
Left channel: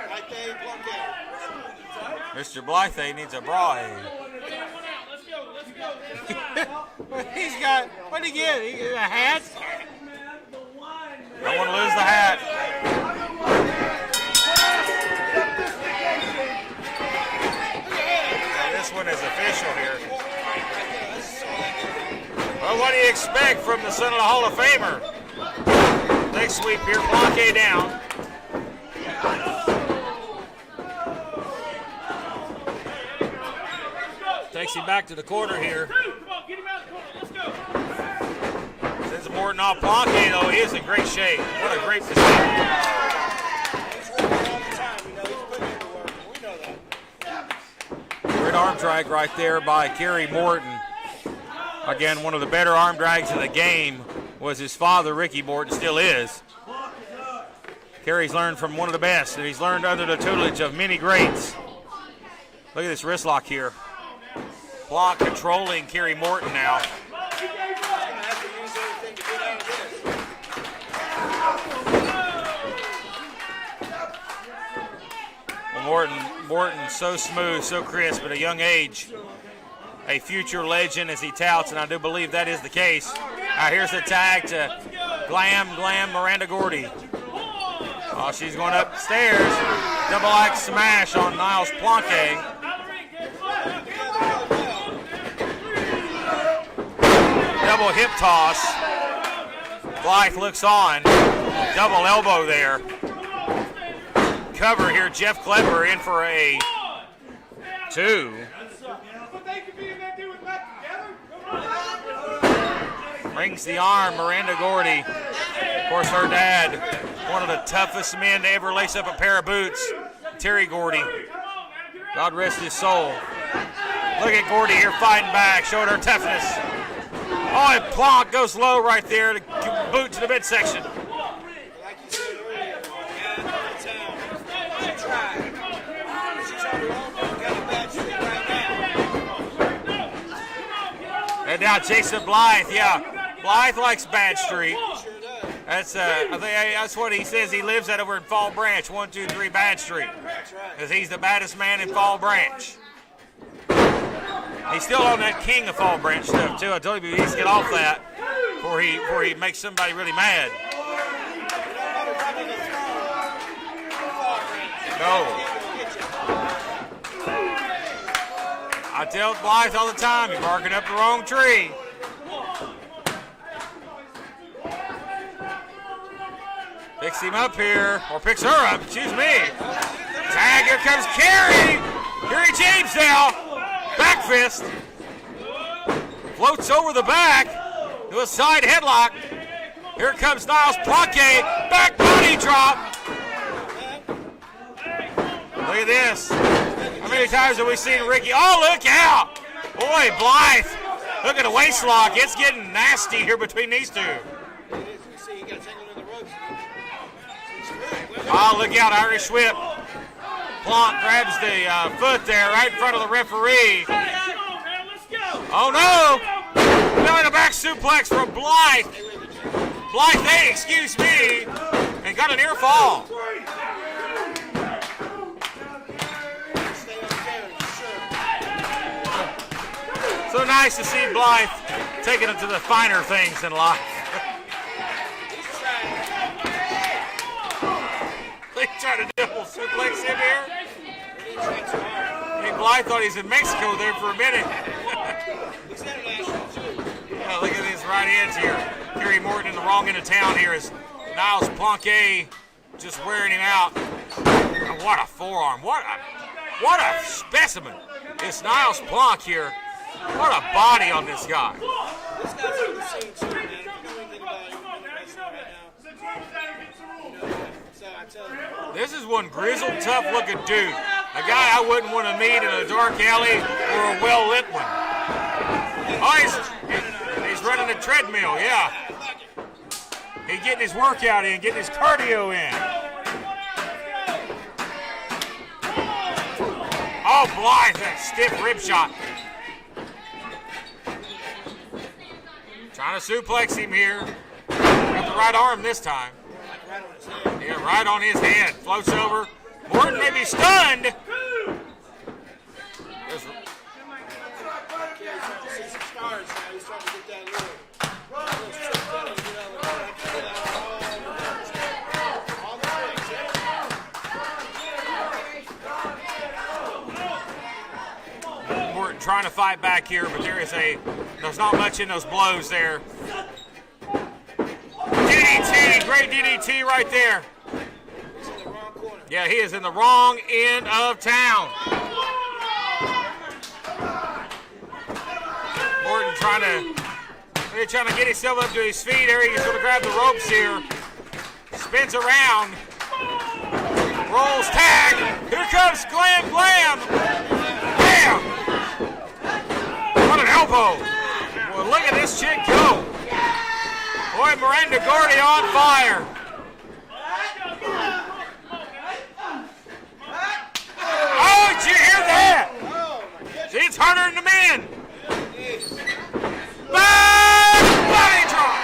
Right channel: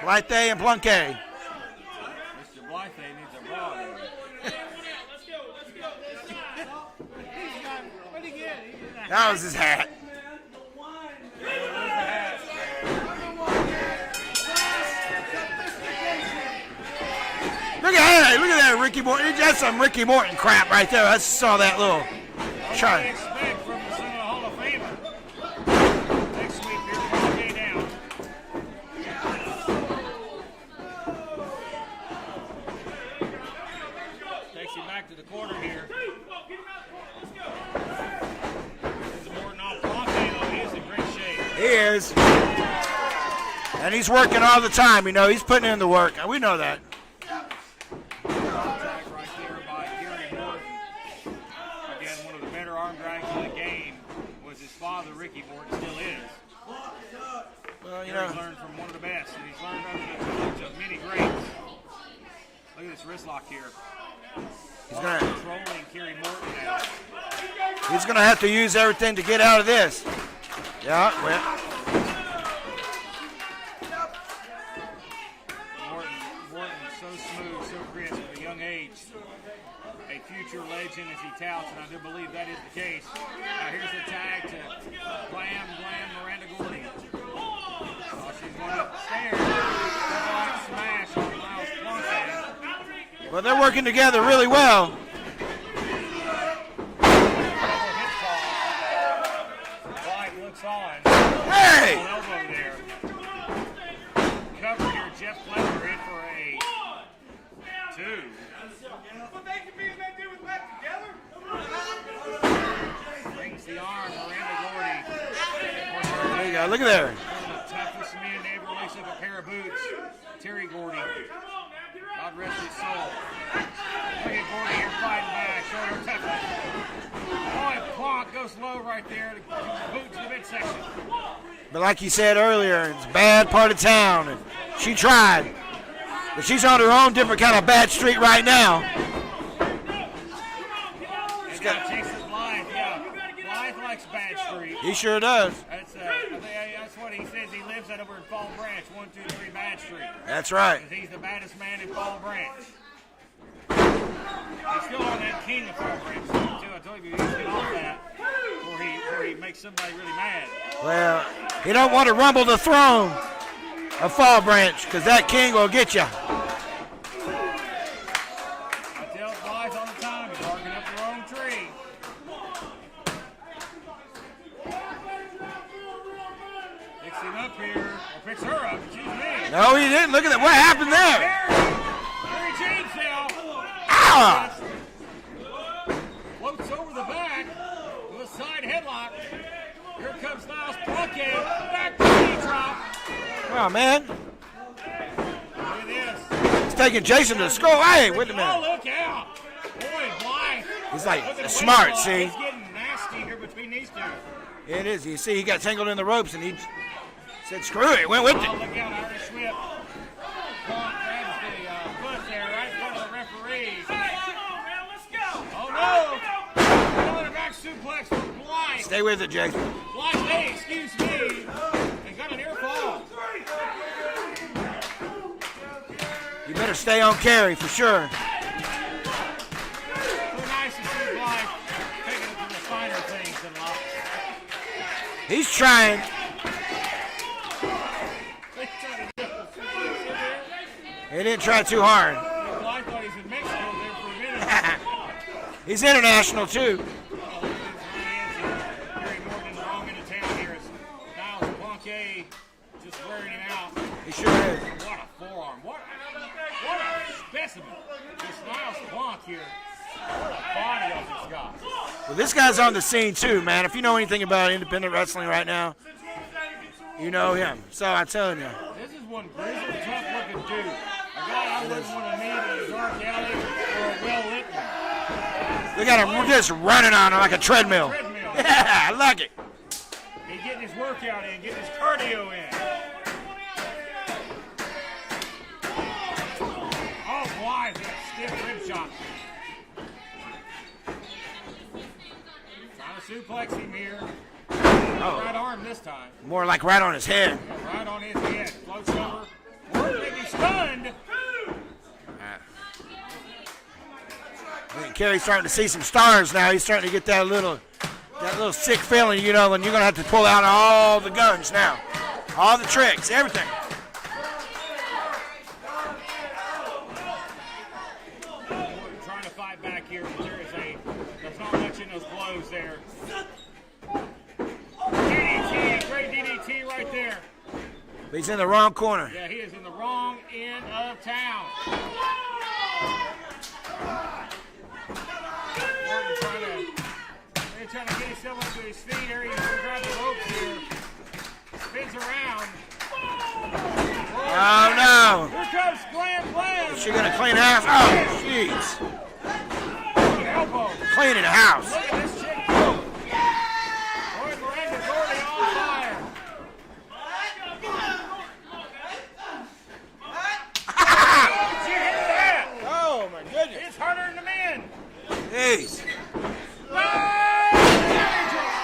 Blythe and Plunquet. Mr. Blythe needs a braai. get? He get a That hat? was his hat. Don't want to lose the hat. Look at that, Ricky Morton. That's some Ricky Morton crap right there. I saw that little. Well, what do you expect from the son of the Hall of Famer? Next sweep here, Blanque down. Takes him back to the corner here. Sends Morton off Blanque, though. He is in great shape. He is. And he's working all the time, you know. He's putting in the work. We know that. Great arm drag right there by Kerry Morton. Again, one of the better arm drags in the game was his father, Ricky Morton, still is. Kerry's learned from one of the best, and he's learned under the tutelage of many greats. Look at this wrist lock here. Block controlling Kerry Morton now. He's going to have to use everything to get out of this. Yeah. Well, Morton, so smooth, so crisp at a young age. A future legend as he touts, and I do believe that is the case. Here's the tag to Glam Miranda Gordy. Oh, she's going upstairs. Double axe smash on Niles Blanque. Well, they're working together really well. Double hip toss. Blythe looks on. Double elbow there. Cover here. Jeff Klepper in for a 2. Brings the arm, Miranda Gordy. Of course, her dad. Look at there. One of the toughest men to ever lace up a pair of boots. Terry Gordy. God rest his soul. Look at Gordy here fighting back, showing her toughness. Oh, and Plonk goes low right there to boot to the midsection. But like you said earlier, it's a bad part of town. She tried. But she's on her own different kind of bad street right now. And now Jason Blythe, yeah. Blythe likes Bad Street. He sure does. That's I think that's what he says. He lives at over in Fall Branch, 123 Bad Street. That's right. Because he's the baddest man in Fall Branch. He's still on that king of Fall Branch stuff too. I told you he needs to get off that before he makes somebody really mad. Well, you don't want to rumble the throne of Fall Branch because that king will get you. I tell Blythe all the time, you're barking up the wrong tree. Picks him up here, or picks her up, excuse me. No, he didn't. Look at that. What happened there? Gary James now. Back fist. Floats over the back to a side headlock. Here comes Niles Blanque. Back booty drop. Oh, man. Look at this. He's taking Jason to school. Hey, Ricky. Oh, look out. Boy, Blythe. He's like look at the smart, waist lock. see? It's getting nasty here between these two. It is. You see, he got tangled in the ropes, and he said, screw it. Went with Oh, it. look out, Irish whip. Plonk grabs the foot there right in front of the referee. Oh, no. Another back suplex from Blythe. Stay with it, Jason. Blythe, hey, excuse me. And got a near fall. You better stay on carry for sure. So nice to see Blythe taking it to the finer things in life. He's trying. They try to double suplex him here. He didn't try too hard. Hey, Blythe thought he's in Mexico there for a minute. He's international, too. Yeah, look at these right hands here. Kerry Morton in the wrong end of town here as Niles Blanque just wearing him out. What a forearm. What a specimen. It's Niles Blanque here. What a body on this guy. Well, this guy's on the scene, too, man. If you know anything about independent wrestling right now, you know him. So I'm telling you. This is one grizzled, tough-looking dude. A guy I wouldn't want to meet in a dark alley or a well-lit one. They got him just running on him like a treadmill. Yeah. I like it. He's getting his workout in, getting his cardio in. Oh, Blythe, that stiff rib shot. Trying to suplex him here. Right arm this time. More like right on his head. Yeah, right on his head. Floats over. Morton may be stunned. Kerry's starting to see some stars now. He's starting to get that little That little sick feeling, you know, when you're going to have to pull out all the guns now. All the tricks, everything. Morton trying to fight back here, but there's not much in those blows there. DDT, great DDT right there. He's in the wrong corner. Yeah, he is in the wrong end of town. Morton trying to get himself up to his feet. There he's going to grab the ropes here. Spins around. Rolls tag. Here comes Glam. She's going to clean house. Bam! Jeez. What an elbow. Cleaning house. Look at this chick go. Boy, Miranda Gordy on fire. Oh, did you hear that? Oh, my goodness. It's harder than the men. Jeez. Body drop.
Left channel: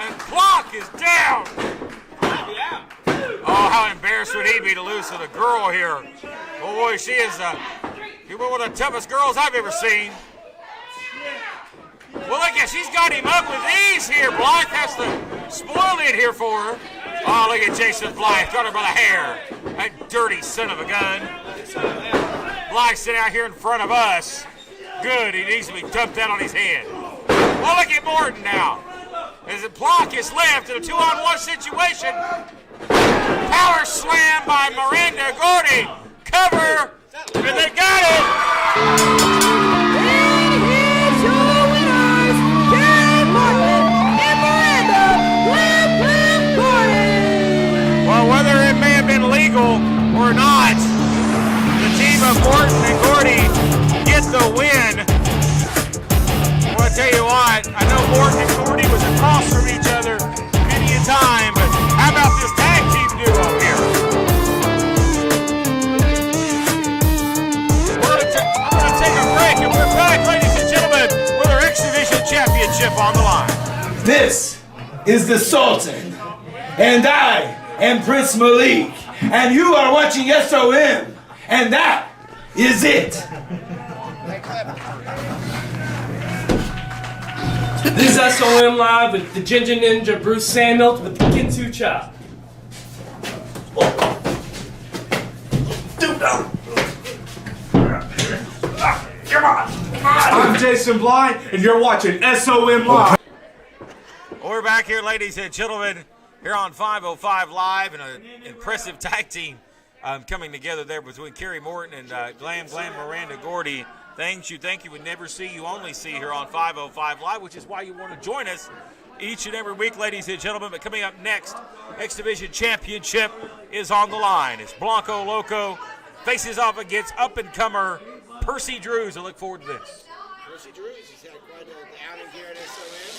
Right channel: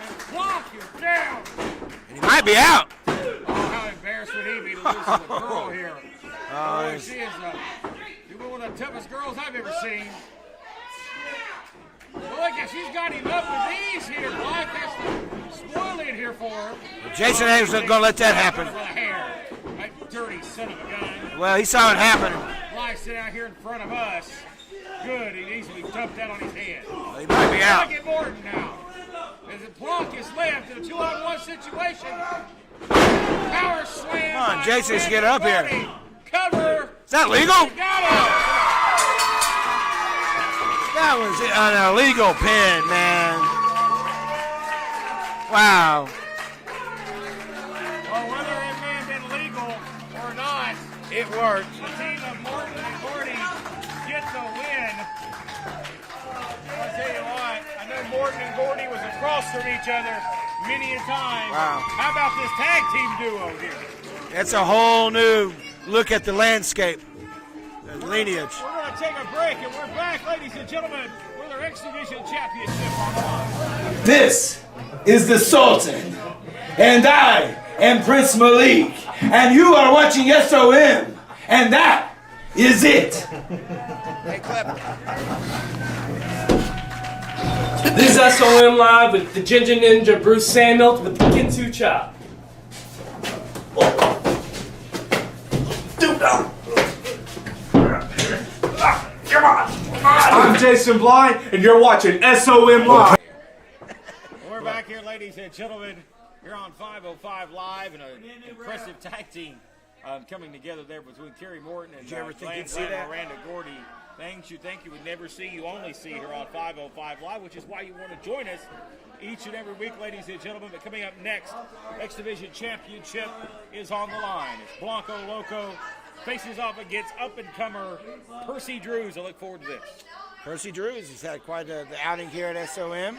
And Block is down. He might be out. Oh, how embarrassed would he be to lose to the girl here? Boy, she is one of the toughest girls I've ever seen. Well, look at, she's got him up with ease here. Blythe has to spoil it here for her. Jason Hayes isn't going to let that happen. Got her by the hair. That dirty son of a gun. Well, he saw it happen. Blythe sitting out here in front of us. Good, he needs to be dumped out on his head. He might be out. Look at Morton now. As Block is left in a 2-on-1 situation. Power slam by Jason, get Miranda up here. Gordy. Cover. Is that legal? They got it. That was an illegal pin. Wow. Well, whether it may have been legal or not, the team of Morton and Gordy get the win. Well, I tell you what, I know Morton and Gordy was across from each other many a time, but how about this tag team duo here? It's a whole new look at the landscape. We're going to take a break, and we're back, ladies and gentlemen, with our X Division Championship on the line. This is the Sultan, and I am Prince Malik, and you are watching SOM, and that is it. This is SOM Live with the Ginger Ninja Bruce Samuel with the Kinsu Chop. I'm Jason Blind, and you're watching SOM Live. We're back here, ladies and gentlemen, here on 505 Live, and an impressive tag team coming together there between Kerry Morton and Glam Slim Miranda Gordy. Things you think you would never see, you only see here on 505 Live, which is why you want to join us each and every week, ladies and gentlemen. But coming up next, X Division Championship is on the line. It's Blanco Loco faces off against up-and-comer Percy Drews. I look forward to this. Percy Drews has had quite the outing here at SOM. I mean, see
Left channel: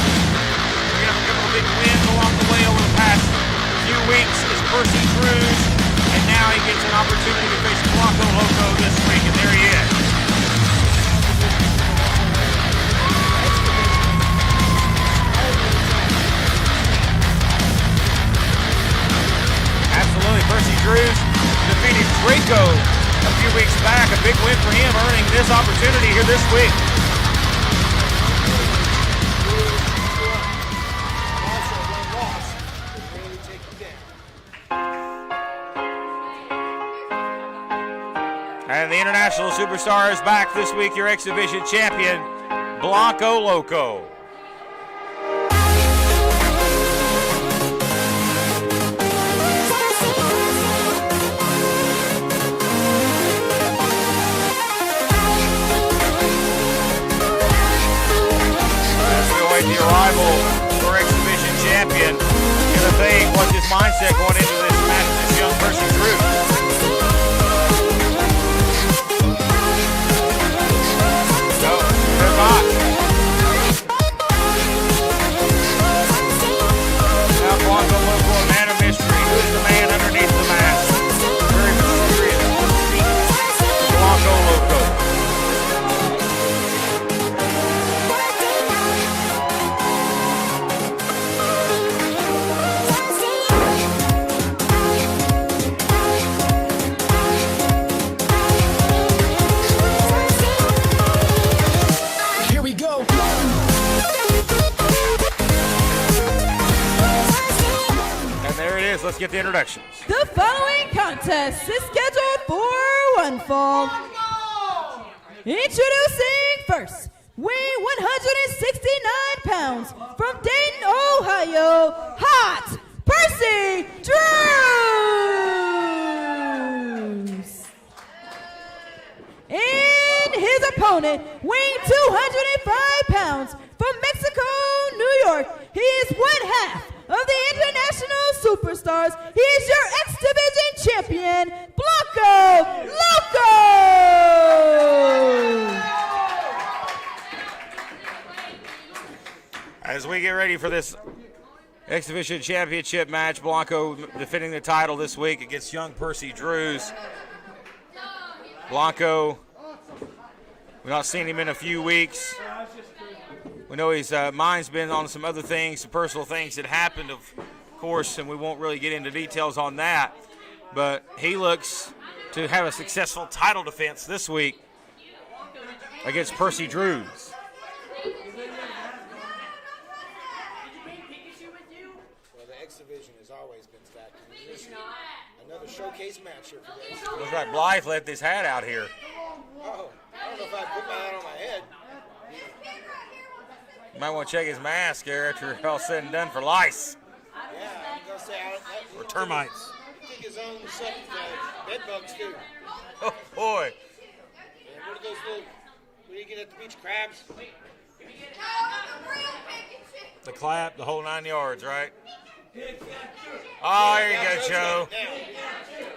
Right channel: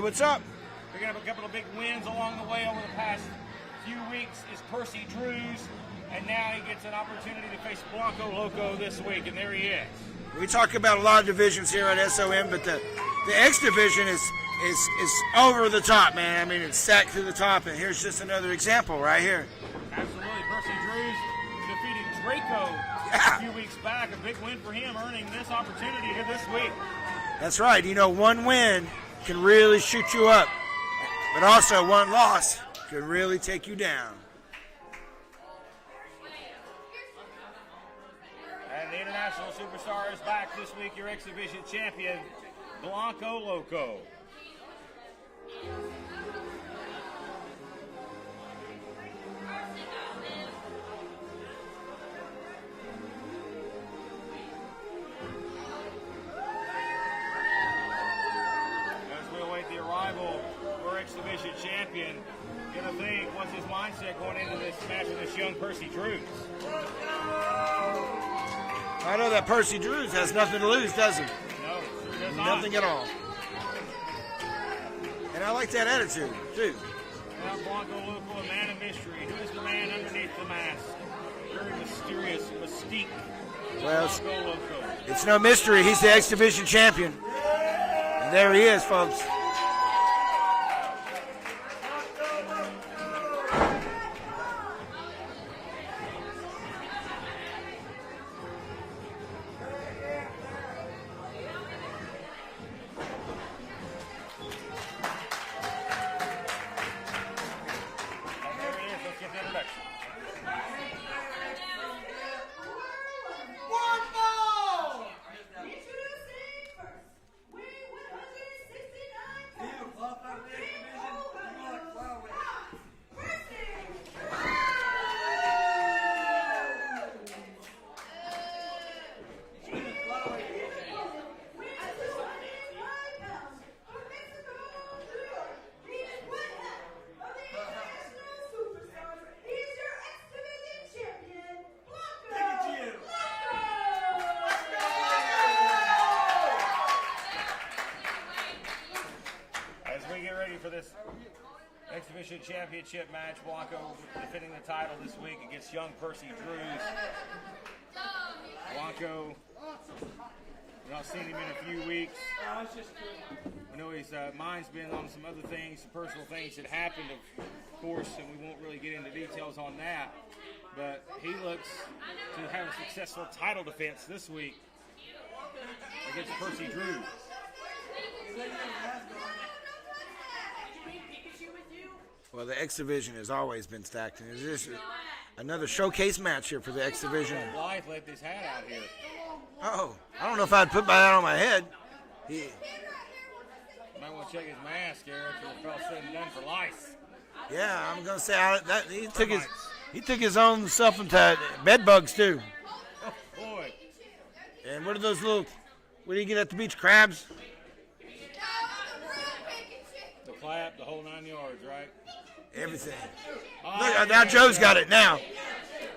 what's up. We have a couple of big wins along the way over the past few weeks as Percy Drews, and now he gets an opportunity to face Blanco Loco this week, and there he is. We talked about a lot of divisions here at SOM, but the X division is over the top. It's set to the top, and here's just another example right here. Absolutely. Percy Drews defeated Draco a few weeks back. A big win for him, earning this opportunity here this week. That's right. You know, one win can really shoot you up, but also one loss can really take you down. And the international superstar is back this week, your X Division champion, Blanco Loco. The arrival for X Division champion. Gonna think what's his mindset going into this match with this young Percy Drews. No, they're not. Now Blanco Loco, a man of mystery. Who's the man underneath the mask? Very mysterious. Blanco Loco. It's no mystery. He's the X Division champion. There he is, folks. get the introductions. The following contest is scheduled for one fall. Introducing first, weighing 169 pounds, from Dayton, Ohio, Hot Percy Drews. And his opponent, weighing 205 pounds, from Mexico, New York, he is one half of the International Superstars. He is your X Division champion, Blanco Loco. As we get ready for this X Division Championship match, Blanco defending the title this week against young Percy Drews. Blanco, we've not seen him in a few weeks. We know his mind's been on some other things, some personal things that happened, of course, and we won't really get into details on that. But he looks to have a successful title defense this week against Percy Drews. Well, the X Division has always been stacked, and this is another showcase match here for the X Division. Right, Blythe left his hat out here. Oh, I don't know if I'd put my hat on my head. Might want to check his mask here after all said and done for lice. Yeah, I'm gonna say that Termites. he took his own self into bed bugs too. Oh boy! And what are those little? What do you get at the beach? Crabs? The clap, the whole 9 yards, right? Everything. Oh, Look, there now you go, Joe's got Joe. it now.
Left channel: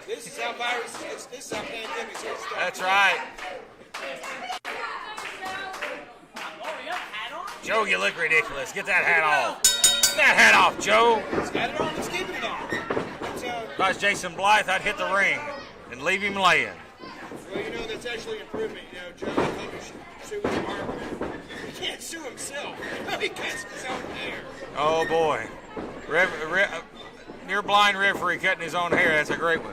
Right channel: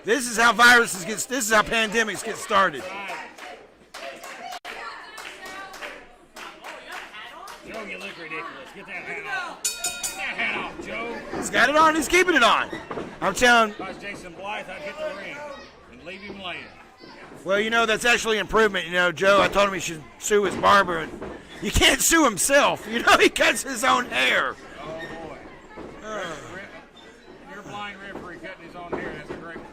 This is how viruses get. This is how pandemics get started. That's right. Joe, you look ridiculous. Get that hat off. Get that hat off, Joe. He's got it on. He's keeping it on. I'm telling. If I was Jason Blythe, I'd hit the ring and leave him laying. Well, you know, that's actually improvement. You know, Joe, I told him he should sue his barber. He can't sue himself. You know, he cuts his own hair. Oh boy, near blind referee cutting his own hair. That's a great one.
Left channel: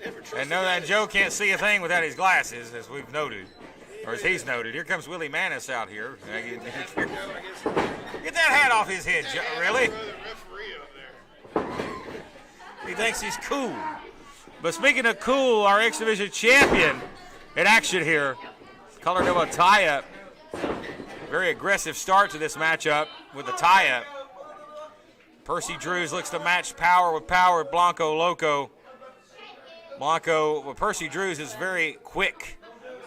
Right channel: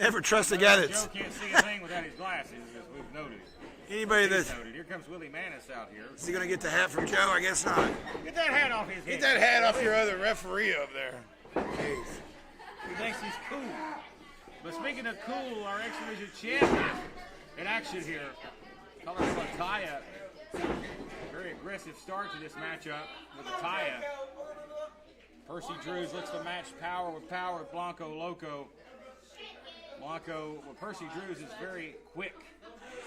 Never trust And a guy that that's... Joe can't see a thing without his glasses, as we've noted. Or Anybody as he's that's... noted. Here comes Willie Manis out here. Is he going to get the hat from Joe? I guess not. Get that hat off his head, That Joe, hat really? off your other referee up there. He thinks he's cool. But speaking of cool, our X Division champion in action here. Colored him a tie-up. Very aggressive start to this matchup with a tie-up. Percy Drews looks to match power with Blanco Loco. Percy Drews is very quick,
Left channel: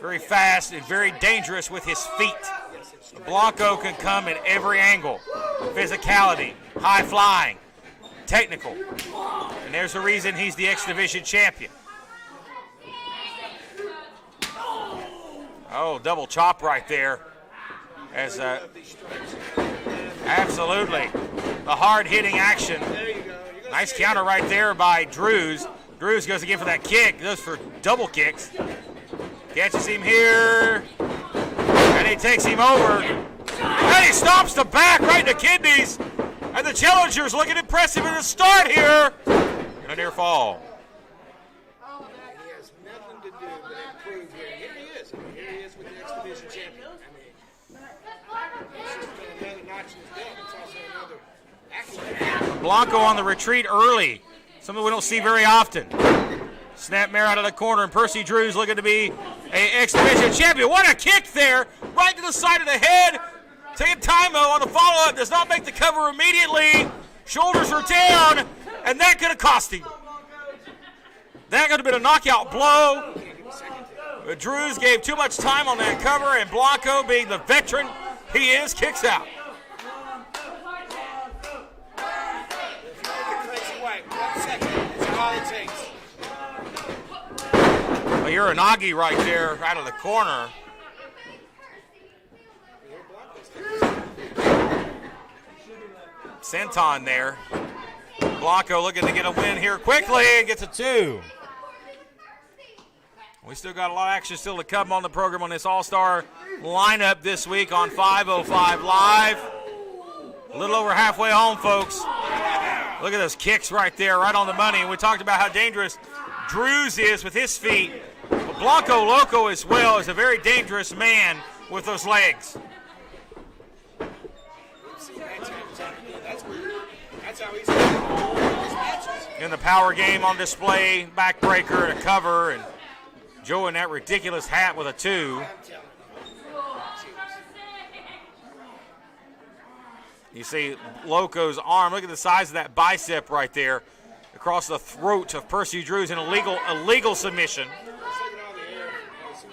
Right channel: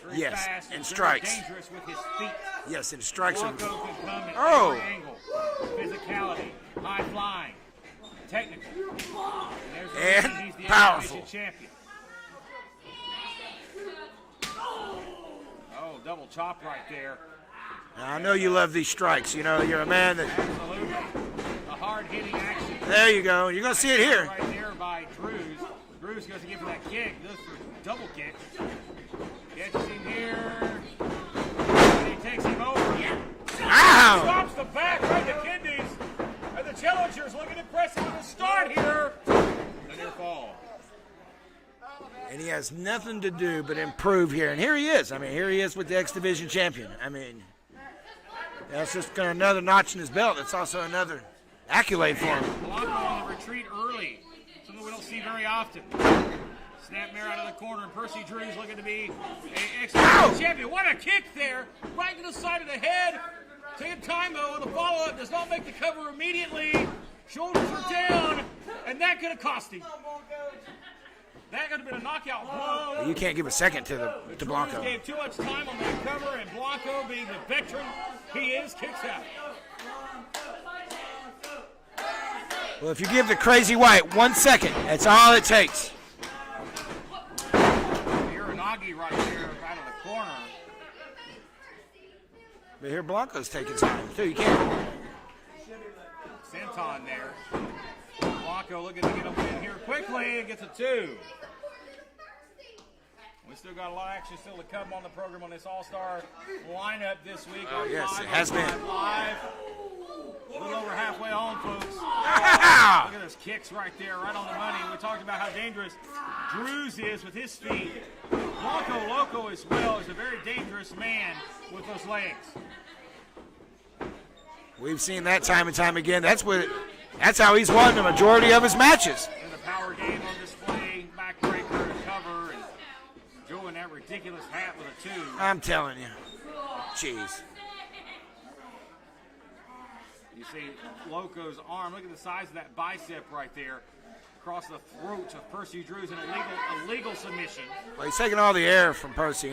very fast, and very dangerous with his feet. Yes, and strikes. Blanco can come in every angle. Physicality, high flying, technical. And there's the reason he's the X Division champion. Oh, double chop right there. Now, I know you love these strikes. You know, you're a man that... Absolutely. The hard-hitting action. There you go. You're going to see Nice it counter here. right there by Drews. Drews goes again for that kick. Goes for double kicks. Catches him here. And he takes him over. And he stomps the back right in the kidneys. And the challenger's looking impressive in the start here. A near fall. And he has nothing to do but improve here. And here he is. I mean, here he is with the X Division champion. I mean, that's just another notch in his belt. It's also another accolade for him. Blanco on the retreat early. Something we don't see very often. Snapmare out of the corner, and Percy Drews looking to be an X Division champion. What a kick there! Right to the side of the head. Taking time on the follow-up. Does not make the cover immediately. Shoulders are down, and that could have cost him. That could have been a knockout blow. You can't give a second to the... But Drews gave too much time on that cover, and Blanco, being the veteran he is, kicks out. Well, if you give the Crazy White 1 second, that's all it takes. Well, you're an Augie right there, out of the corner. But here Blanco's taking time, too. You can't... Senton there. Blanco looking to get a win here quickly and gets a 2. We still got a lot of action still to come on the program on this all-star lineup this week on 505 Live. A little over halfway home, folks. Look at those kicks right there, right on the money. We talked about how dangerous Drews is with his feet. But Blanco Loco as well is a very dangerous man with those legs. We've seen that time and time again. That's what That's how he's won the majority of his matches. In the power game on display, backbreaker and a cover, and Joe in that ridiculous hat with a 2. I'm telling you. Jeez. You see Loco's arm. Look at the size of that bicep right there across the throat of Percy Drews in a legal submission. Well, he's taking all the air from Percy.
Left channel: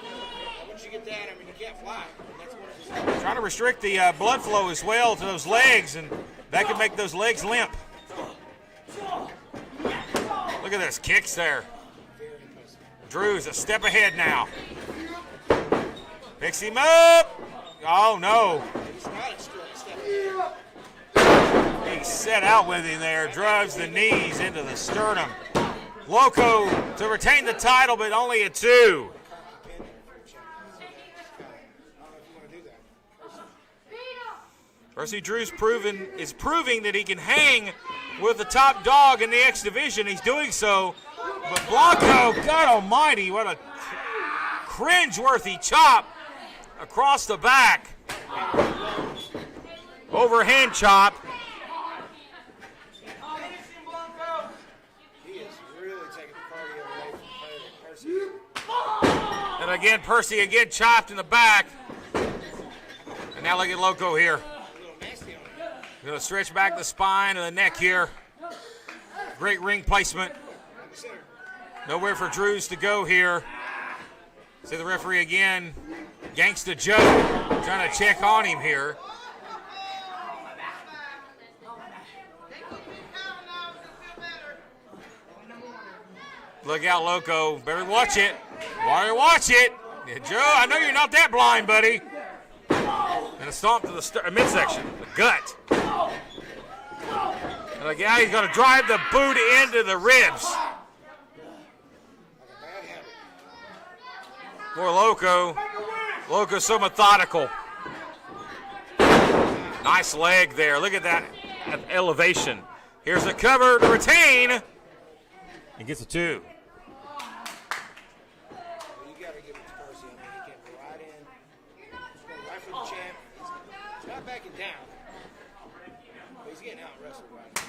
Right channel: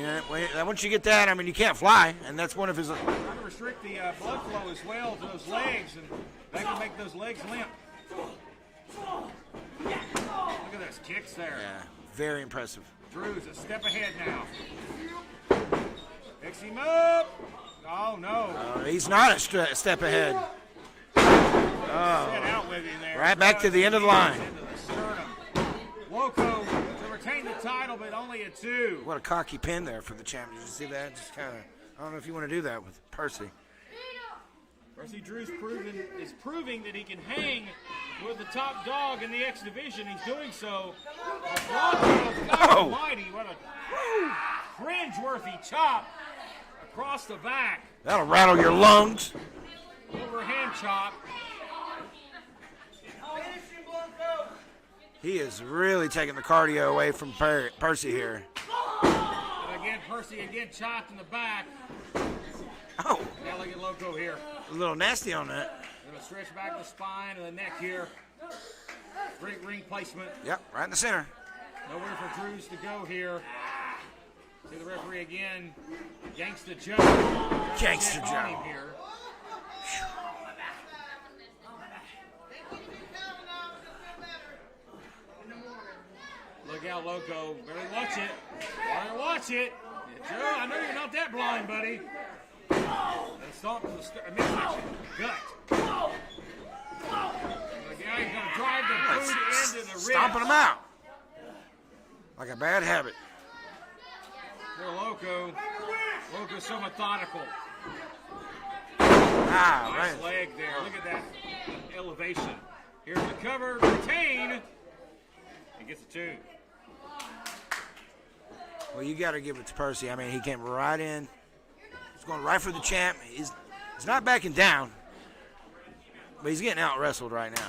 Once you get that, I mean, you can't fly, and that's one of his. Trying to restrict the blood flow as well to those legs, and that could make those legs limp. Look at this, kicks there. Yeah, very impressive. Drews a step ahead now. Picks him up. Oh, no. He's not a step ahead. Being set out with him there. Right back to the end of the line. Into the sternum. Loco to retain the title, but only a 2. What a cocky pin there for the champion. Did you see that? Just kind of. I don't know if you want to do that with Percy. Percy Drews is proving that he can hang with the top dog in the X division. He's doing so. But Blanco, God almighty, what a cringe-worthy chop across the back. That'll rattle your lungs. Overhand chop. He is really taking the cardio away from Percy here. And again, Percy chopped in the back. Oh. And now look at Loco here. A little nasty on that. Gonna stretch back the spine and the neck here. Great ring placement. Yep, right in the center. Nowhere for Drews to go here. See the referee again. Gangsta Joe trying to check on him here. Look out, Loco. Better watch it. Better watch it. Yeah, Joe, I know you're not that blind, buddy. And a stomp to the midsection, the gut. And the guy, he's going to drive the boot into the ribs. Stomping him out. Like a bad habit. Poor Loco. Loco's so methodical. Nice leg there. Look at that elevation. Here's the cover to retain. He gets a 2. Well, you got to give it to Percy. I mean, he came right in. He's going right for the champ. He's not backing down, but he's getting out wrestled right now.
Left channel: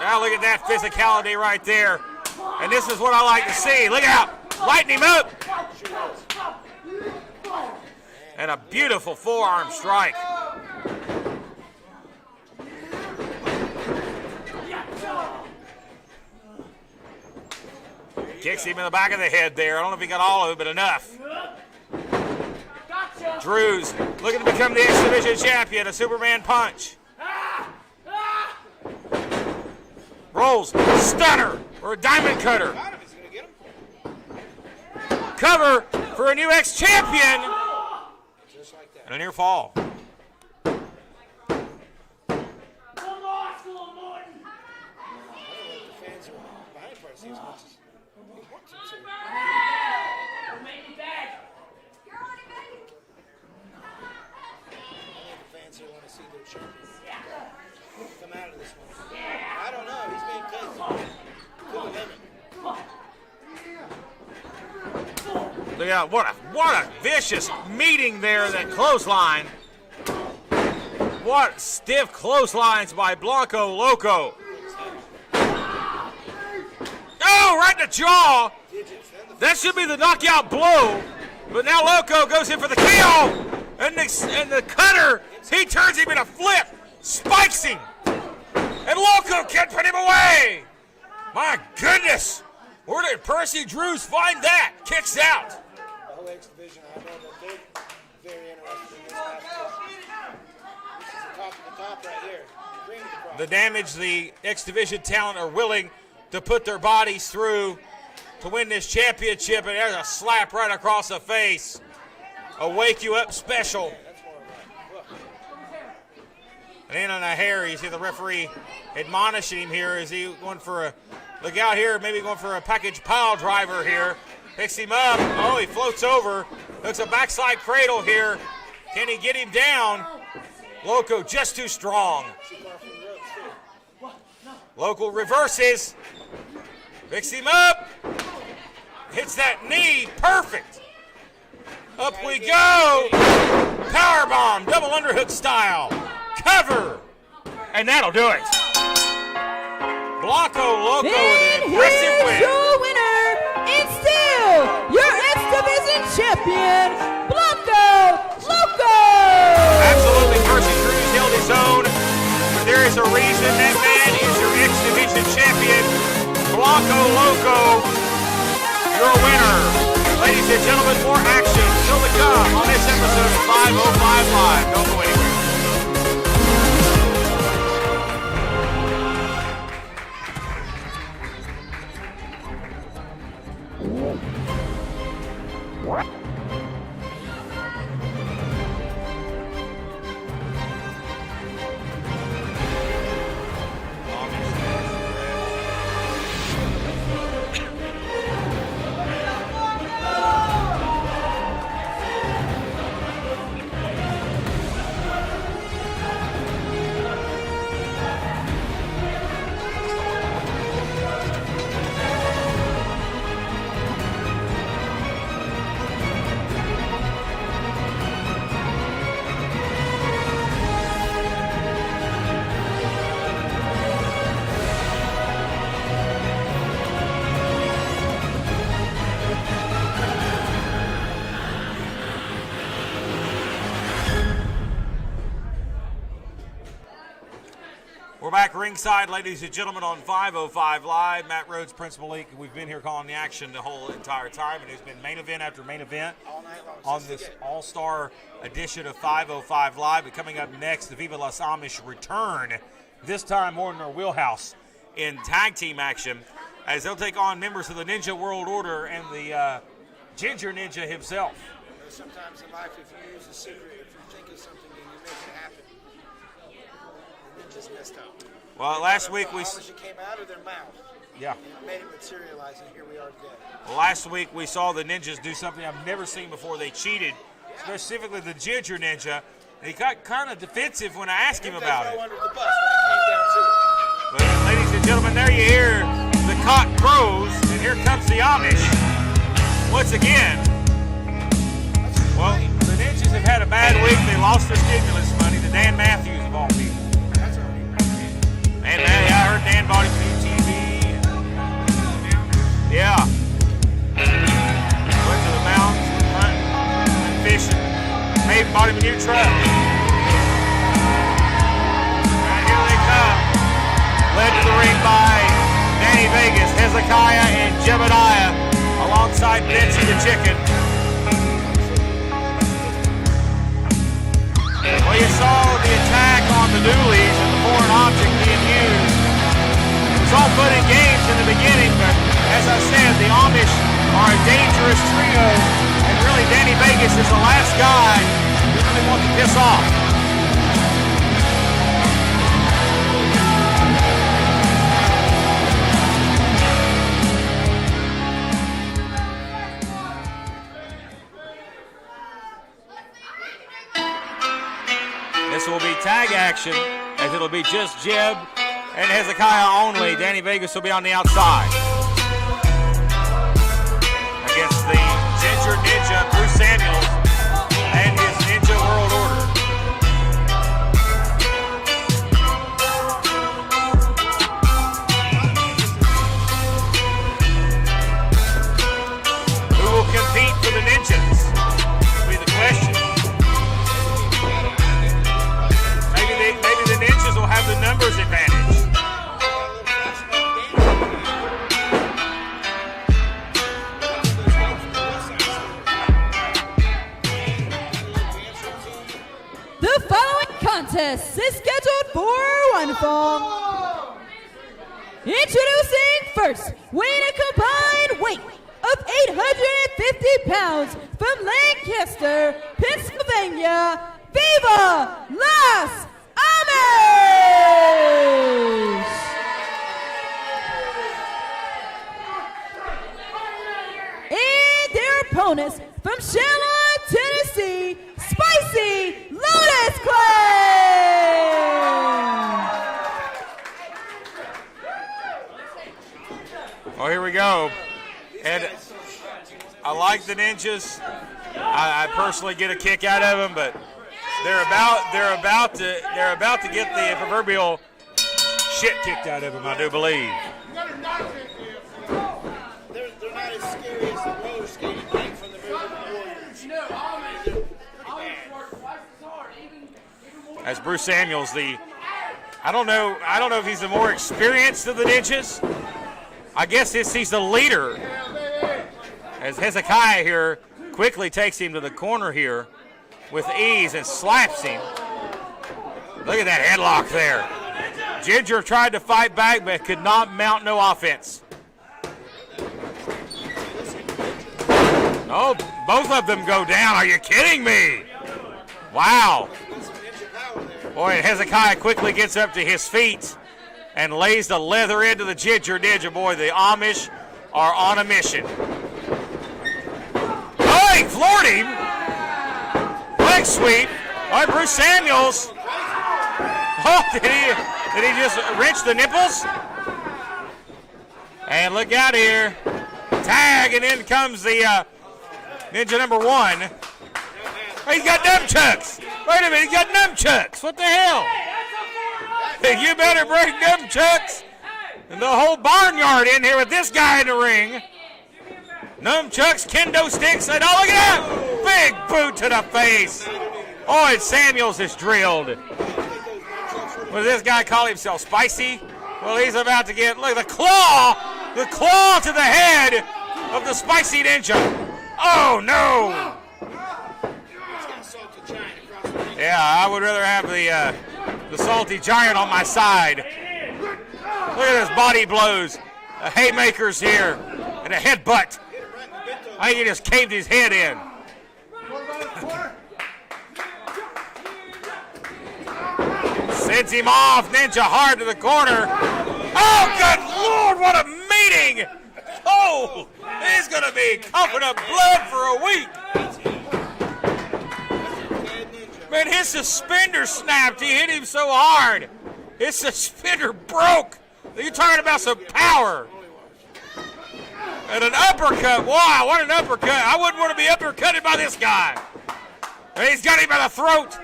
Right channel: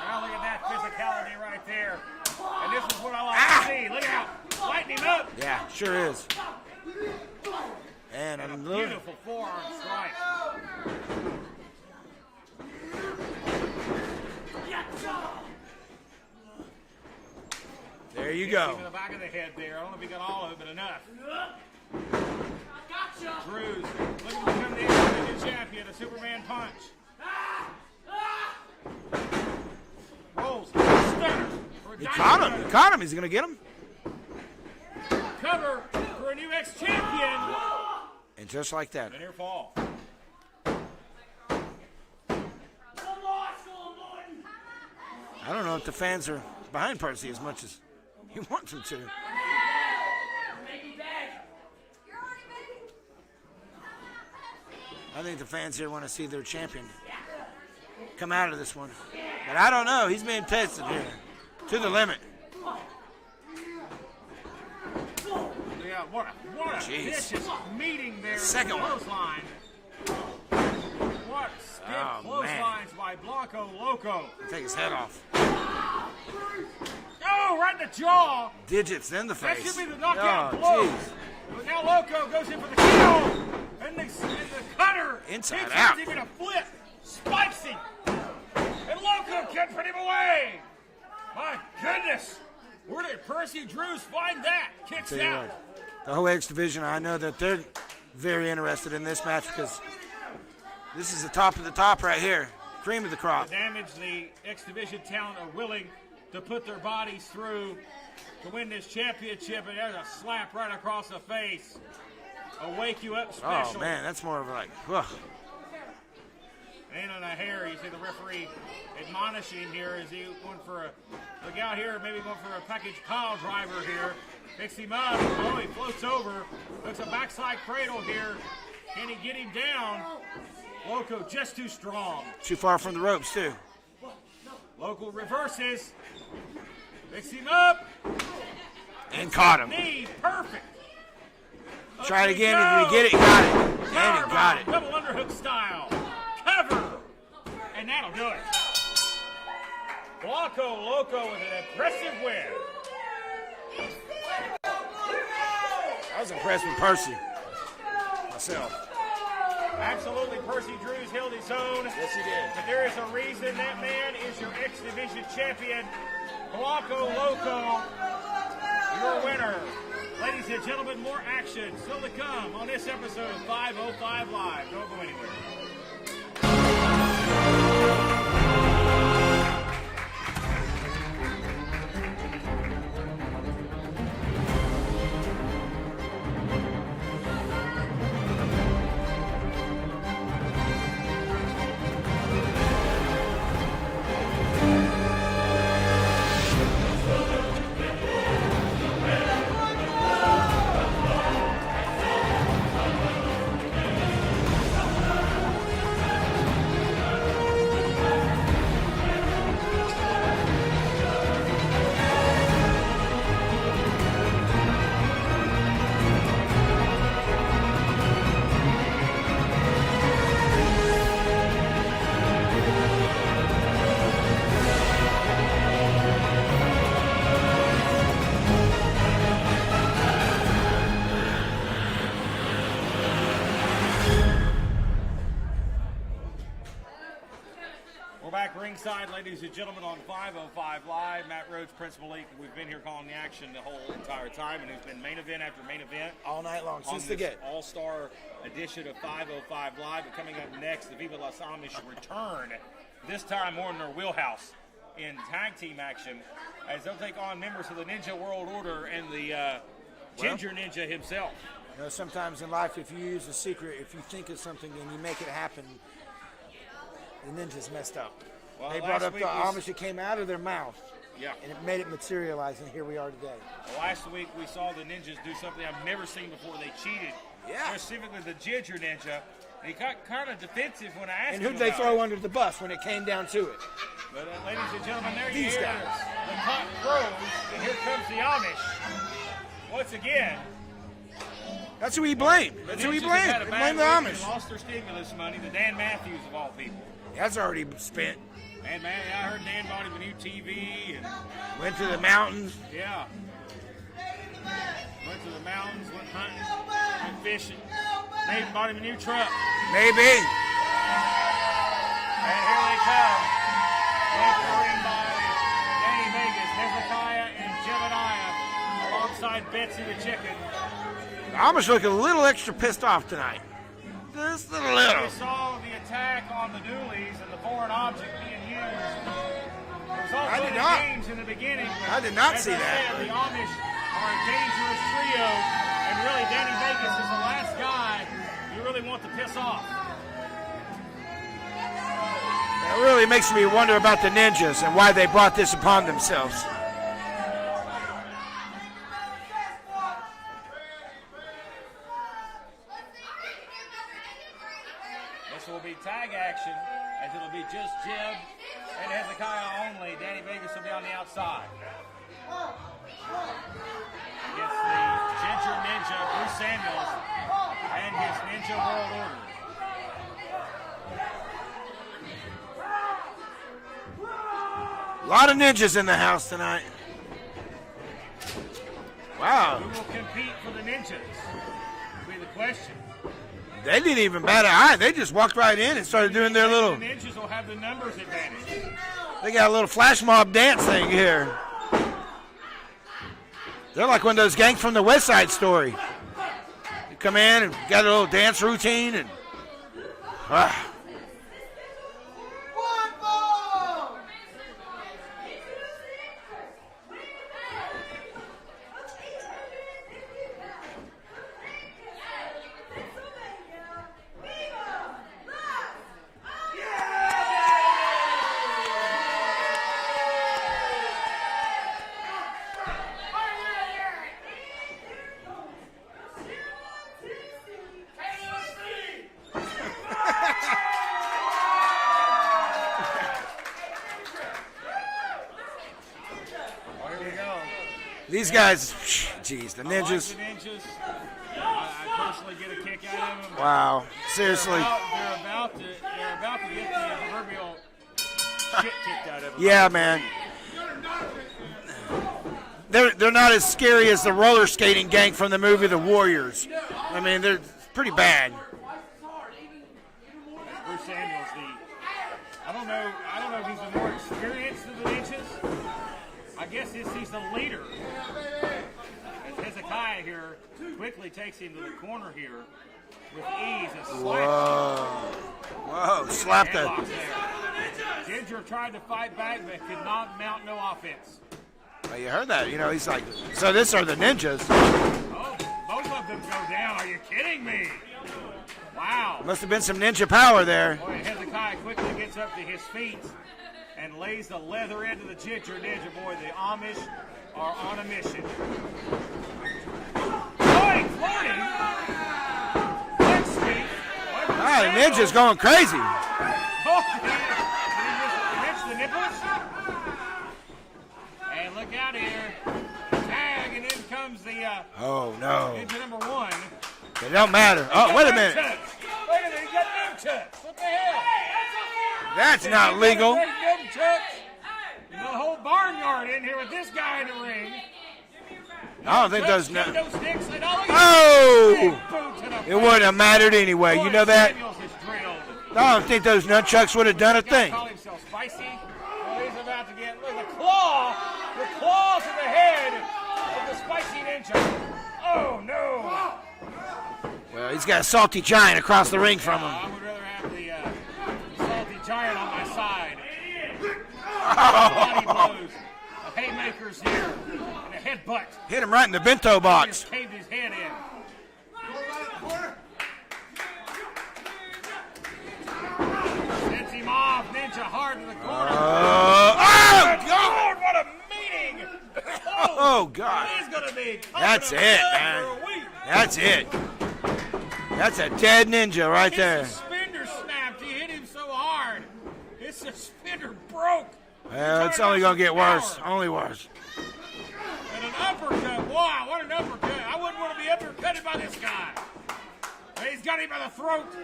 Now look at that physicality right there. And this is what I like to see. Look out. Lighten him up. Yeah, sure is. And a beautiful forearm strike. There you Kicks go. him in the back of the head there. I don't know if he got all of it, but enough. Drews looking to become the X Division champion. A Superman punch. Rolls, stunner, or a diamond cutter. Caught him. He's going to get him. Cover for a new X champion. And just like that. And a near fall. I don't know if the fans are behind Percy as much as he wants them to. I think the fans here want to see their champion come out of this one. But I don't know. He's being tested here to the limit. Look out, what a vicious meeting there, that clothesline. What stiff clotheslines by Blanco Loco. Take his head off. Oh, right in the jaw. Digits, then the That face. should be the knockout blow. But now Loco goes in for the kill. And the cutter, he turns him in a flip. Spikes him. And Loco can't put him away. My goodness. Where did Percy Drews find that? Kicks out. The whole X division, I know that they're very interested in this match because this is the top of the top right here. Cream of the crop. The damage the X Division talent are willing to put their bodies through to win this championship, and there's a slap right across the face. A wake you up special. Oh, man, that's more of like, ugh. And in on the hair, you see the referee admonishing him here. Is he going for a, look out here, maybe going for a package pile driver here. Picks him up. Oh, he floats over. Looks a backside cradle here. Can he get him down? Loco just too strong. Too far from the ropes, too. Loco reverses. Picks him up. Hits caught that him. knee. Perfect. Up Try we again go. if you get it. Powerbomb. Double underhook style. cover. And that'll do it. Blanco Loco with an And impressive here's win. your winner, and still your X-Division champion, Blanco Loco. Absolutely, Percy Cruz held his own. But there is a reason that man is your X-Division champion. Blanco Loco, your winner. Ladies and gentlemen, more action still to come on this episode of 505 Live. Don't go anywhere. Back ringside, ladies and gentlemen, on 505 Live. Matt Rhodes, Prince Malik. We've been here calling the action the whole entire time, and it's been main event after main event all night long on since the this get. all-star edition of 505 Live. But coming up next, the Viva Las Amish return, this time more in their wheelhouse in tag team action, as they'll take on members of the Ninja World Order and the Ginger Ninja himself. You know, sometimes in life, if you use a secret, if you think of something and you make it happen, the ninja's messed up. Well, they last week the we Amish, it came out of their mouth. Yeah. And it made it materialize, and here we are today. Last week we saw the ninjas do something I've never seen before. They cheated, specifically the Ginger Ninja. He got kind of defensive when I asked him about it. And who they throw under the bus when it came down to it. But, ladies and gentlemen, there you hear the cock crows, and here comes the Amish. Once again. That's who you blame. The Ninjas have had a bad week. They lost their stimulus money to Dan Matthews of all people. That's already been spent. And I heard Dan bought him a new TV. Went to the mountains. Yeah. Went to the mountains, hunting, and fishing. Maybe bought him a new truck. Maybe. Right, here they come. Led to the ring by Danny Vegas, Hezekiah, and Jebediah, alongside Betsy the Chicken. Amish looked a little extra pissed off tonight. Well, you saw the attack on the Doolies and the foreign object being used. It was all fun and games in the beginning, but as I said, the Amish are a dangerous trio, and really Danny Vegas is the last guy you really want to piss off. It really makes me wonder about the ninjas and why they brought this upon themselves. This will be tag action, as it'll be just Jeb and Hezekiah only. Danny Vegas will be on the outside against the Ginger Ninja, Bruce Samuels, and his Ninja World Order. A lot of ninjas in the house tonight. Wow. Who will compete for the Ninjas? Will be the question. They didn't even bat an eye. They just walked right in and started doing their little... the Ninjas will have the numbers advantage. They got a little flash mob dance thing here. They're like one of those gangs from the West Side Story. Come in and got a little dance routine. And The following contest is scheduled for one fall. Introducing first, weighing a combined weight of 850 pounds from Lancaster, Pennsylvania, Viva Las Amish! And their opponents from Charlotte, Tennessee, Spicy Lotus Clan! Oh, here we go. These guys, Jeez, the I ninjas. like the ninjas. I personally get a kick out of them, but Wow. they're Seriously. about to get the proverbial shit kicked out of them. Yeah, I do man. believe. They're not as scary as the roller skating gang from the movie The Warriors. I mean, they're pretty bad. As Bruce Samuels, I don't know if he's the more experienced of the ninjas. I guess he's the leader. As Hezekiah here quickly takes him to the corner here with ease and slaps him. Look at that headlock there. Ginger tried to fight back but could not mount no offense. You heard that? He's like, so this are the ninjas. Oh, both of them go down. Are you kidding me? Wow. Must have been some ninja power there. Boy, and Hezekiah quickly gets up to his feet and lays the leather into the Ginger Ninja. Boy, the Amish are on a mission. Oh, he floored him. Leg sweep. All right, Bruce Samuels. Ninja's going crazy. Oh, did he just wrench the nipples? And look out here. Tag, and in comes the Oh, no. Ninja number 1. It don't matter. He got nunchucks. Wait a minute, he got nunchucks. What the hell? That's Hey, not you better legal. break nunchucks. And the whole barnyard in here with this guy in the ring. Nunchucks, kendo sticks, and oh, look at Oh! that. Big boot to the It wouldn't face. have mattered anyway. Boy, You know that? Samuels is drilled. I don't think those nunchucks would have What done does a this guy thing. call himself? Spicy? Well, he's about to get, look, the claw to the head of the Spicy Ninja. Oh, no. He's got a salty giant across the ring. Yeah, I would rather have the salty giant on my side. Look at his body blows. The haymakers here. And a headbutt. Hit him right in the bento I think he box. just caved his head in. Sends him off. Ninja hard to the corner. Oh, good Lord, what a meeting. Oh, God. He's going to be covered That's up it, blood man. for a week. That's it. That's a dead ninja right And his there. suspender snapped. He hit him so hard. His suspender broke. You're Yeah, talking it's about only some gonna get power. worse. Only worse. And an uppercut. Wow, what an uppercut. I wouldn't want to be uppercutted by this guy. And he's got him by the throat.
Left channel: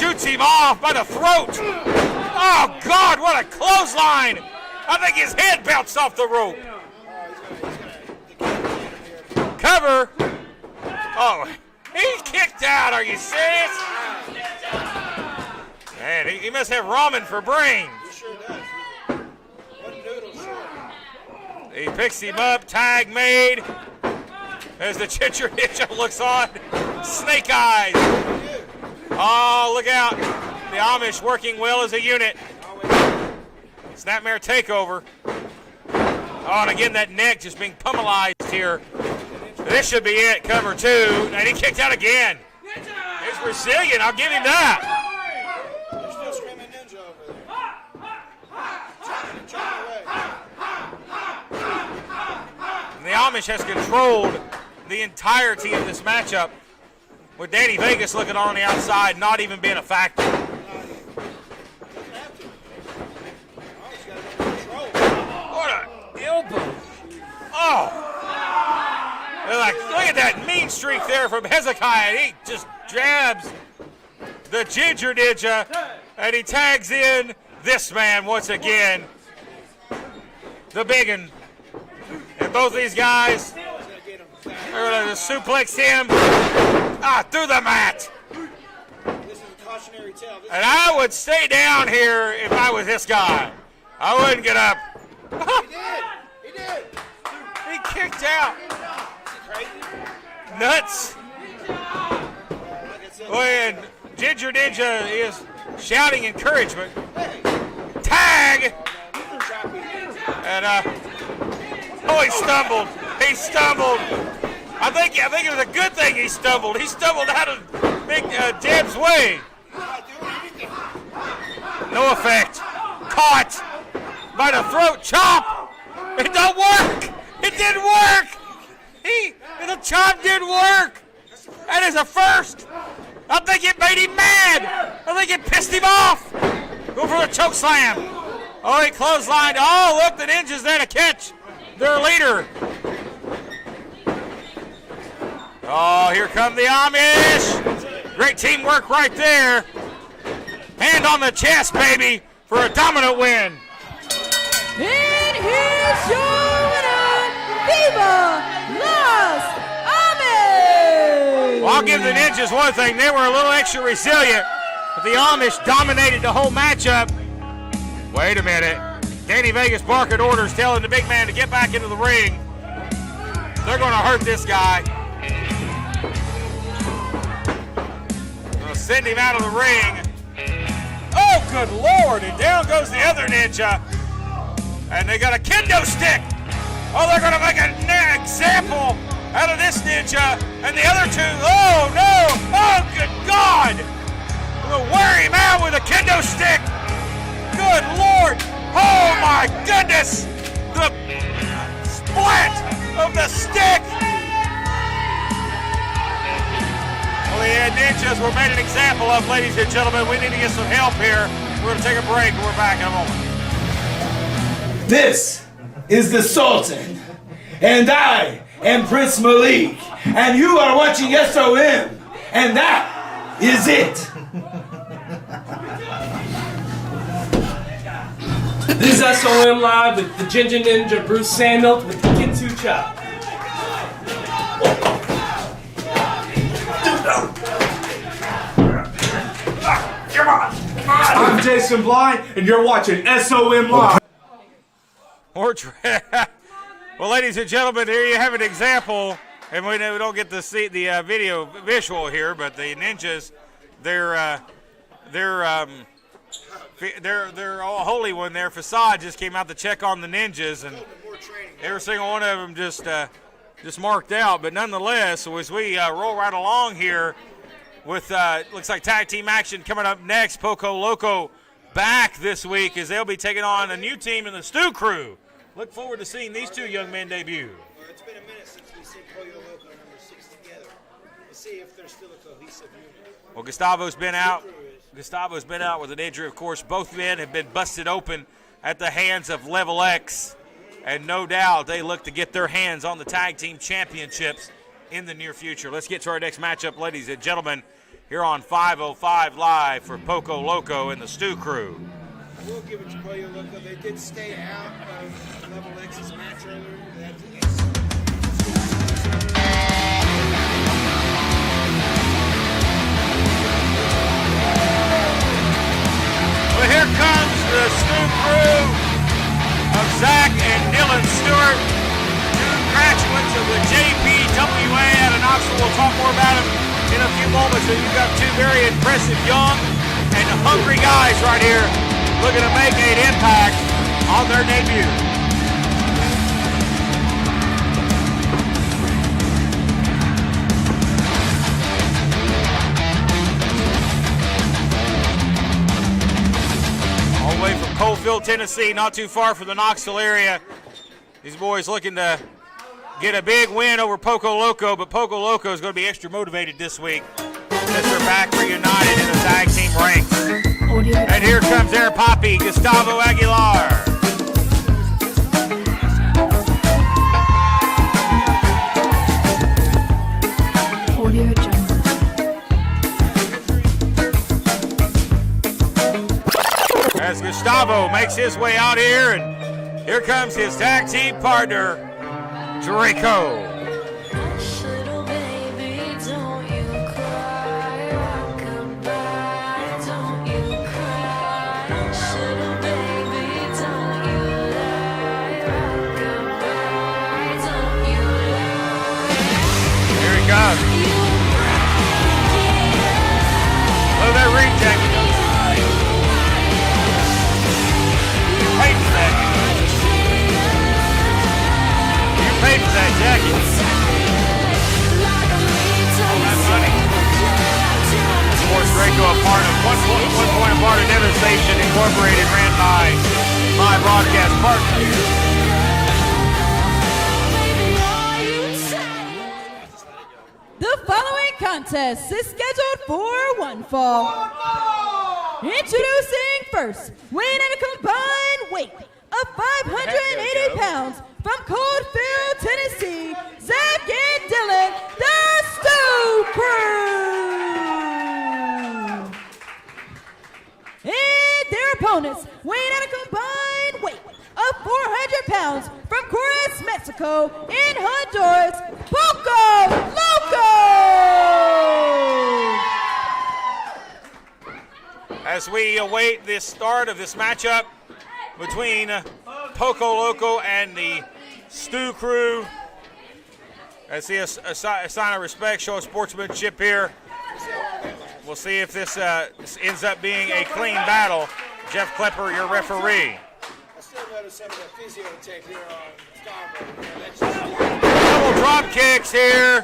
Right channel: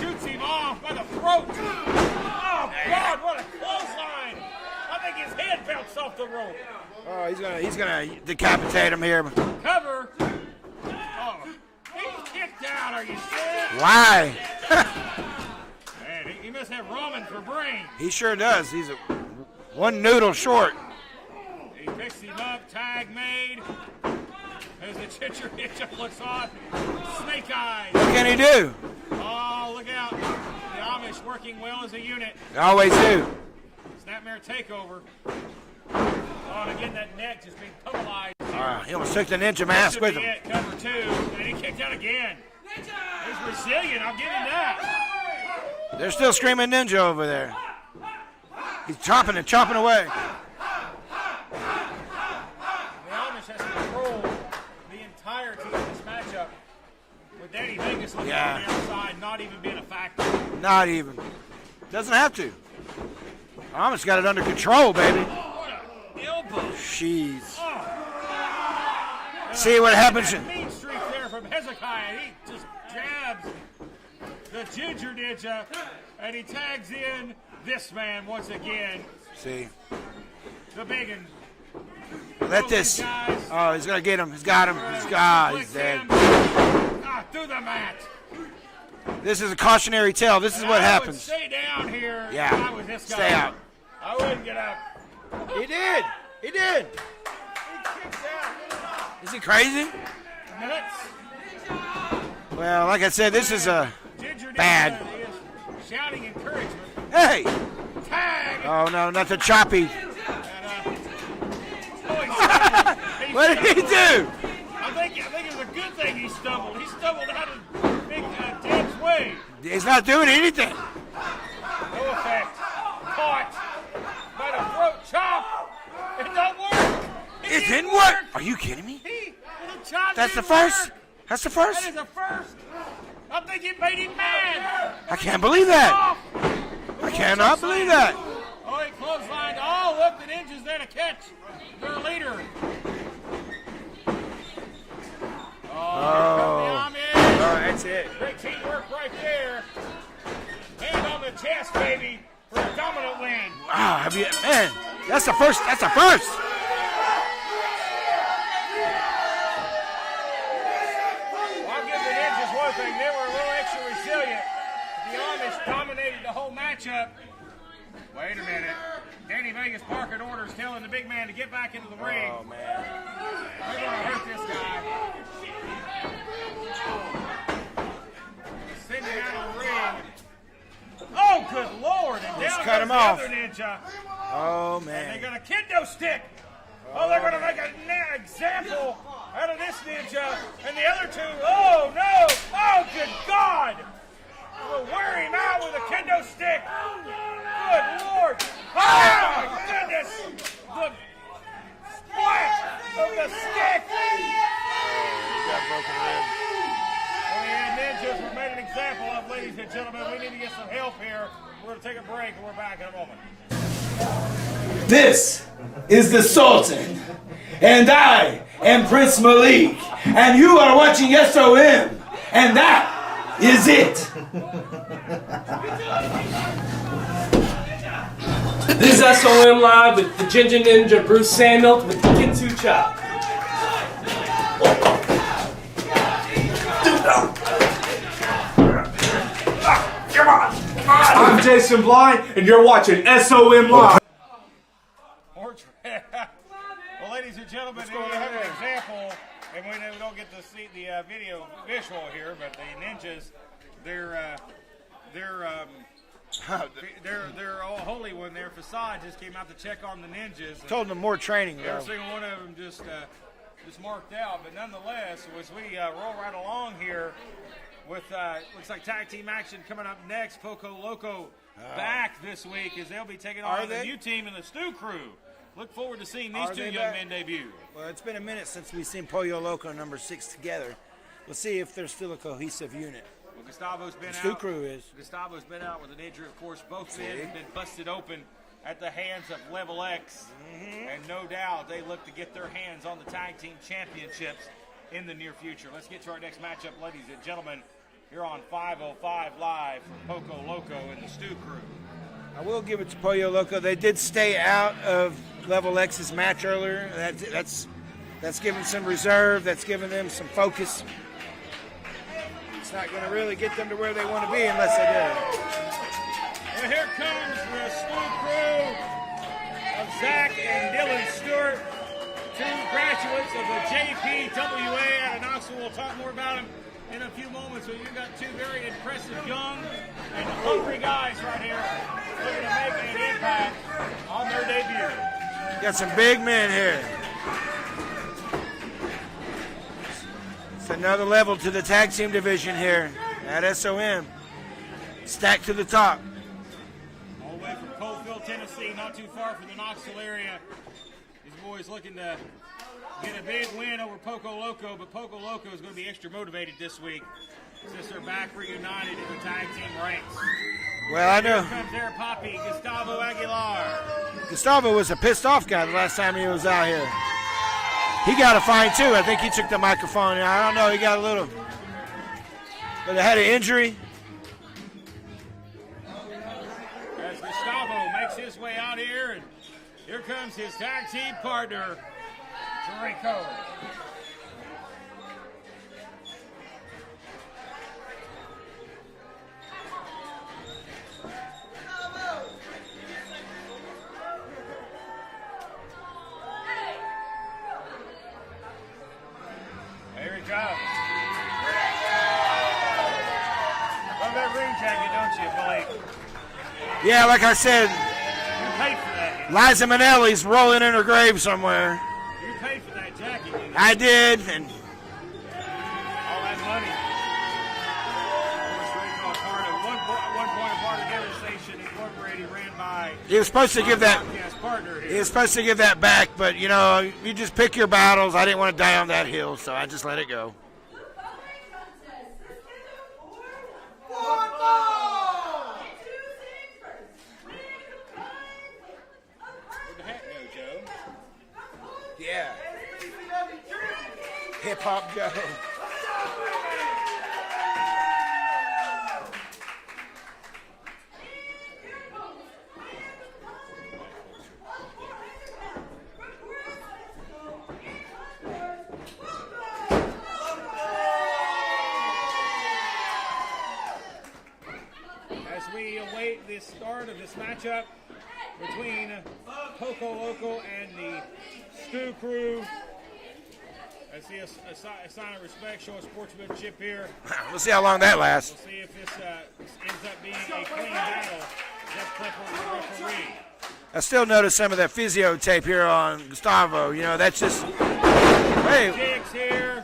Shoots him off by the throat. Oh, God, what a clothesline. I think his head bounced off the rope. Oh, he's gonna decapitate him here. Cover. Oh, he kicked out. Are you serious? Why? Man, he must have ramen for brains. He sure does. He's one noodle short. He picks him up, tag made. As the Ginger Ninja looks on, snake eyes. What can he do? Oh, look out. The Amish working well as a unit. They always do. Snapmare takeover. Oh, and again, that neck just being pummelized here. He'll stick the ninja This mask should be with him. it, cover 2. And he kicked out again. He's resilient, I'll give him that. They're still screaming ninja over there. He's chopping and chopping away. And the Amish has controlled the entirety of this matchup, with Danny Vegas looking on the outside, not even being a factor. Not even. Doesn't have to. Amish got it under control, baby. What a elbow. Jeez. Oh. See what happens. That mean streak there from Hezekiah. He just jabs the Ginger Ninja, and he tags in this man once again. See. The biggin. And Let both this- these guys Oh, he's gonna get him. He's got him. are going to Ah, suplex he's dead. him through the mat. This is a cautionary tale. This is And what I would happens. stay down here if Yeah. I was this guy. Stay out. I wouldn't get up. He did. He did. He kicked out. Is he crazy? Nuts. Well, like I said, this is a Ginger Ninja bad. is shouting encouragement. hey. Tag. Oh no, nothing choppy. And oh, he stumbled. He What did stumbled. he do? I think it was a good thing he stumbled. He stumbled out of Big Deb's way. He's not doing anything. No effect. Caught by the throat chop. It don't work. It didn't work. Are you kidding me? The chop That's didn't the first. work. That's the first. That is a first. I think it made him mad. I think can't it believe pissed him that. off. Go for a cannot choke believe slam. that. Oh, he clotheslined. Oh, look, the Ninja's there to catch their leader. Tag team work right there. Hand on the chest, baby, for a dominant win. Wow, that's the first. That's the first. Viva Las Amish! Well, I'll give the Ninjas one thing. They were a little extra resilient. But the Amish dominated the whole matchup. Wait a minute. Danny Vegas barking orders, telling the big man to get back into the ring. They're going to hurt this guy. Gonna send him out of the ring. Oh, good Lord. And down goes the other ninja. Oh, man. And they got a kendo stick. Oh, they're going to make an example out of this ninja. And the other two. Oh, no. Oh, good God. We'll wear him out with a kendo stick. Good Lord. Oh, my goodness. The splat of the stick. Well, the ninjas were made an example of, ladies and gentlemen. We need to get some help here. We're going to take a break, and we're back in a moment. This is the Sultan, and I am Prince Malik, and you are watching SOM, and that is it. This is SOM Live with the Ginger Ninja Bruce Samuel with the Kintu Chop. I'm Jason Blind, and you're watching SOM Live. Well, ladies and gentlemen, here you have an example, and we don't get to see the video visual here, but the ninjas, they're all holy one there. Facade just came out to check on the ninjas. And Told them more training. every single one of them just marked out, but nonetheless, as we roll right along here with looks like tag team action coming up next. Poco Loco back this week as they'll be taking on a new team in the Stew Crew. Look forward to seeing these two young men debut. Well, it's been a minute since we've seen Pollo Loco number 6 together. We'll see if they're still a cohesive unit. Well, Gustavo's been out. Crew is. Gustavo's been out with an injury, of course. Both men have been busted open at the hands of Level X. And no doubt they look to get their hands on the tag team championships in the near future. Let's get to our next matchup, ladies and gentlemen, here on 505 Live for Poco Loco and the Stew Crew. I will give it to Pollo Loco. They did stay out of Level X's match earlier. That's giving some reserve. That's giving some focus. Well, here comes the Stew Crew of Zach and Dylan Stewart, two graduates of the JPWA out of Knoxville. We'll talk more about them in a few moments. So you've got two very impressive young and hungry guys right here looking to make an impact on their debut. Got some big men here. Another level to the tag team division here at SOM. Stacked to the top. All the way from Coalfield, Tennessee, not too far from the Knoxville area. These boys looking to get a big win over Poco Loco, but Poco Loco is going to be extra motivated this week since they're back reunited in the tag team ranks. And here comes their poppy, Gustavo Aguilar. Gustavo was a pissed off guy the last time he was out here. He got a fine too. I think he took the microphone. I don't know. He got a little. He had an injury. As Gustavo makes his way out here, and here comes his tag team partner, Draco. Here he comes. Love that ring jacket. Yeah, like I said, Paid for that. Liza Minnelli's rolling in her grave somewhere. You paid for that jacket. I did. All that money. Of course, Draco, a part of one point a part of Devastation Incorporated, ran by He was supposed to my get that. broadcast partner. He was supposed to get that back, but you know, pick your battles. I didn't want to die on that hill, so I just let it go. The following contest is scheduled for one fall. Introducing first, weighing in a combined weight of 580 pounds from Coalfield, Tennessee, Zach and Dylan, the Stew Crew. Mexico, in Honduras, Poco Loco! As we await the start of this matchup between Poco Loco and the Stu Crew, I see a sign of respect, show of sportsmanship here. We'll see how long that lasts. We'll see if this ends up being a clean battle. Jeff Klepper, your referee. I still notice some of that physio tape here on Gustavo. You know, that's just Drop kicks here.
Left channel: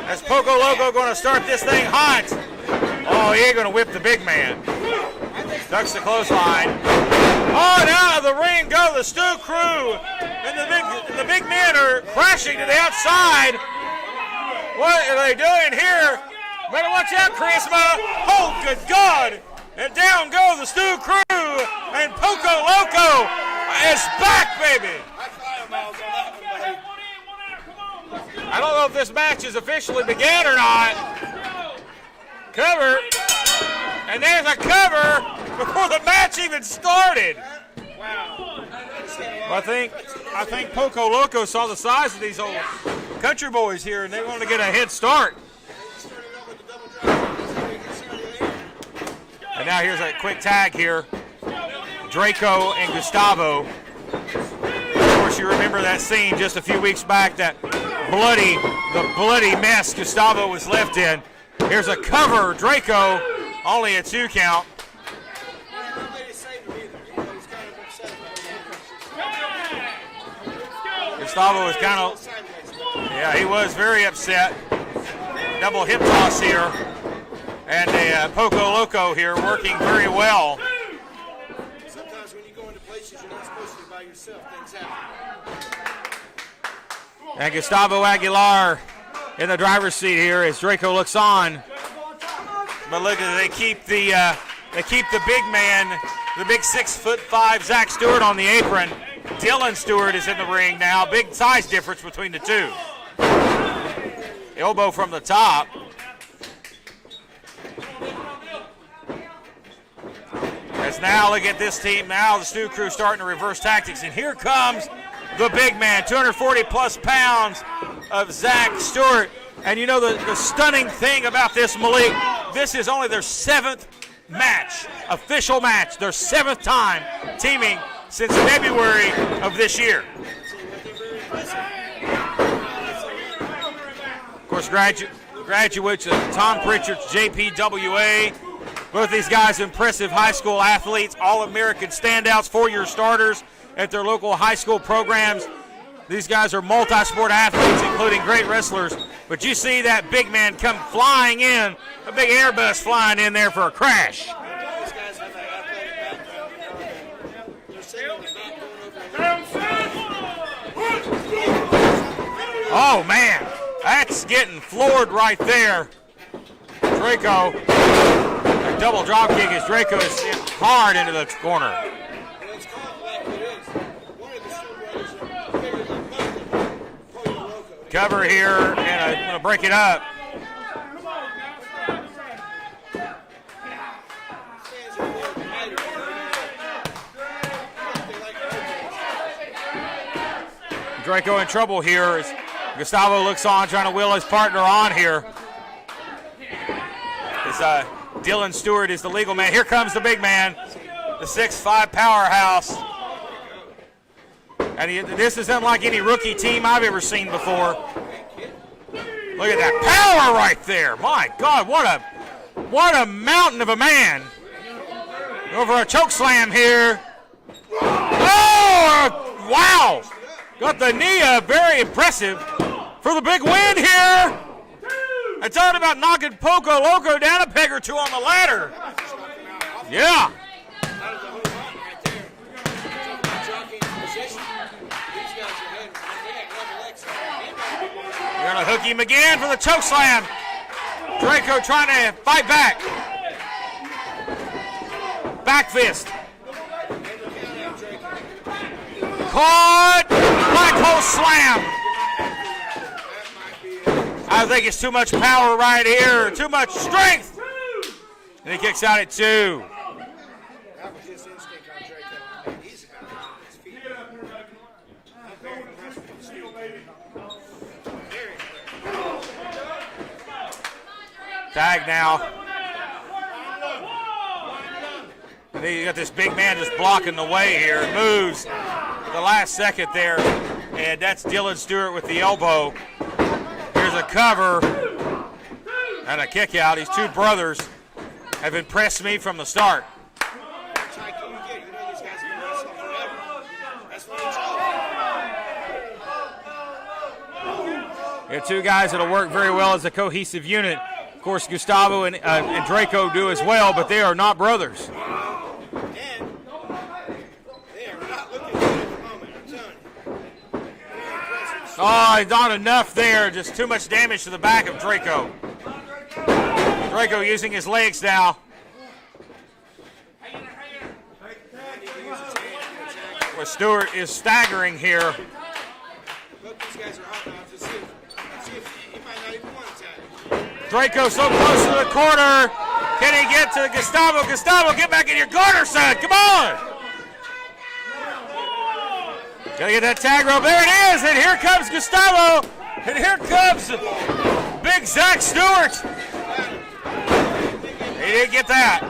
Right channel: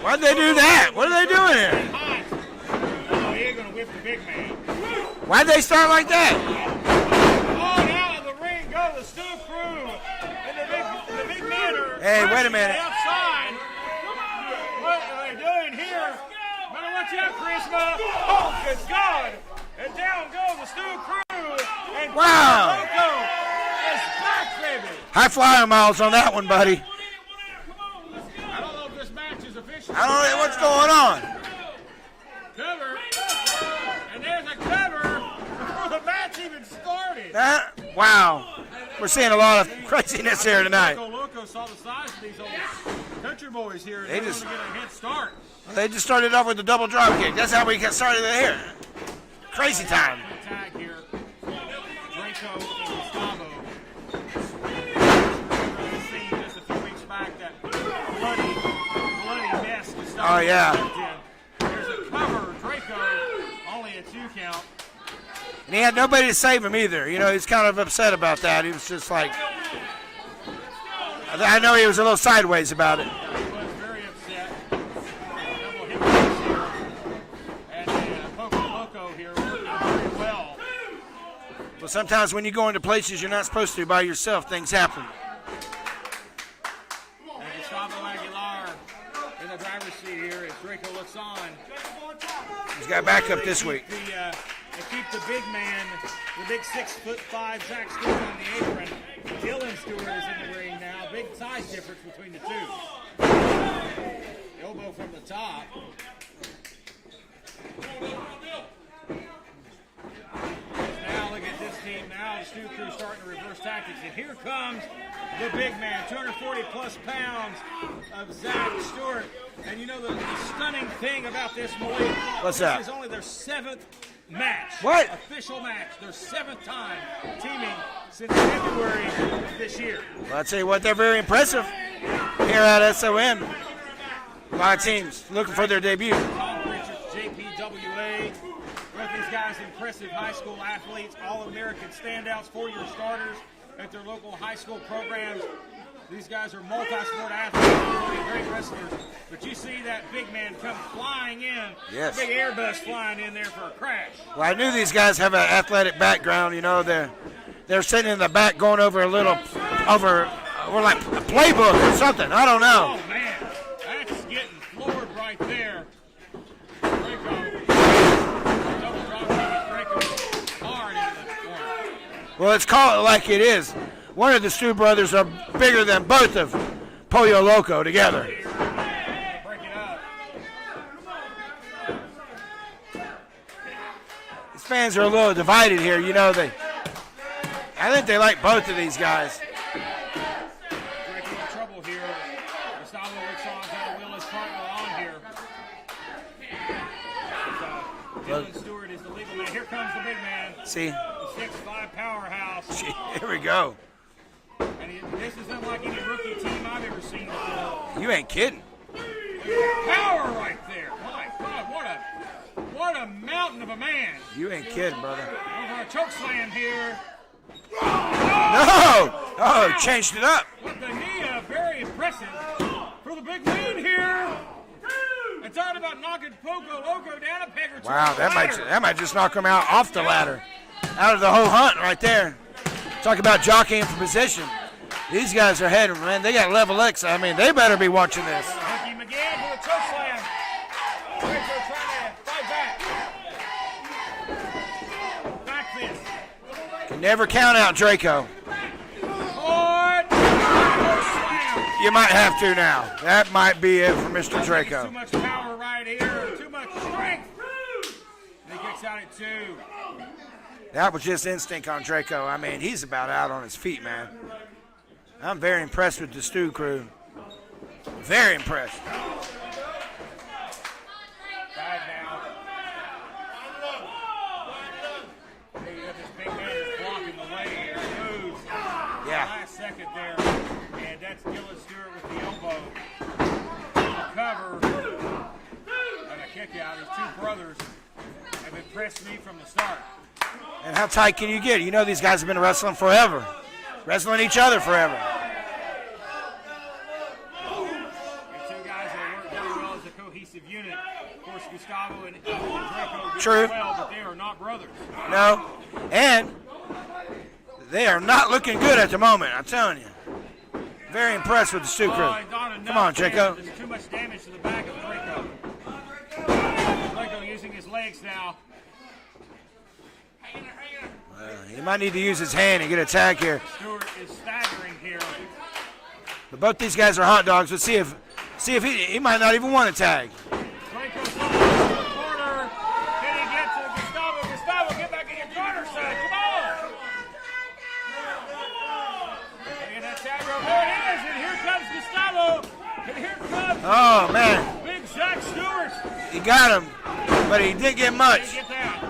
Why'd they do that? Going to start this thing hot. Oh, he ain't going to whip the big man. Why'd they start like that? Oh, and out of the ring go the Stu Crew. And the big men are crashing to the outside. What are they doing here? Better watch out, Charisma. Oh, good God. And down go the Stu Crew. And Poco Loco is back, baby. High flying miles on that one, buddy. I don't know if this match is officially I don't know begun or what's not. going on. Cover. And there's a cover before the match even started. Wow. We're seeing a lot of craziness here tonight. Poco Loco saw the size of these old country boys here, and they wanted to get a head start. They just started off with the double drop kick. That's how we got started here. Crazy Now here's time. a quick tag here. Draco and Gustavo. Of course, you remember that scene just a few weeks back, the bloody mess Gustavo was left in. Here's a cover, Draco, only a 2 count. And he had nobody to save him either. You know, he's kind of upset about that. He was just like, I know he was a little sideways about it. Yeah, he was very upset. Double hip toss here. And Poco Loco here working very well. But sometimes when you go into places you're not supposed to by yourself, things happen. And Gustavo Aguilar in the driver's seat here as Draco looks on. They keep the big man, the big 6'5" Zach Stewart on the apron. Dylan Stewart is in the ring now. Big size difference between the two. Elbow from the top. As now, look at this team. Now the Stu Crew starting to reverse tactics. And here comes the big man, 240 plus pounds of Zach Stewart. And you know the stunning thing about this, Malik, this is only their 7th match, official match, their 7th time teaming since February of this year. Well, I'll tell you what, they're very impressive here at SOM. Of course, graduates of Tom Pritchard's JPWA. Both these guys impressive high school athletes, All-American standouts, 4-year starters at their local high school programs. These guys are multi-sport athletes, including great wrestlers. But you see that big man come flying in, a big Airbus flying in there for a crash. Well, I knew these guys have an athletic background. You know, they're sitting in the back going over like a playbook or something. I don't know. Oh, man. That's getting floored right there. Draco, a double drop kick as Draco is hard into the corner. Well, let's call it like it is. One of the Stu brothers are bigger than both of Pollo Loco together. Cover here, and I'm going to break it up. These fans are a little divided here. You know, I think they like both of these guys. Draco in trouble here as Gustavo looks on, trying to wheel his partner on here. Dylan Stewart is the legal man. Here comes the big man. See? The 6'5" powerhouse. Here we go. And this is unlike any rookie team I've ever seen before. You ain't kidding. Look at that power right there. My God, what a mountain of a man. You ain't kidding, brother. Over a choke slam here. Oh, wow. Changed it up. Got the knee up. Very impressive for the big win here. I talked about knocking Poco Loco down a peg or two on the ladder. That might just knock him out off the ladder. Out of the whole hunt right there. Talk about jockeying for position. These guys are heading, man. They got level X. I mean, they better be watching this. They're going to hook him again for the choke slam. Draco trying to fight back. Back fist. Never count out Draco. Caught. Black hole slam. You might have to now. That might be it for Mr. Draco. I think it's too much power right here. Too much strength. And he kicks out at 2. That was just instinct on Draco. I mean, he's about out on his feet, man. I'm very impressed with the Stu crew. Very impressed. Tag now. And then you got this big man just blocking the way here. Moves the last second there. And that's Dylan Stewart with the elbow. Here's a cover and a kick out. These two brothers have impressed me from the start. And how tight can you get? You know these guys have been wrestling forever. Wrestling each other forever. They're two guys that'll work very well as a cohesive unit. Of course, Gustavo and Draco do as well, but they are not brothers. No, and they are not looking good at the moment, I'm telling you. Very impressed with the Stu. Oh, not enough on, there. Draco. Just too much damage to the back of Draco. Draco using his legs now. He might need to use his hand and get a tag here. But Stewart is staggering here. But both these guys are hot dogs. Let's see if he might not even want a tag. Draco so close to the corner. Can he get to Gustavo? Gustavo, get back in your corner, son. Come on. Gotta get that tag rope. There it is. And here comes Gustavo. And here comes big Zach Stewart. He got him, but he didn't get much. He didn't get that.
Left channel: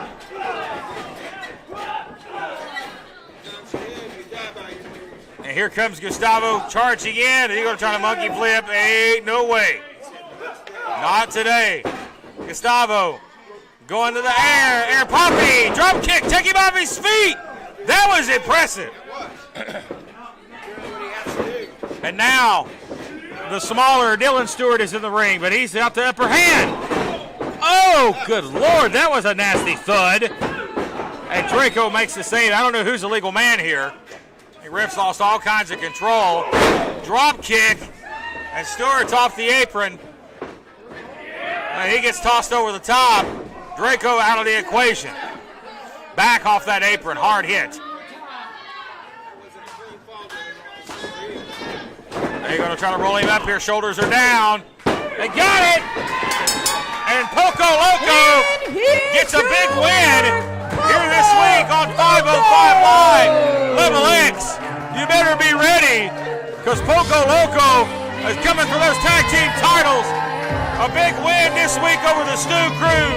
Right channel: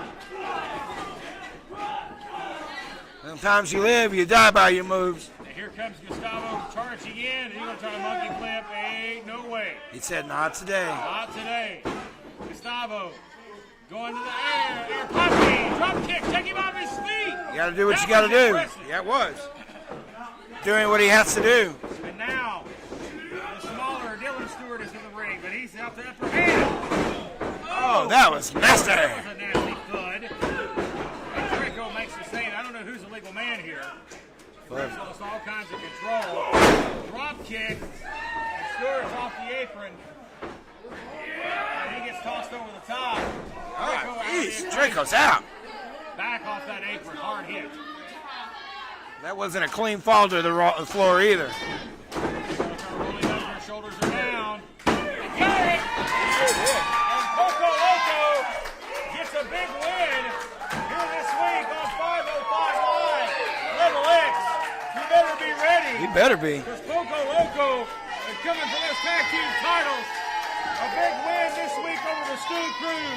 Sometimes you live, you die by your moves. And here comes Gustavo charging in. He's going to try to monkey flip. Ain't no way. He said, not today. Not today. Gustavo going to the air. Air poppy. Drop kick. Take him off his feet. That was impressive. That was. Doing what he has to do. And now the smaller Dylan Stewart is in the ring, but he's out the upper hand. Oh, good Lord. That was a nasty thud. And Draco makes the save. I don't know who's the legal man here. The refs lost all kinds of control. Drop kick. And Stewart's off the apron. And he gets tossed over the top. Draco out of the equation. Out. Back off that apron. Hard hit. That wasn't a clean fall to the floor either. They're going to try to roll him up here. Shoulders are down. They got it. And Poco Loco gets a big win here this week on 505 Live. Level X, you better be ready. You better be. Because Poco Loco is coming for those tag team titles. A big win this week over the Stu crew.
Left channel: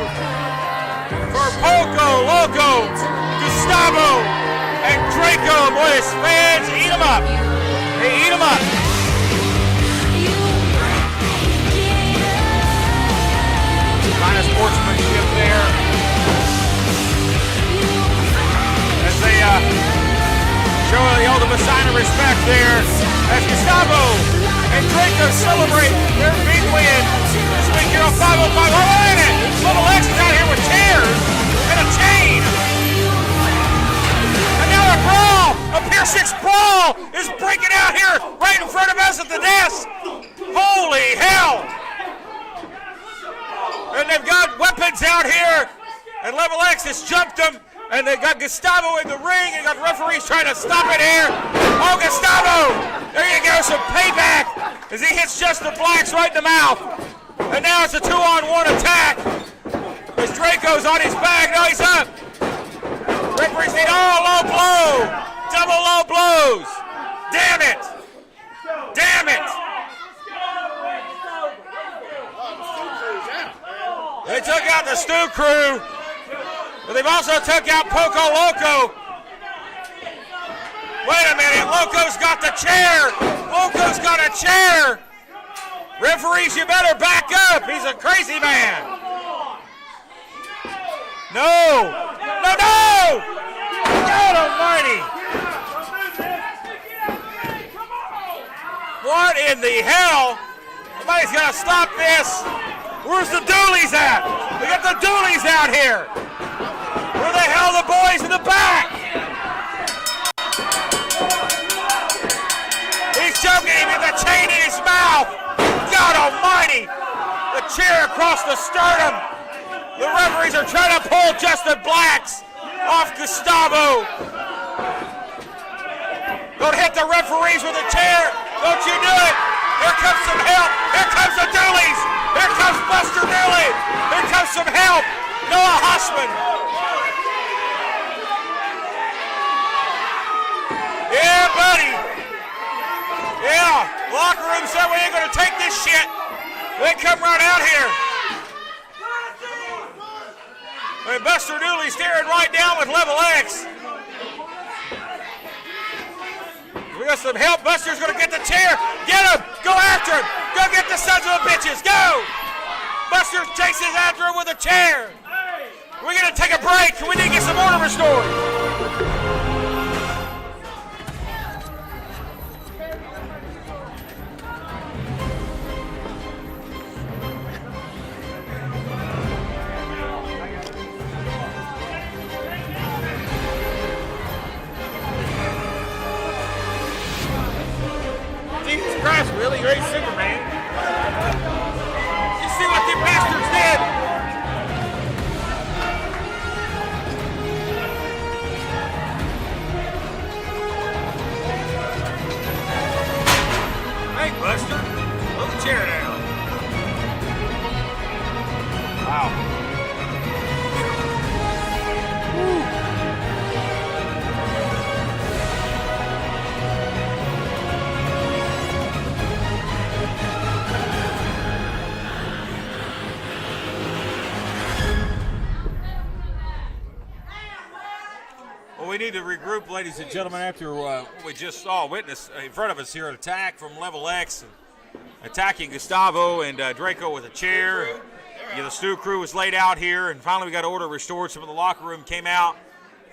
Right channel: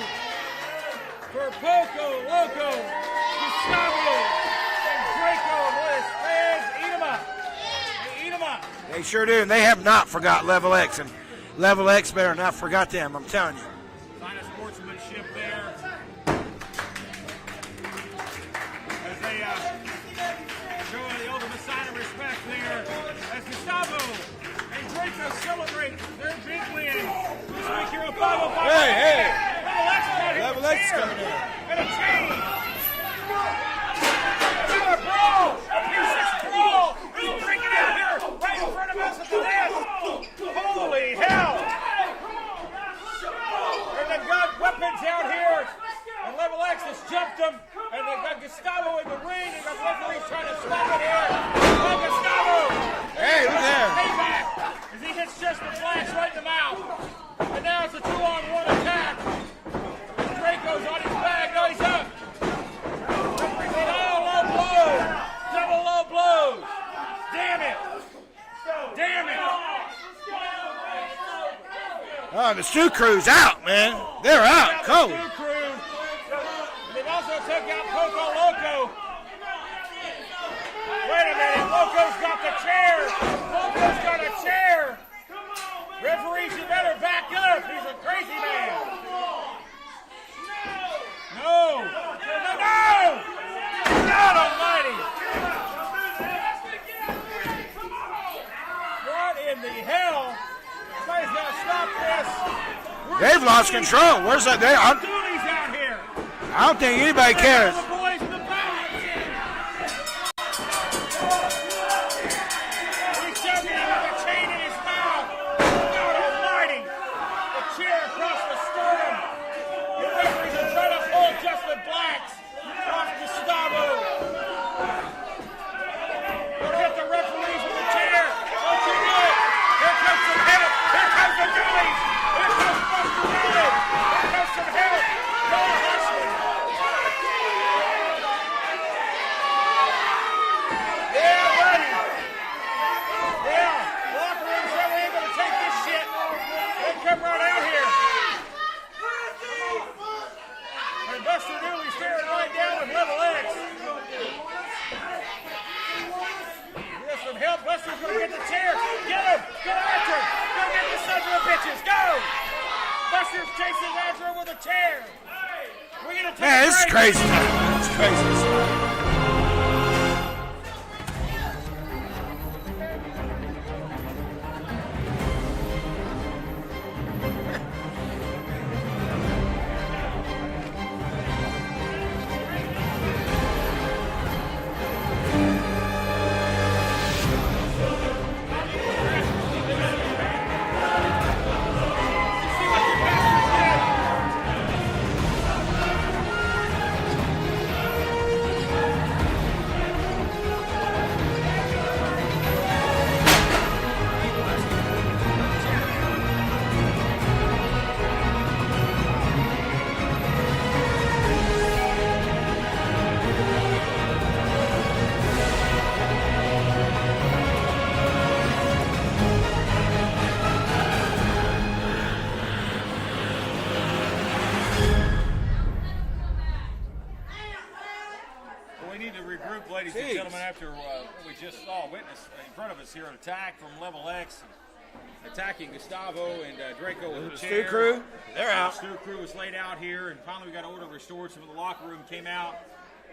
For Poco Loco, Gustavo, and Draco. Boy, his fans eat them up. They eat them up. Sure do. They have not forgotten Level X. Level X, they are not forgotten. Kind of sportsmanship there. As they show the ultimate sign of respect there as Gustavo and Draco celebrate their big win this week here on 505. Wait a minute! Level X is out here with chairs and a chain. And now a brawl, a Pier 6 brawl is breaking out here right in front of us at the desk. Holy hell! And they've got weapons out here, and Level X has jumped them, and they've got Gustavo in the ring, and got referees trying to stop it here. Oh, Gustavo! There you go, some payback as he hits Just the Blacks right in the mouth. And now it's a 2-on-1 attack. As Draco's on his back. No, he's up. Referees need low blow. Double low blows. Damn it. Damn it. Oh, the Stu crew's out, man. They took out the Stu crew, but they've also took out Poco Loco. Wait a minute, Loco's got the chair. Loco's got a chair. Referees, you better back up. He's a crazy man. No. No, no. God almighty. What in the hell? Somebody's got to stop this. Where's the doolies at? Where's the doolies out here? I don't think anybody cares. Where the hell are the boys in the back? He's choking him with a chain in his mouth. God almighty. The chair across the sternum. The referees are trying to pull Justin Blacks off Gustavo. Don't hit the referees with a chair. Don't you do it. Here comes some help. Here comes the Doolies. Here comes Buster Dooley. Here comes some help. Noah Hussman. Yeah, buddy. Well, we ain't gonna take this shit. They come right out here. And Buster Dooley's staring right down with Level X. We got some help. Buster's gonna get the chair. Get him! Go after him! Go get the sons of the bitches! Go! Buster chases after him with a chair. We're gonna take a break. We need to get some order restored. Jesus Christ, really? You're a Superman. You see what the bastards did? Hey, Buster. Put the chair down. Wow. Well, we need to regroup, ladies and gentlemen, after what we just saw witness in front of us here, an attack from Level X, attacking Gustavo and Draco with a chair. The Stu crew was laid out here, and finally we got order restored. Some of the locker room came out.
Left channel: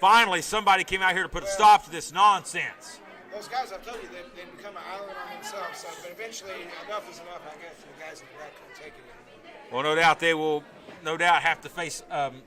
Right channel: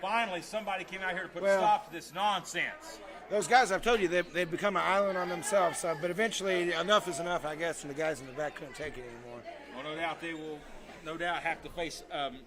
Finally, somebody came out here to put a stop to this nonsense. Those guys, I've told you, they've become an island on themselves. But eventually, enough is enough, I guess, and the guys in the back couldn't take it anymore. Well, no doubt they will, have to face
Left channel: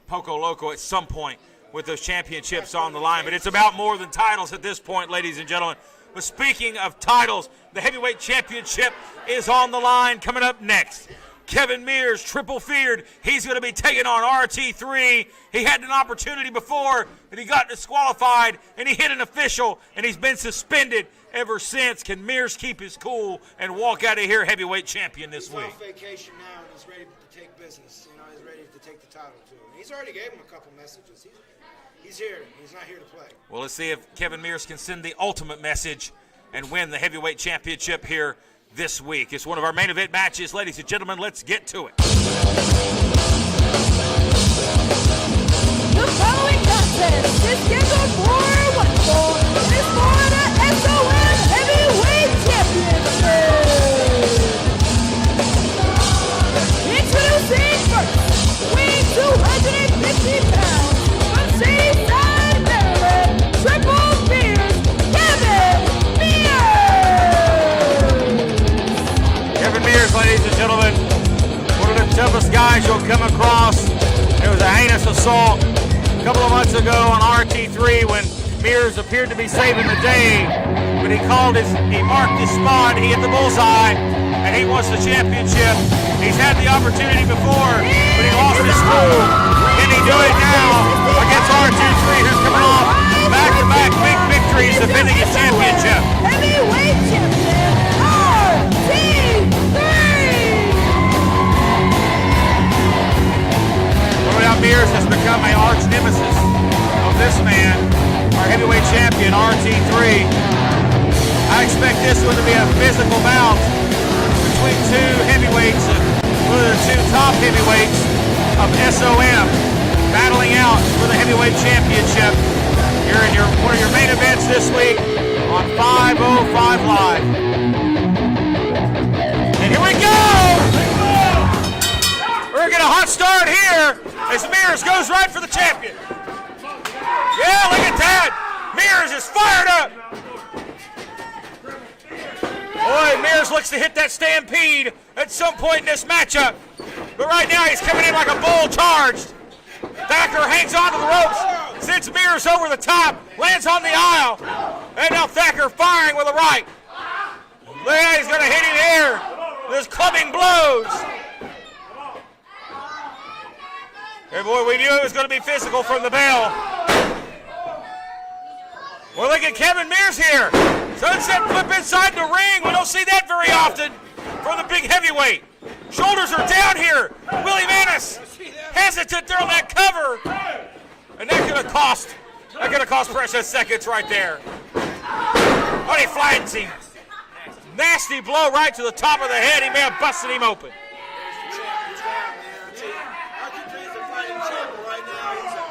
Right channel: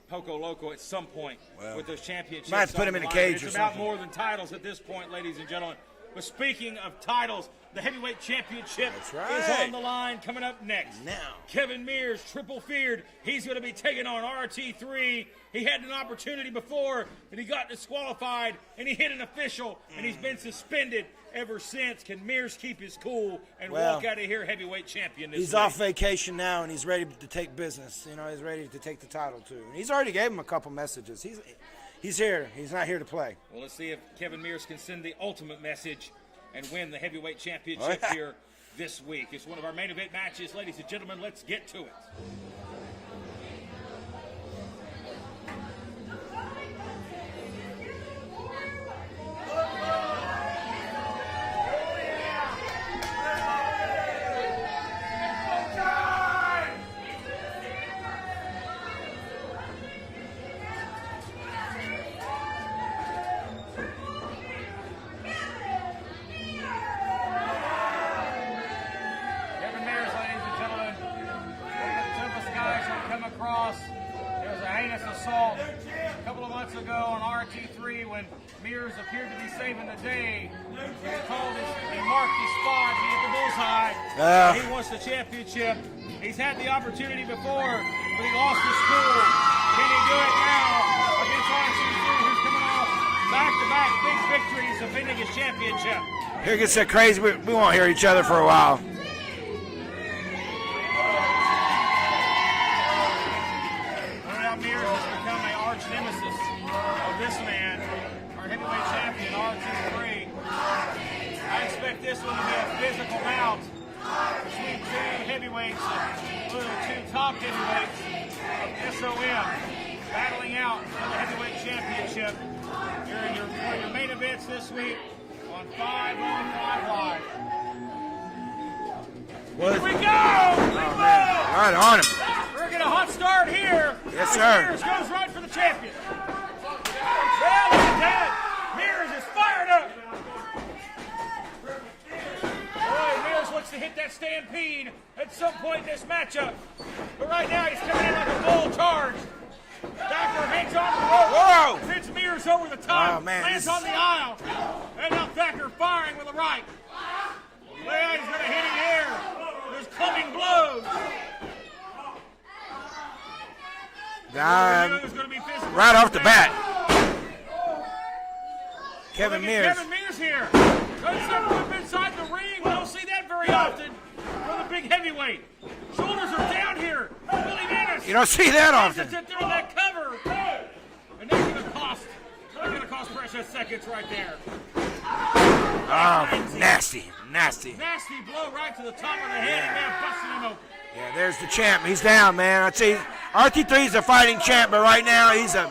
Poco Loco at some point with those championships on the line. But it's about more than titles at this point, ladies and gentlemen. But speaking of titles, the heavyweight championship is on the line. Coming up next, Kevin Mears, triple feared. He's going to be taking on RT3. He had an opportunity before, and he got disqualified, and he hit an official, and he's been suspended ever since. Can Mears keep his cool and walk out of here heavyweight champion this week? He's off vacation now, and he's ready to take business. You know, he's ready to take the title, too. And he's already gave him a couple messages. He's here. He's not here to play. Well, let's see if Kevin Mears can send the ultimate message and win the heavyweight championship here this week. It's one of our main event matches. Ladies and gentlemen, let's get to it. The following contest is scheduled for one fall. It's for the SOM Heavyweight Championship. Introducing first, weighing 250 pounds, from Shadyside, Maryland, triple fears, Kevin Mears. Kevin Mears, ladies and gentlemen, one of the toughest guys you'll come across. It was a heinous assault a couple of months ago on RT3 when Mears appeared to be saving the day, but he marked his spot, he hit the bullseye, and he wants the championship. He's had the opportunity before, but he lost his cool. Can he do it now against RT3, who's coming off back-to-back big victories, defending his championship? It's a crazy move. Come on here, each other for a while. Mears has become an arch nemesis of this man, our heavyweight champion, RT3. I expect this one to be a physical bout between two heavyweights, one of the two top heavyweights of SOM, battling out for the heavyweight championship. Here in one of your main events this week on 505 Live. And here we go! On it. We're going to get a hot start here as Mears goes right for the champion. Yeah, look at that. Mears is fired up. Boy, Mears looks to hit that stampede at some point in this matchup. But right now he's coming in like a bull charged. Thacker hangs onto the ropes, sends Mears over the top, lands on the aisle. And now Thacker firing with a right. Yeah, he's going to hit him here. There's clubbing blows. And what we knew it was going to be physical from the bat. Well, look at Kevin Mears here. Sunset flip inside the ring. We don't see that very often from the big heavyweight. Shoulders are down here. Willie Manis. You don't see that often. Hesitant there on that cover. And that's going to cost Precious seconds right there. Oh, he finds him. Nasty. Nasty blow right to the top of the head. He may have busted him open. Yeah, there's the champ. He's down, man. I'd say RT3 is a fighting champ, but right now he's a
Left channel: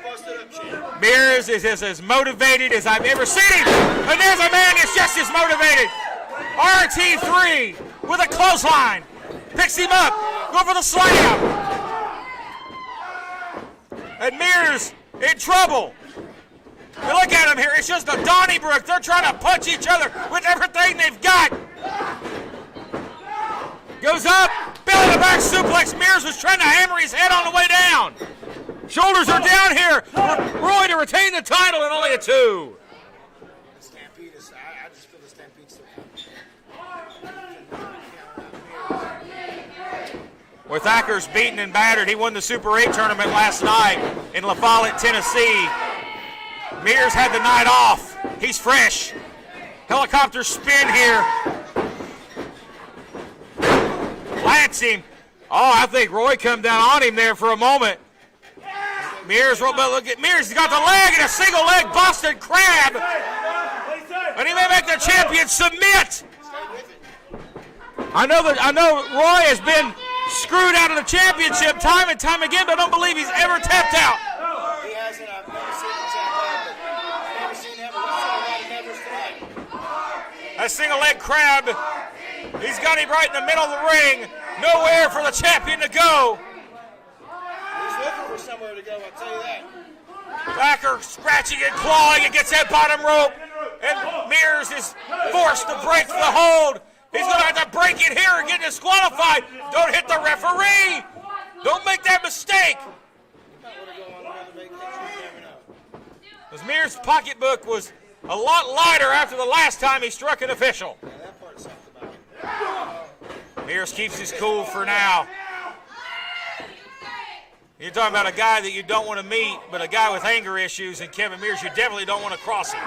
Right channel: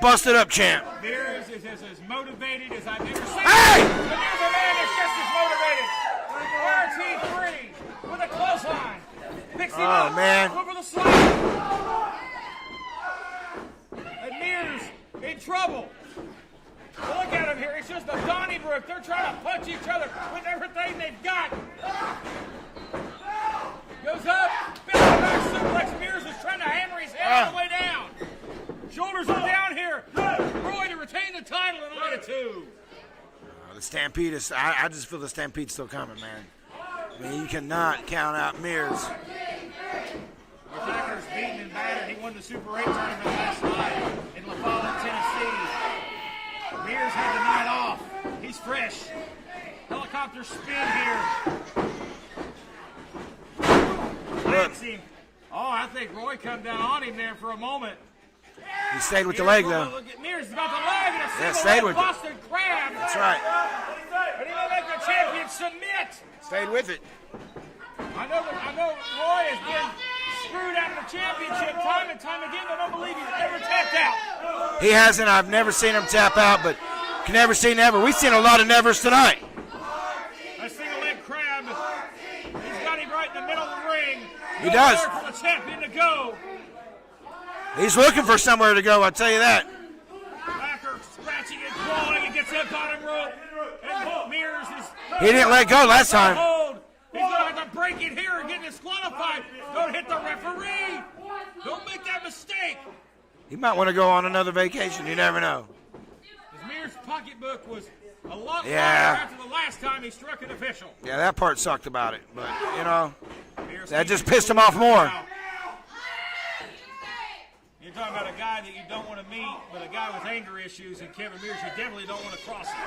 busted up champ. Mears is as motivated as I've ever seen him. And there's a man that's just as motivated. RT3 with a clothesline. Picks him up. Man. Go for the slam. And Mears in trouble. You look at him here. It's just a Donnybrook. They're trying to punch each other with everything they've got. Goes up. Belly to back suplex. Mears was trying to hammer his head on the way down. Shoulders are down here. Roy to retain the title and only a 2. The Stampede is, I just feel the Stampede's still coming, man. I mean, you cannot count out Mears. With Thackers beaten and battered, he won the Super 8 tournament last night in La Follette, Tennessee. Mears had the night off. He's fresh. Helicopter spin here. Plants him. Oh, I think Roy come down on him there for a moment. He stayed with Mears, the leg, though. look at Mears. He's got the leg and a single leg Boston Crab. That's right. And he may make the champion submit. Stayed with it. I know Roy has been screwed out of the championship time and time again, but I don't believe he's ever tapped out. He hasn't. I've never seen him tap out, but can never say never. We've seen a lot of nevers tonight. A single leg crab. He's got him right in the middle of the ring. Nowhere for the champion to go. He's looking for somewhere to go, I'll tell you that. Thacker scratching and clawing and gets that bottom rope. And Mears is. He didn't let go last time. Hold. He's going to have to break it here and get disqualified. Don't hit the referee. Don't make that mistake. He might want to go on another vacation. You never know. Because Mears' pocketbook was a lot lighter after the last time he struck an official. Yeah, that part sucked about it. But, you know, Mears that keeps just his pissed cool him off for more. now. You're talking about a guy that you don't want to meet, but a guy with anger issues, and Kevin Mears, you definitely don't want to cross him.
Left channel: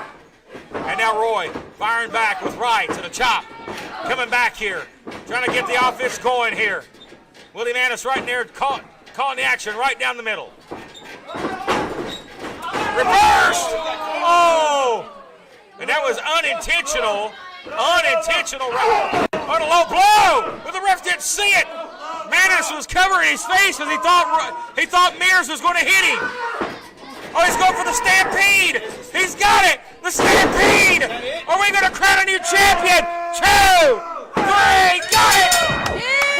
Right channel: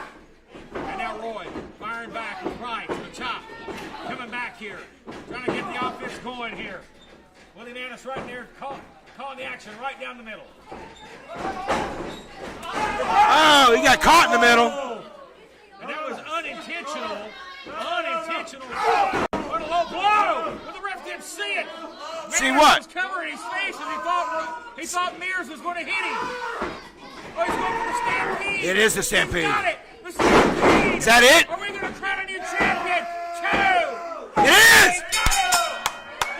And now Roy firing back with rights and a chop. Coming back here, trying to get the offense going here. Willie Manis right there calling the action right down the middle. Oh, he got caught in the middle. And that was unintentional. Unintentional on a low blow, but the ref didn't see it. Manis was covering his face because he thought Mears was going to hit him. Oh, he's going for the Stampede. It is the Stampede. He's got it. The Stampede. Is that it? Are we going to crown a new champion? 2, 3, got it.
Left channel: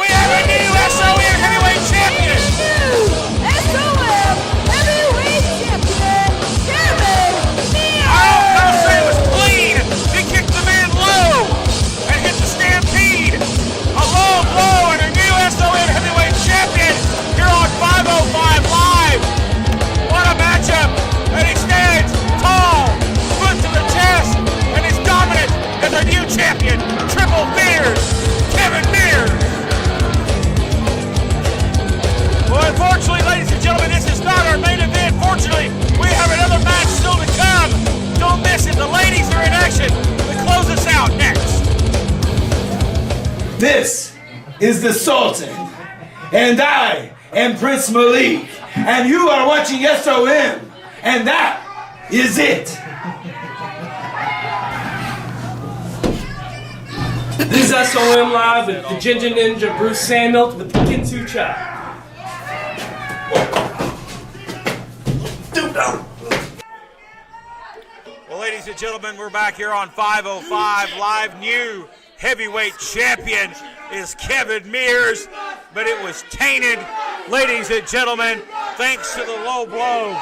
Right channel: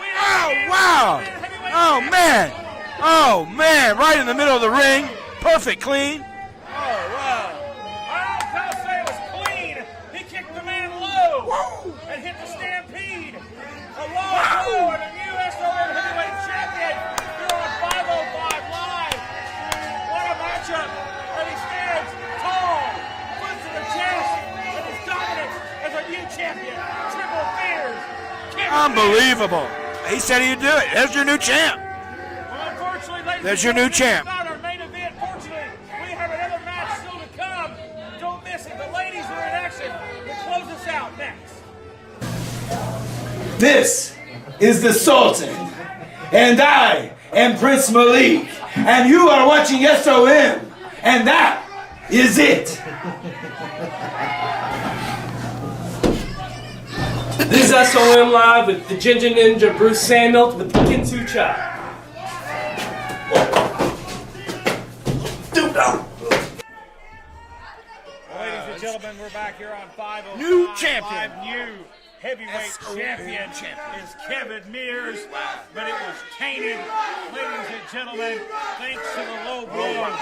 We have a new SOM heavyweight champion. Oh, man, right in the middle of the ring. Perfect clean. I don't say it was clean. He kicked the man low and hit the Stampede. A low blow and a new SOM heavyweight champion here on 505 Live. What a matchup. And he stands tall, foot to the chest, and is dominant as a new champion. Triple Mears. Kevin Mears. Unbelievable. He said he'd do it. There's your new champ. Well, unfortunately, ladies and There's your gentlemen, new this is champ. not our main event. Fortunately, we have another match still to come. Don't miss it. The ladies are in action to close us out next. This is the Sultan, and I am Prince Malik, and you are watching SOM, and that is it. This is SOM Live with the Ginger Ninja Bruce Samuel with the Kinsu Chop. Well, ladies and gentlemen, we're back here on 505 Live. New heavyweight champion is Kevin Mears, but it was tainted. Ladies and gentlemen, thanks to the low blow.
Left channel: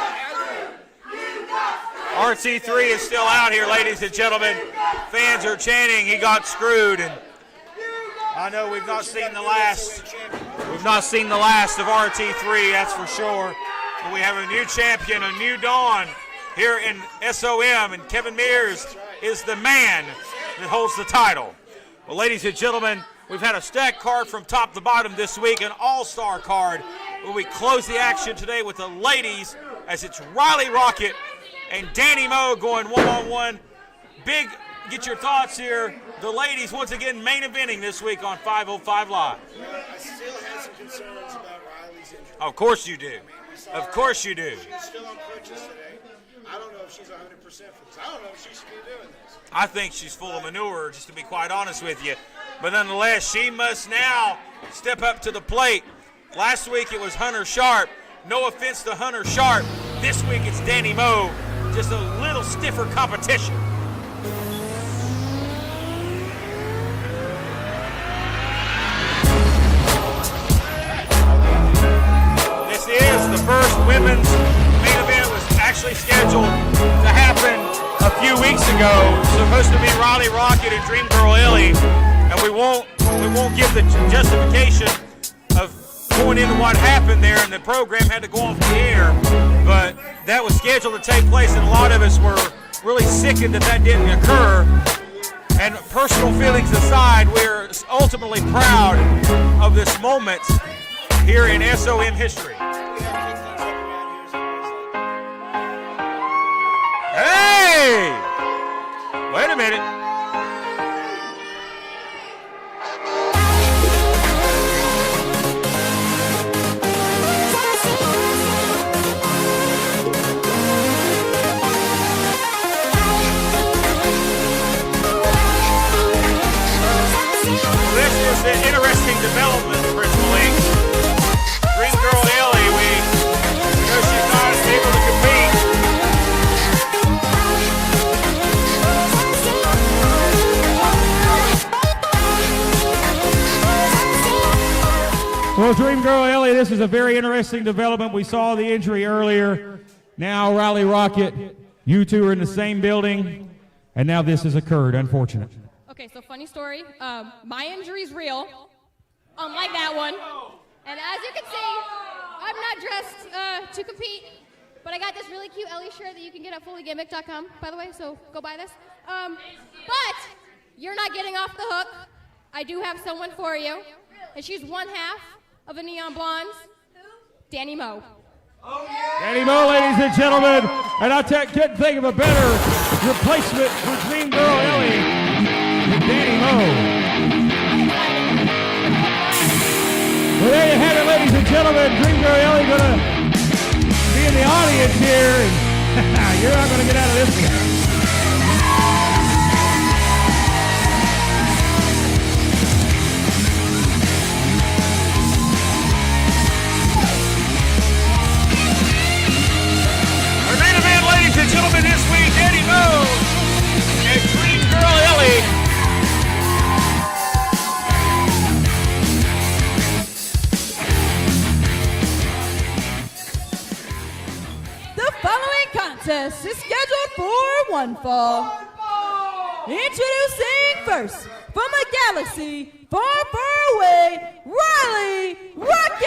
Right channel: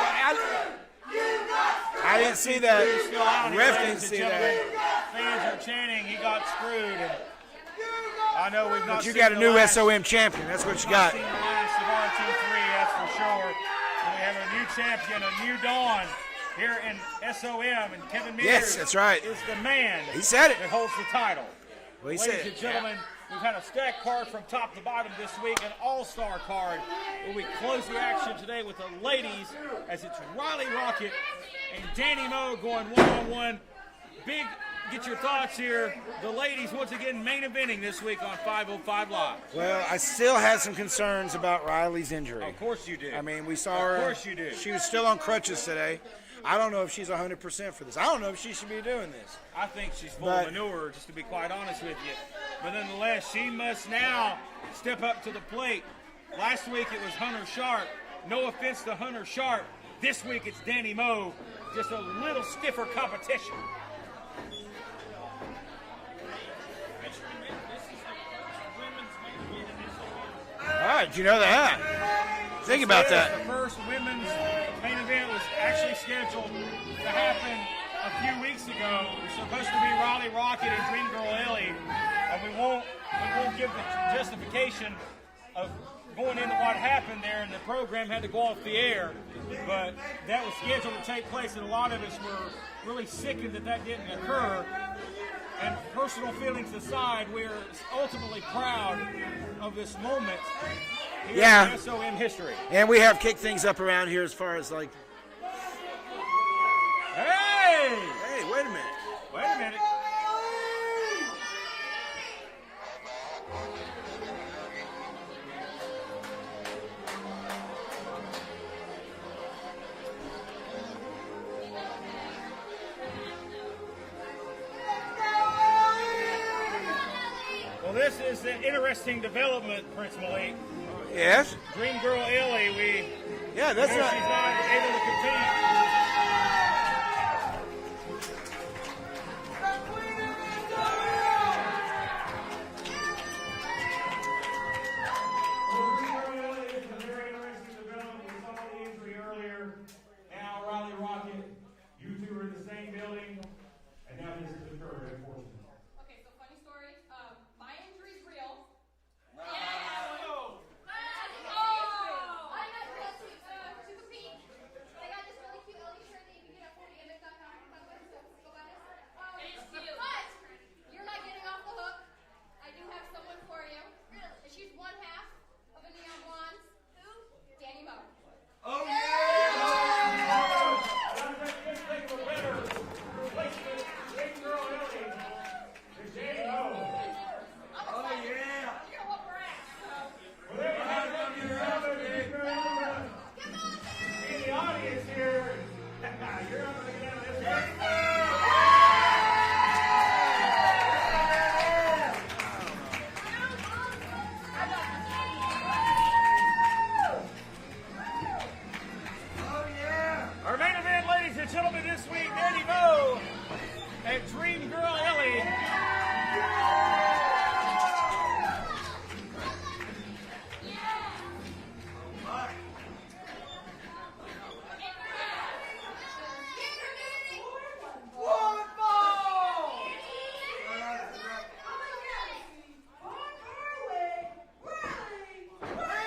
RC3 is still out here, ladies and gentlemen. Fans are chanting, he got screwed. And I know we've not You seen got a the new last. SOM champion. That's what We've you not got. seen the last of RT3, that's for sure. But we have a new champion, a new dawn here in SOM, and Kevin Mears Yes, that's right. is the man He said it. that holds the title. Well, he ladies said and gentlemen, we've had a stacked card from top to bottom this week, an all-star card. Where we close the action today with the ladies as it's Riley Rocket and Danny Moe going one-on-one. Big, get your thoughts here. The ladies once again main eventing this week on 505 Live. Well, I still had some concerns about Riley's injury. Of course you do. I mean, we saw Of her. course you do. She was still on crutches today. I don't know if she's 100% for this. I don't know if she should be doing this. I think she's full of manure, just to be quite honest with you. But nonetheless, she must now step up to the plate. Last week it was Hunter Sharp. No offense to Hunter Sharp. This week it's Danny Moe. Just a little stiffer competition. This is the first women's main event. Was actually scheduled to happen a few weeks ago. Supposed to be Riley Rocket and Dream Girl Ellie, and we won't give the justification of going into what happened there, and the program had to go off the air. But that was scheduled to take place, and a lot of us were really sickened that didn't occur. And personal feelings aside, we're ultimately proud of this moment here in SOM history. And we have kicked things up around here as far as like. Hey! Wait a minute. This is an interesting development, Prince Malik. Yes? Dream Girl Ellie, we know she's not able to compete. Well, Dream Girl Ellie, this is a very interesting development. We saw the injury earlier. Now Riley Rocket, you two are in the same building, and now this has occurred. Unfortunate. Okay, so funny story. My injury's real, unlike that one. And as you can see, I'm not dressed to compete, but I got this really cute Ellie shirt that you can get at fullygimmick.com, by the way, so go buy this. But you're not getting off the hook. I do have someone for you, and she's one half of the Neon Blondes, Danny Moe. Danny Moe, ladies and gentlemen, and I couldn't think of a better replacement for Dream Girl Ellie than Danny Moe. Well, there you have it, ladies and gentlemen. Dream Girl Ellie going to be in the audience here, and you're not going to get out of this one. Gentlemen, this week, Danny Moe and Dream Girl Ellie. The following contest is scheduled for one fall. Introducing first, from a galaxy far, far away, Riley Rocket!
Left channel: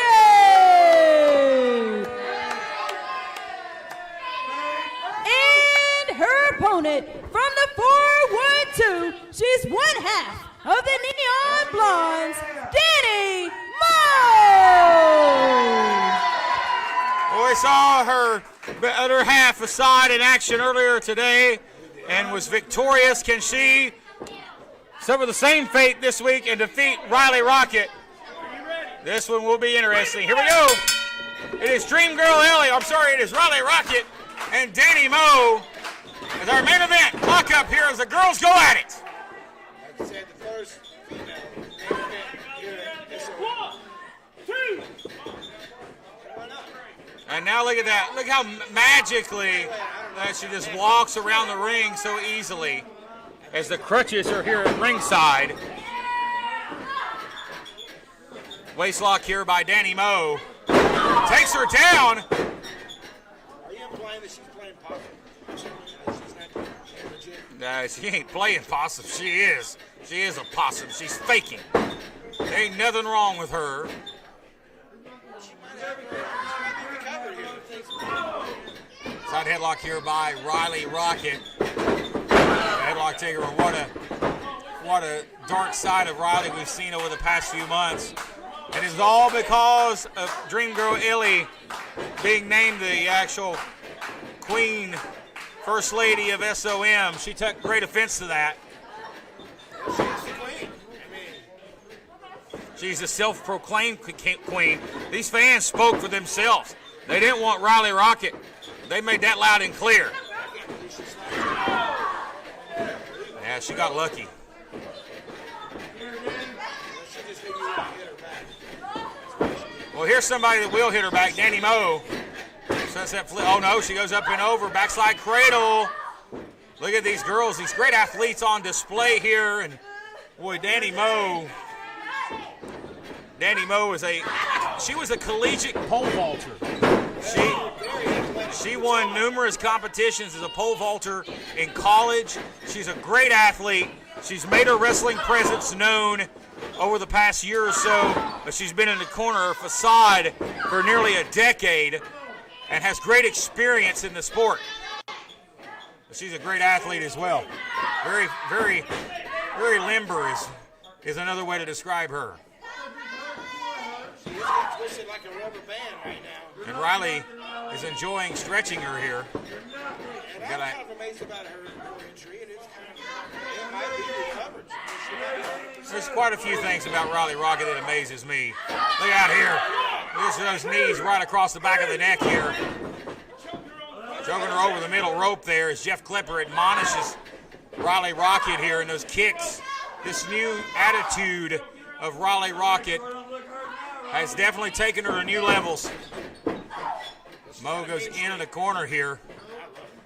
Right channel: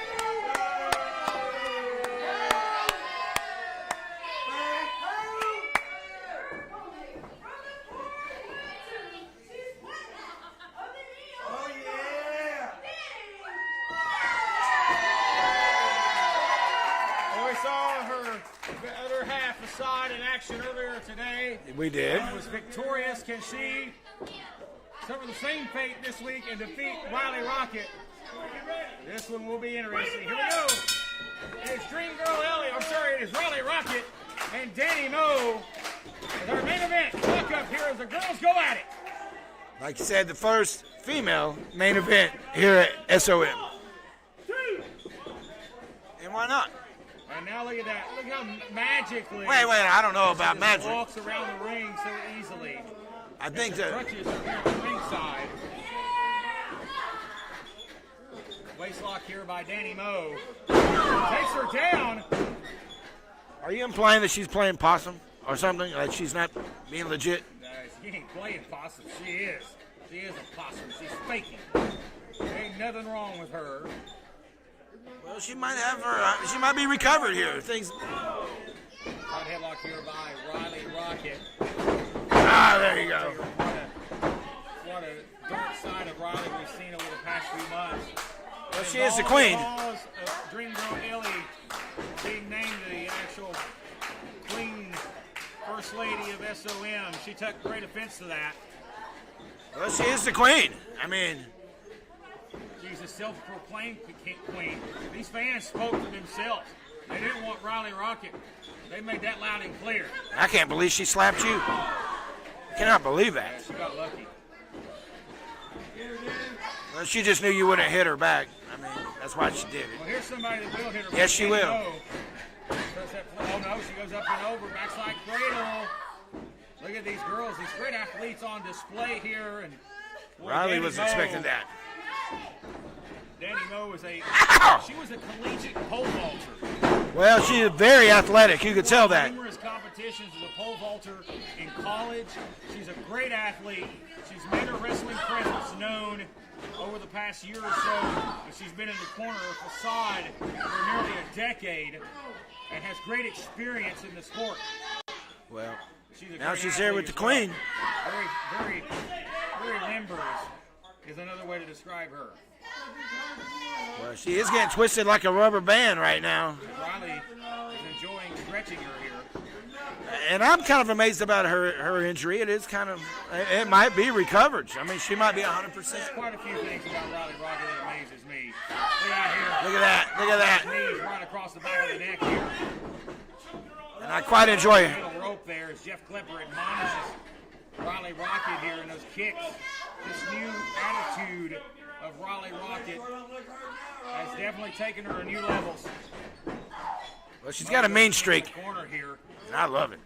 Her opponent from the 412, she's one half of the Neon Blondes, Danny Moe! Well, we saw her other half aside in action earlier today. We did. And was victorious. Can she suffer the same fate this week and defeat Riley Rocket? This one will be interesting. Here we go. It is Dream Girl Ellie. I'm sorry, it is Riley Rocket and Danny Moe. As our main event, clock up here as the girls go at it. Like you said, the first female main event here at SOM. And why not? And now look at that. Look how magically Wait, I don't know she about just magic. walks around the ring so easily. I As think the that- crutches are here at ringside. Waist lock here by Danny Moe. Takes her down. Are you implying that she's playing possum or something? Like she's not being legit? She ain't playing possum. She is. She is a possum. She's faking. There ain't nothing wrong with her. Well, she might have her. She might be recovered here. Things. Side headlock here by Riley Rocket. There you Rock go. taker. What a dark side of Riley we've seen over the past few months. And it's She is all the queen. because of Dream Girl Ellie being named the actual queen, first lady of SOM. She took great offense to that. Well, she is the queen. I mean, she's a self-proclaimed queen. These fans spoke for themselves. They didn't want Riley Rocket They made that loud and clear. I can't believe she slapped you. Cannot believe that. Yeah, she got lucky. Well, she just knew you wouldn't hit her back. I mean, that's why she did. Well, here's somebody that will hit her back. Yes, she Danny will. Moe. Sunset flip. Oh, no, she goes up and over. Backslide cradle. Look at these girls, these great athletes on display here. And boy, Riley Danny was Moe. expecting that. Danny Moe is she was a collegiate pole vaulter. Well, she's very athletic. You could tell She won that. numerous competitions as a pole vaulter in college. She's a great athlete. She's made her wrestling presence known over the past year or so. She's been in the corner facade for nearly a decade and has great experience in the sport. Well, She's a now great she's here athlete with as the well. queen. Very, very, very limber is another way to describe her. Well, she is getting twisted like a rubber band right now. And Riley is enjoying stretching her here. And I'm kind of amazed about her injury. It is kind of, it might be recovered. I mean, she might be 100%. There's quite a few things about Riley Rocket that amazes me. Look out here. Look at that. Look at that. His knees right across the back of the neck here. I quite enjoy Over the it. middle rope there as Jeff Klepper admonishes Riley Rocket here, and those kicks, this new attitude of Riley Rocket has definitely taken her to new levels. Well, she's Mo got a goes mean in streak. the corner here. I love it.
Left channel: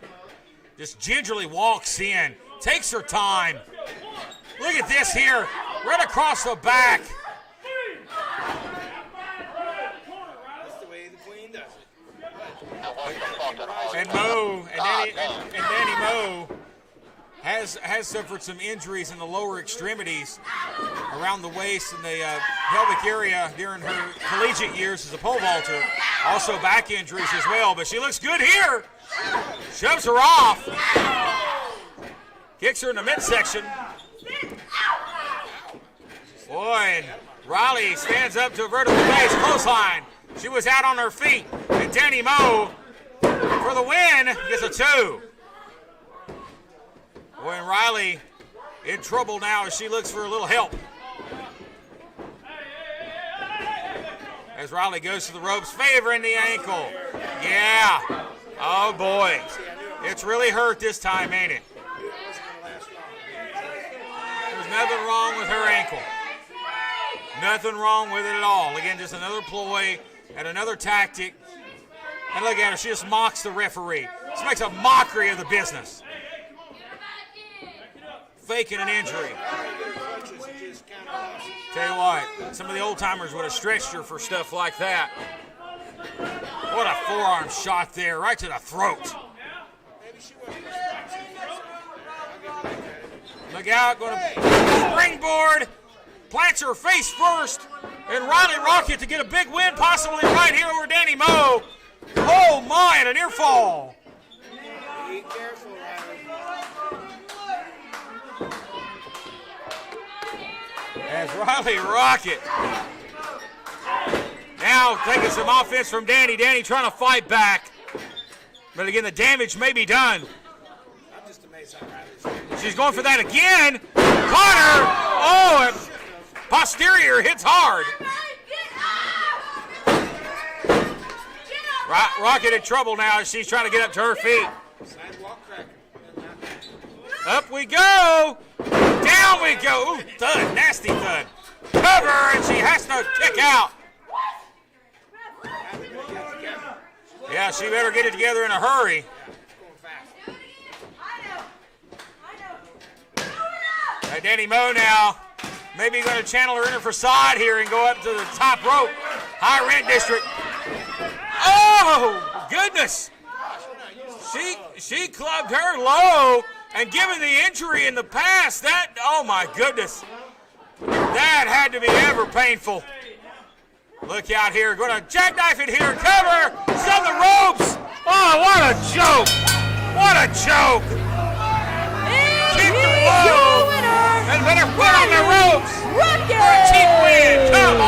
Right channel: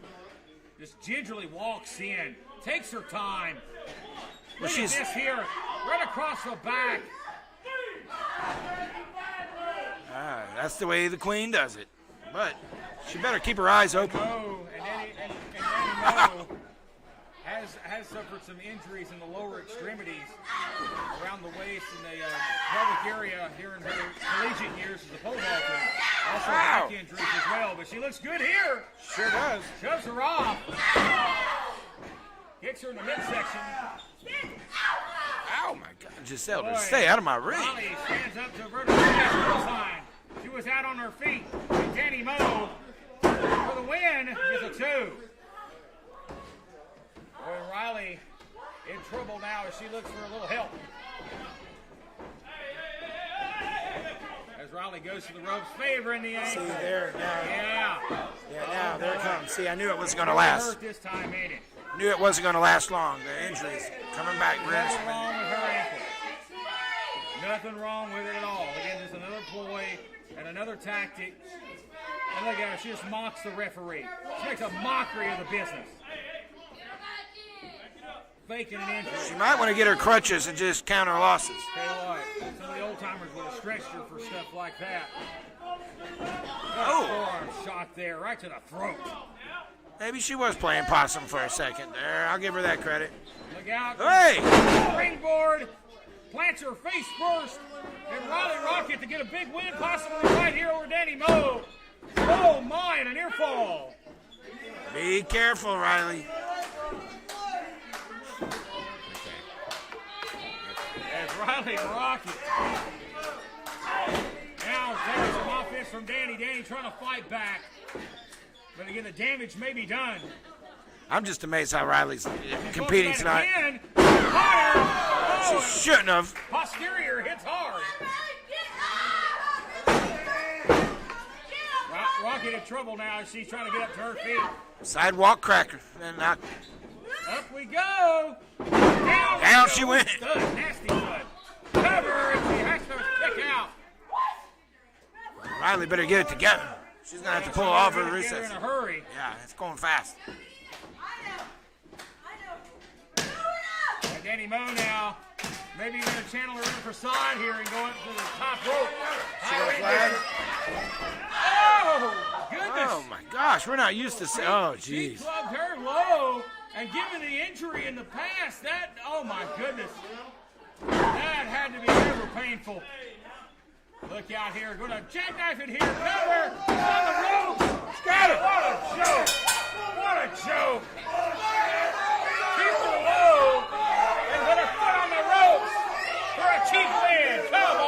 Just gingerly walks in, takes her time. Look at this here, right across the back. That's the way the queen does it. But she better keep her eyes And open. Danny Moe has suffered some injuries in the lower extremities around the waist and the pelvic area during her collegiate years as a pole vaulter. Also back injuries as well, but she looks good here. Shoves her off. Kicks her in the midsection. Ow, my God. Just Boy, stay out of my ring. Riley stands up to a vertical base clothesline. She was out on her feet. And Danny Moe, for the win, gets a 2. Boy, and Riley in trouble now as she looks for a little help. As Riley goes to the ropes, favoring the ankle. Yeah. Oh, boy. See, I knew it was It's going to really last. hurt this time, ain't it? Knew it wasn't going to last long. The injury's coming back. There's nothing wrong with her ankle. Nothing wrong with it at all. Again, just another ploy and another tactic. And look at her. She just mocks the referee. She makes a mockery of the business. Faking an injury. She might want to get her crutches and just count her losses. Tell you what, some of the old timers would have stretched her for stuff like that. What a forearm shot there, right to the throat. Maybe she was playing possum for a second there. I'll give her that credit. Look out. Hey! Springboard. Plants her face first. And Riley Rocket to get a big win, possibly right here over Danny Moe. Oh my, and a near fall. Be careful, Riley. As Riley Rocket now taking some offense from Danny. Danny trying to fight back. But again, the damage may be done. I'm just amazed how Riley's. She's going for that competing's not- again. Caught her. Oh, and Shouldn't have. posterior hits hard. Rocket in trouble now as she's trying to get up to her feet. Sidewalk cracker. And knock. Up we go. Down we Down go. she went. Thud, nasty thud. Cover, and she has to kick out. Riley better get it together. She's gonna Yeah, have to she pull better off get her it together in a reset. hurry. Yeah, it's going fast. Danny Moe now maybe going to channel her inner facade here and go up to the top rope. High rent district. Oh, goodness. Oh my gosh, we're not used to seeing. Oh, She geez. clubbed her low, and given the injury in the past, that, oh my goodness, that had to be ever painful. Look out here, going to jackknife it here, cover, sub the ropes. Oh, what a joke. What a joke. Keep her low, and let her put on the ropes for a cheap win. Come on.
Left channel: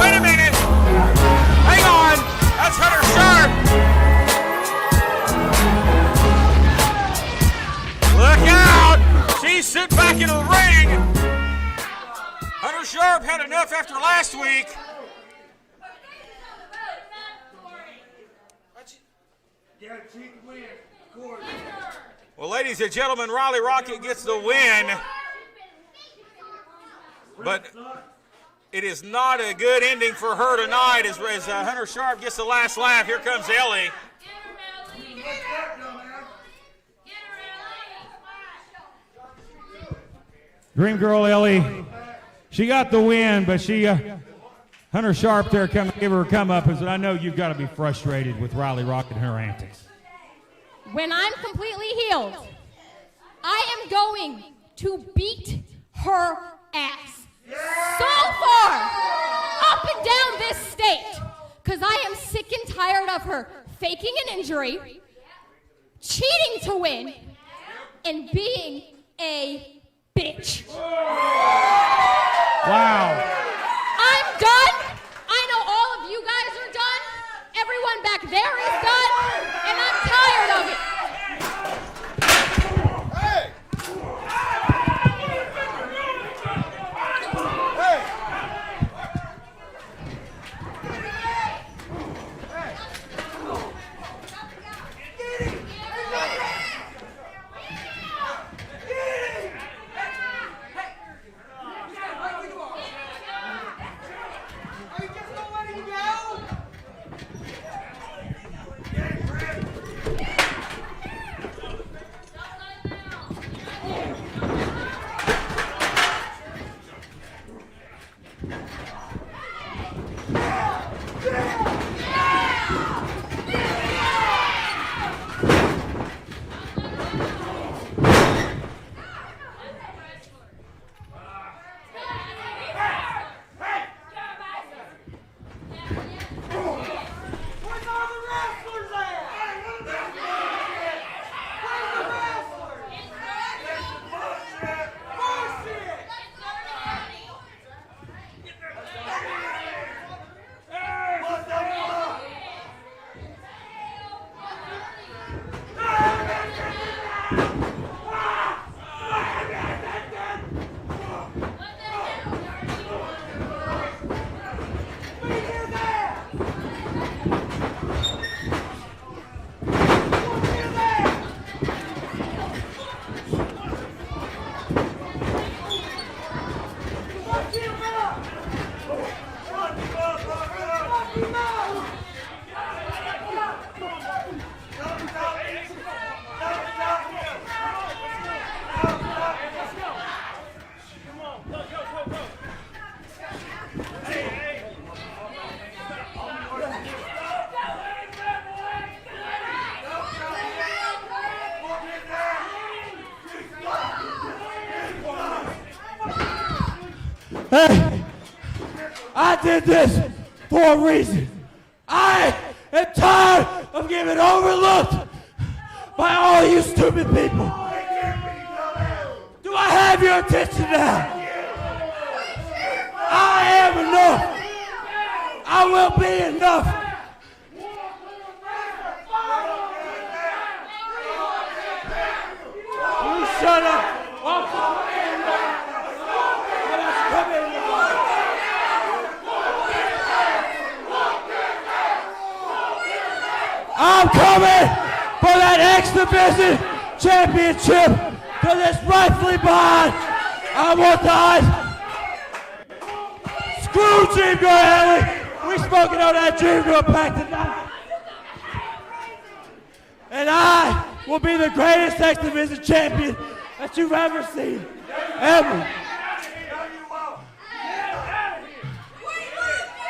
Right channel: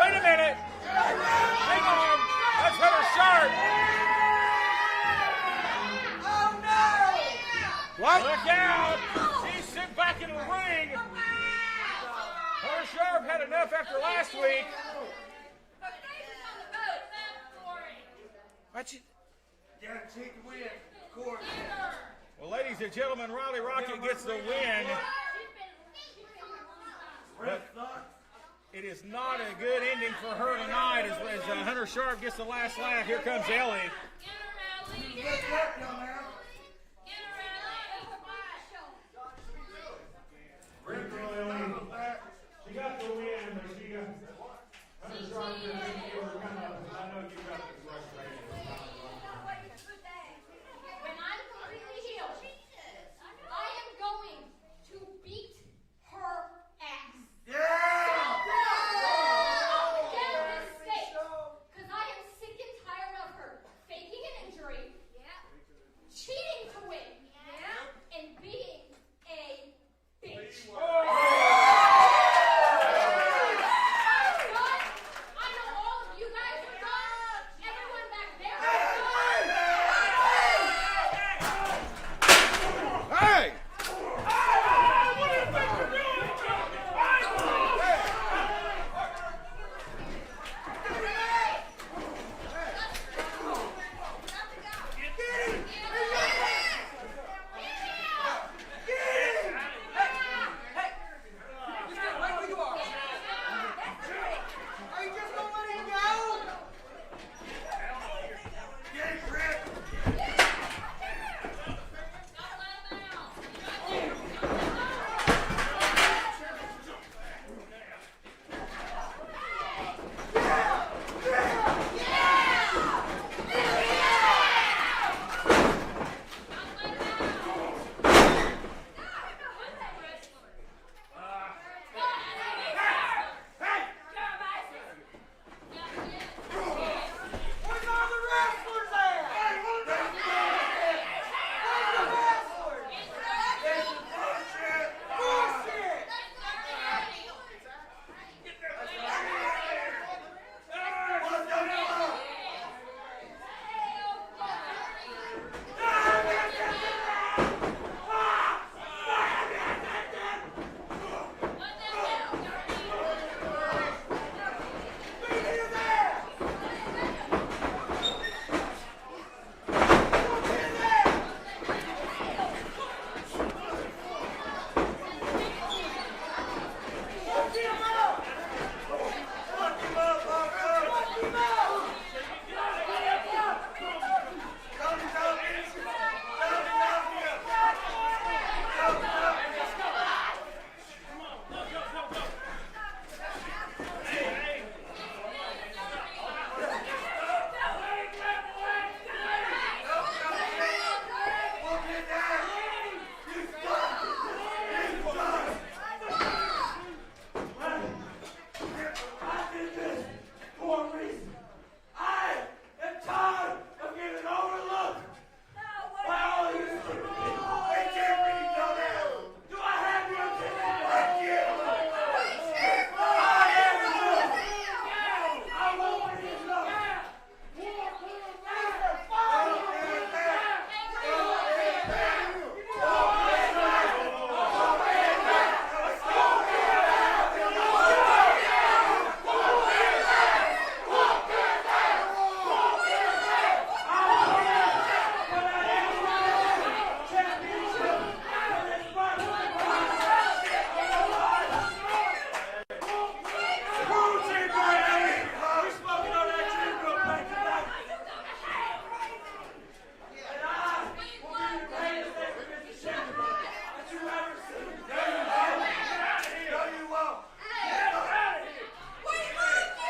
Wait a minute. Hang on. That's Hunter Sharp. Look out. She's sitting back in the ring. Hunter Sharp had enough after last week. watch it. Gotta take the win, of course. Well, ladies and gentlemen, Riley Rocket gets the win. But it is not a good ending for her tonight as Hunter Sharp gets the last laugh. Here comes Ellie. Dream Girl Ellie, she got the win, but Hunter Sharp there gave her a come up and said, I know you've got to be frustrated with Riley Rocket and her antics. When I'm completely healed, I am going to beat her ass. So far, up and down this state, because I am sick and tired of her faking an injury, cheating to win, and being a bitch. Wow. I'm done. I know all of you guys are done. Everyone back there is done, and I'm tired of it. Hey! Hey, I did this for a reason. I am tired of getting overlooked by all you stupid people. Do I have your attention now? I am enough. I will be enough. You shut up. I'm coming for that X Division championship because it's rightfully mine. I want that. Screw Dream Girl Ellie. We smoking on that Dream Girl pack tonight. And I will be the greatest X Division champion that you've ever seen. Ever.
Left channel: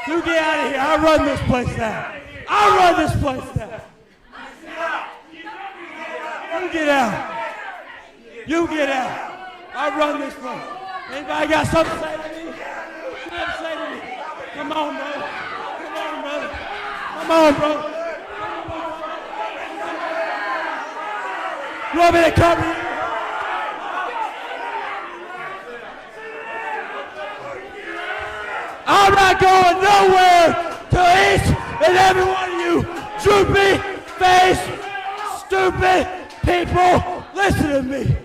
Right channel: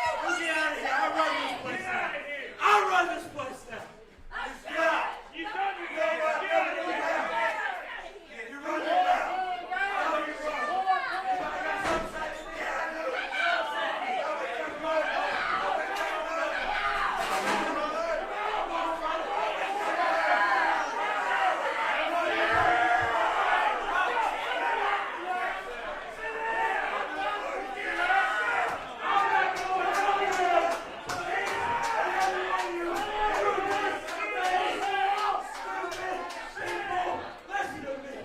You get out of here. I run this place now. I run this place now. You get out. You get out. I run this place. Anybody got something to say to me? Say to me. Come on, brother. Come on, brother. Come on, brother. You want me to come here? I'm not going nowhere till each and every one of you droopy face, stupid people, listen to me.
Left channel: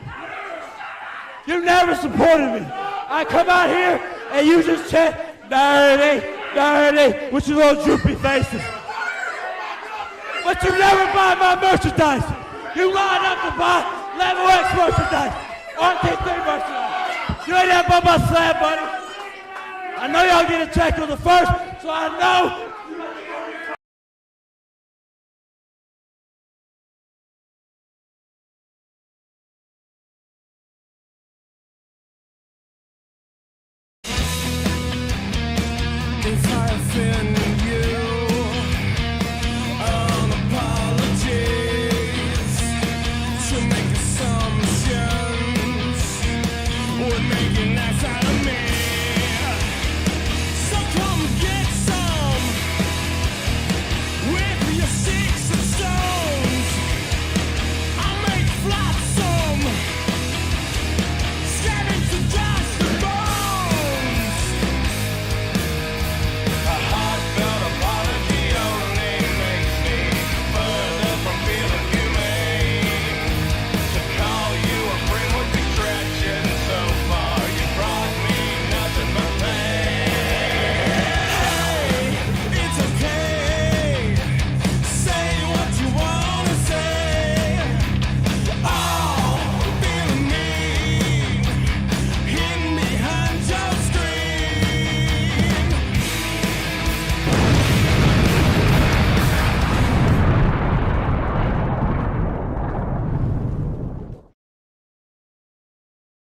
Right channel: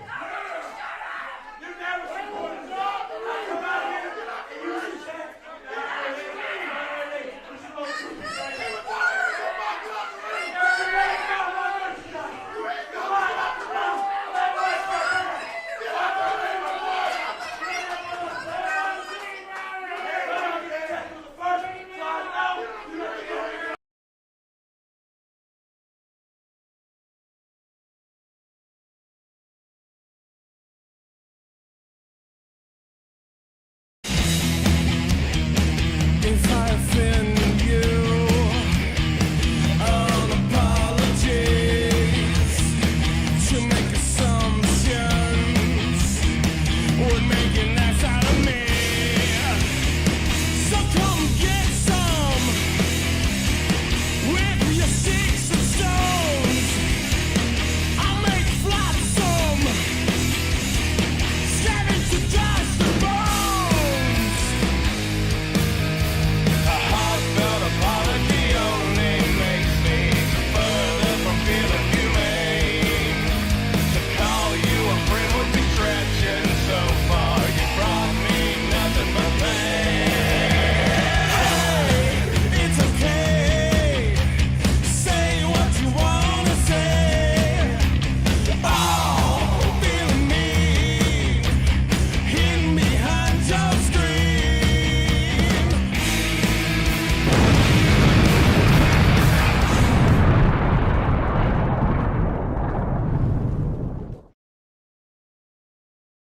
You never supported me. I come out here and you just chant, dirty, dirty, with your little droopy faces. but you never buy my merchandise. You line up to buy Level X merchandise, RT3 merchandise. You ain't never bought my slab, buddy. I know y'all get a check on the first, so I know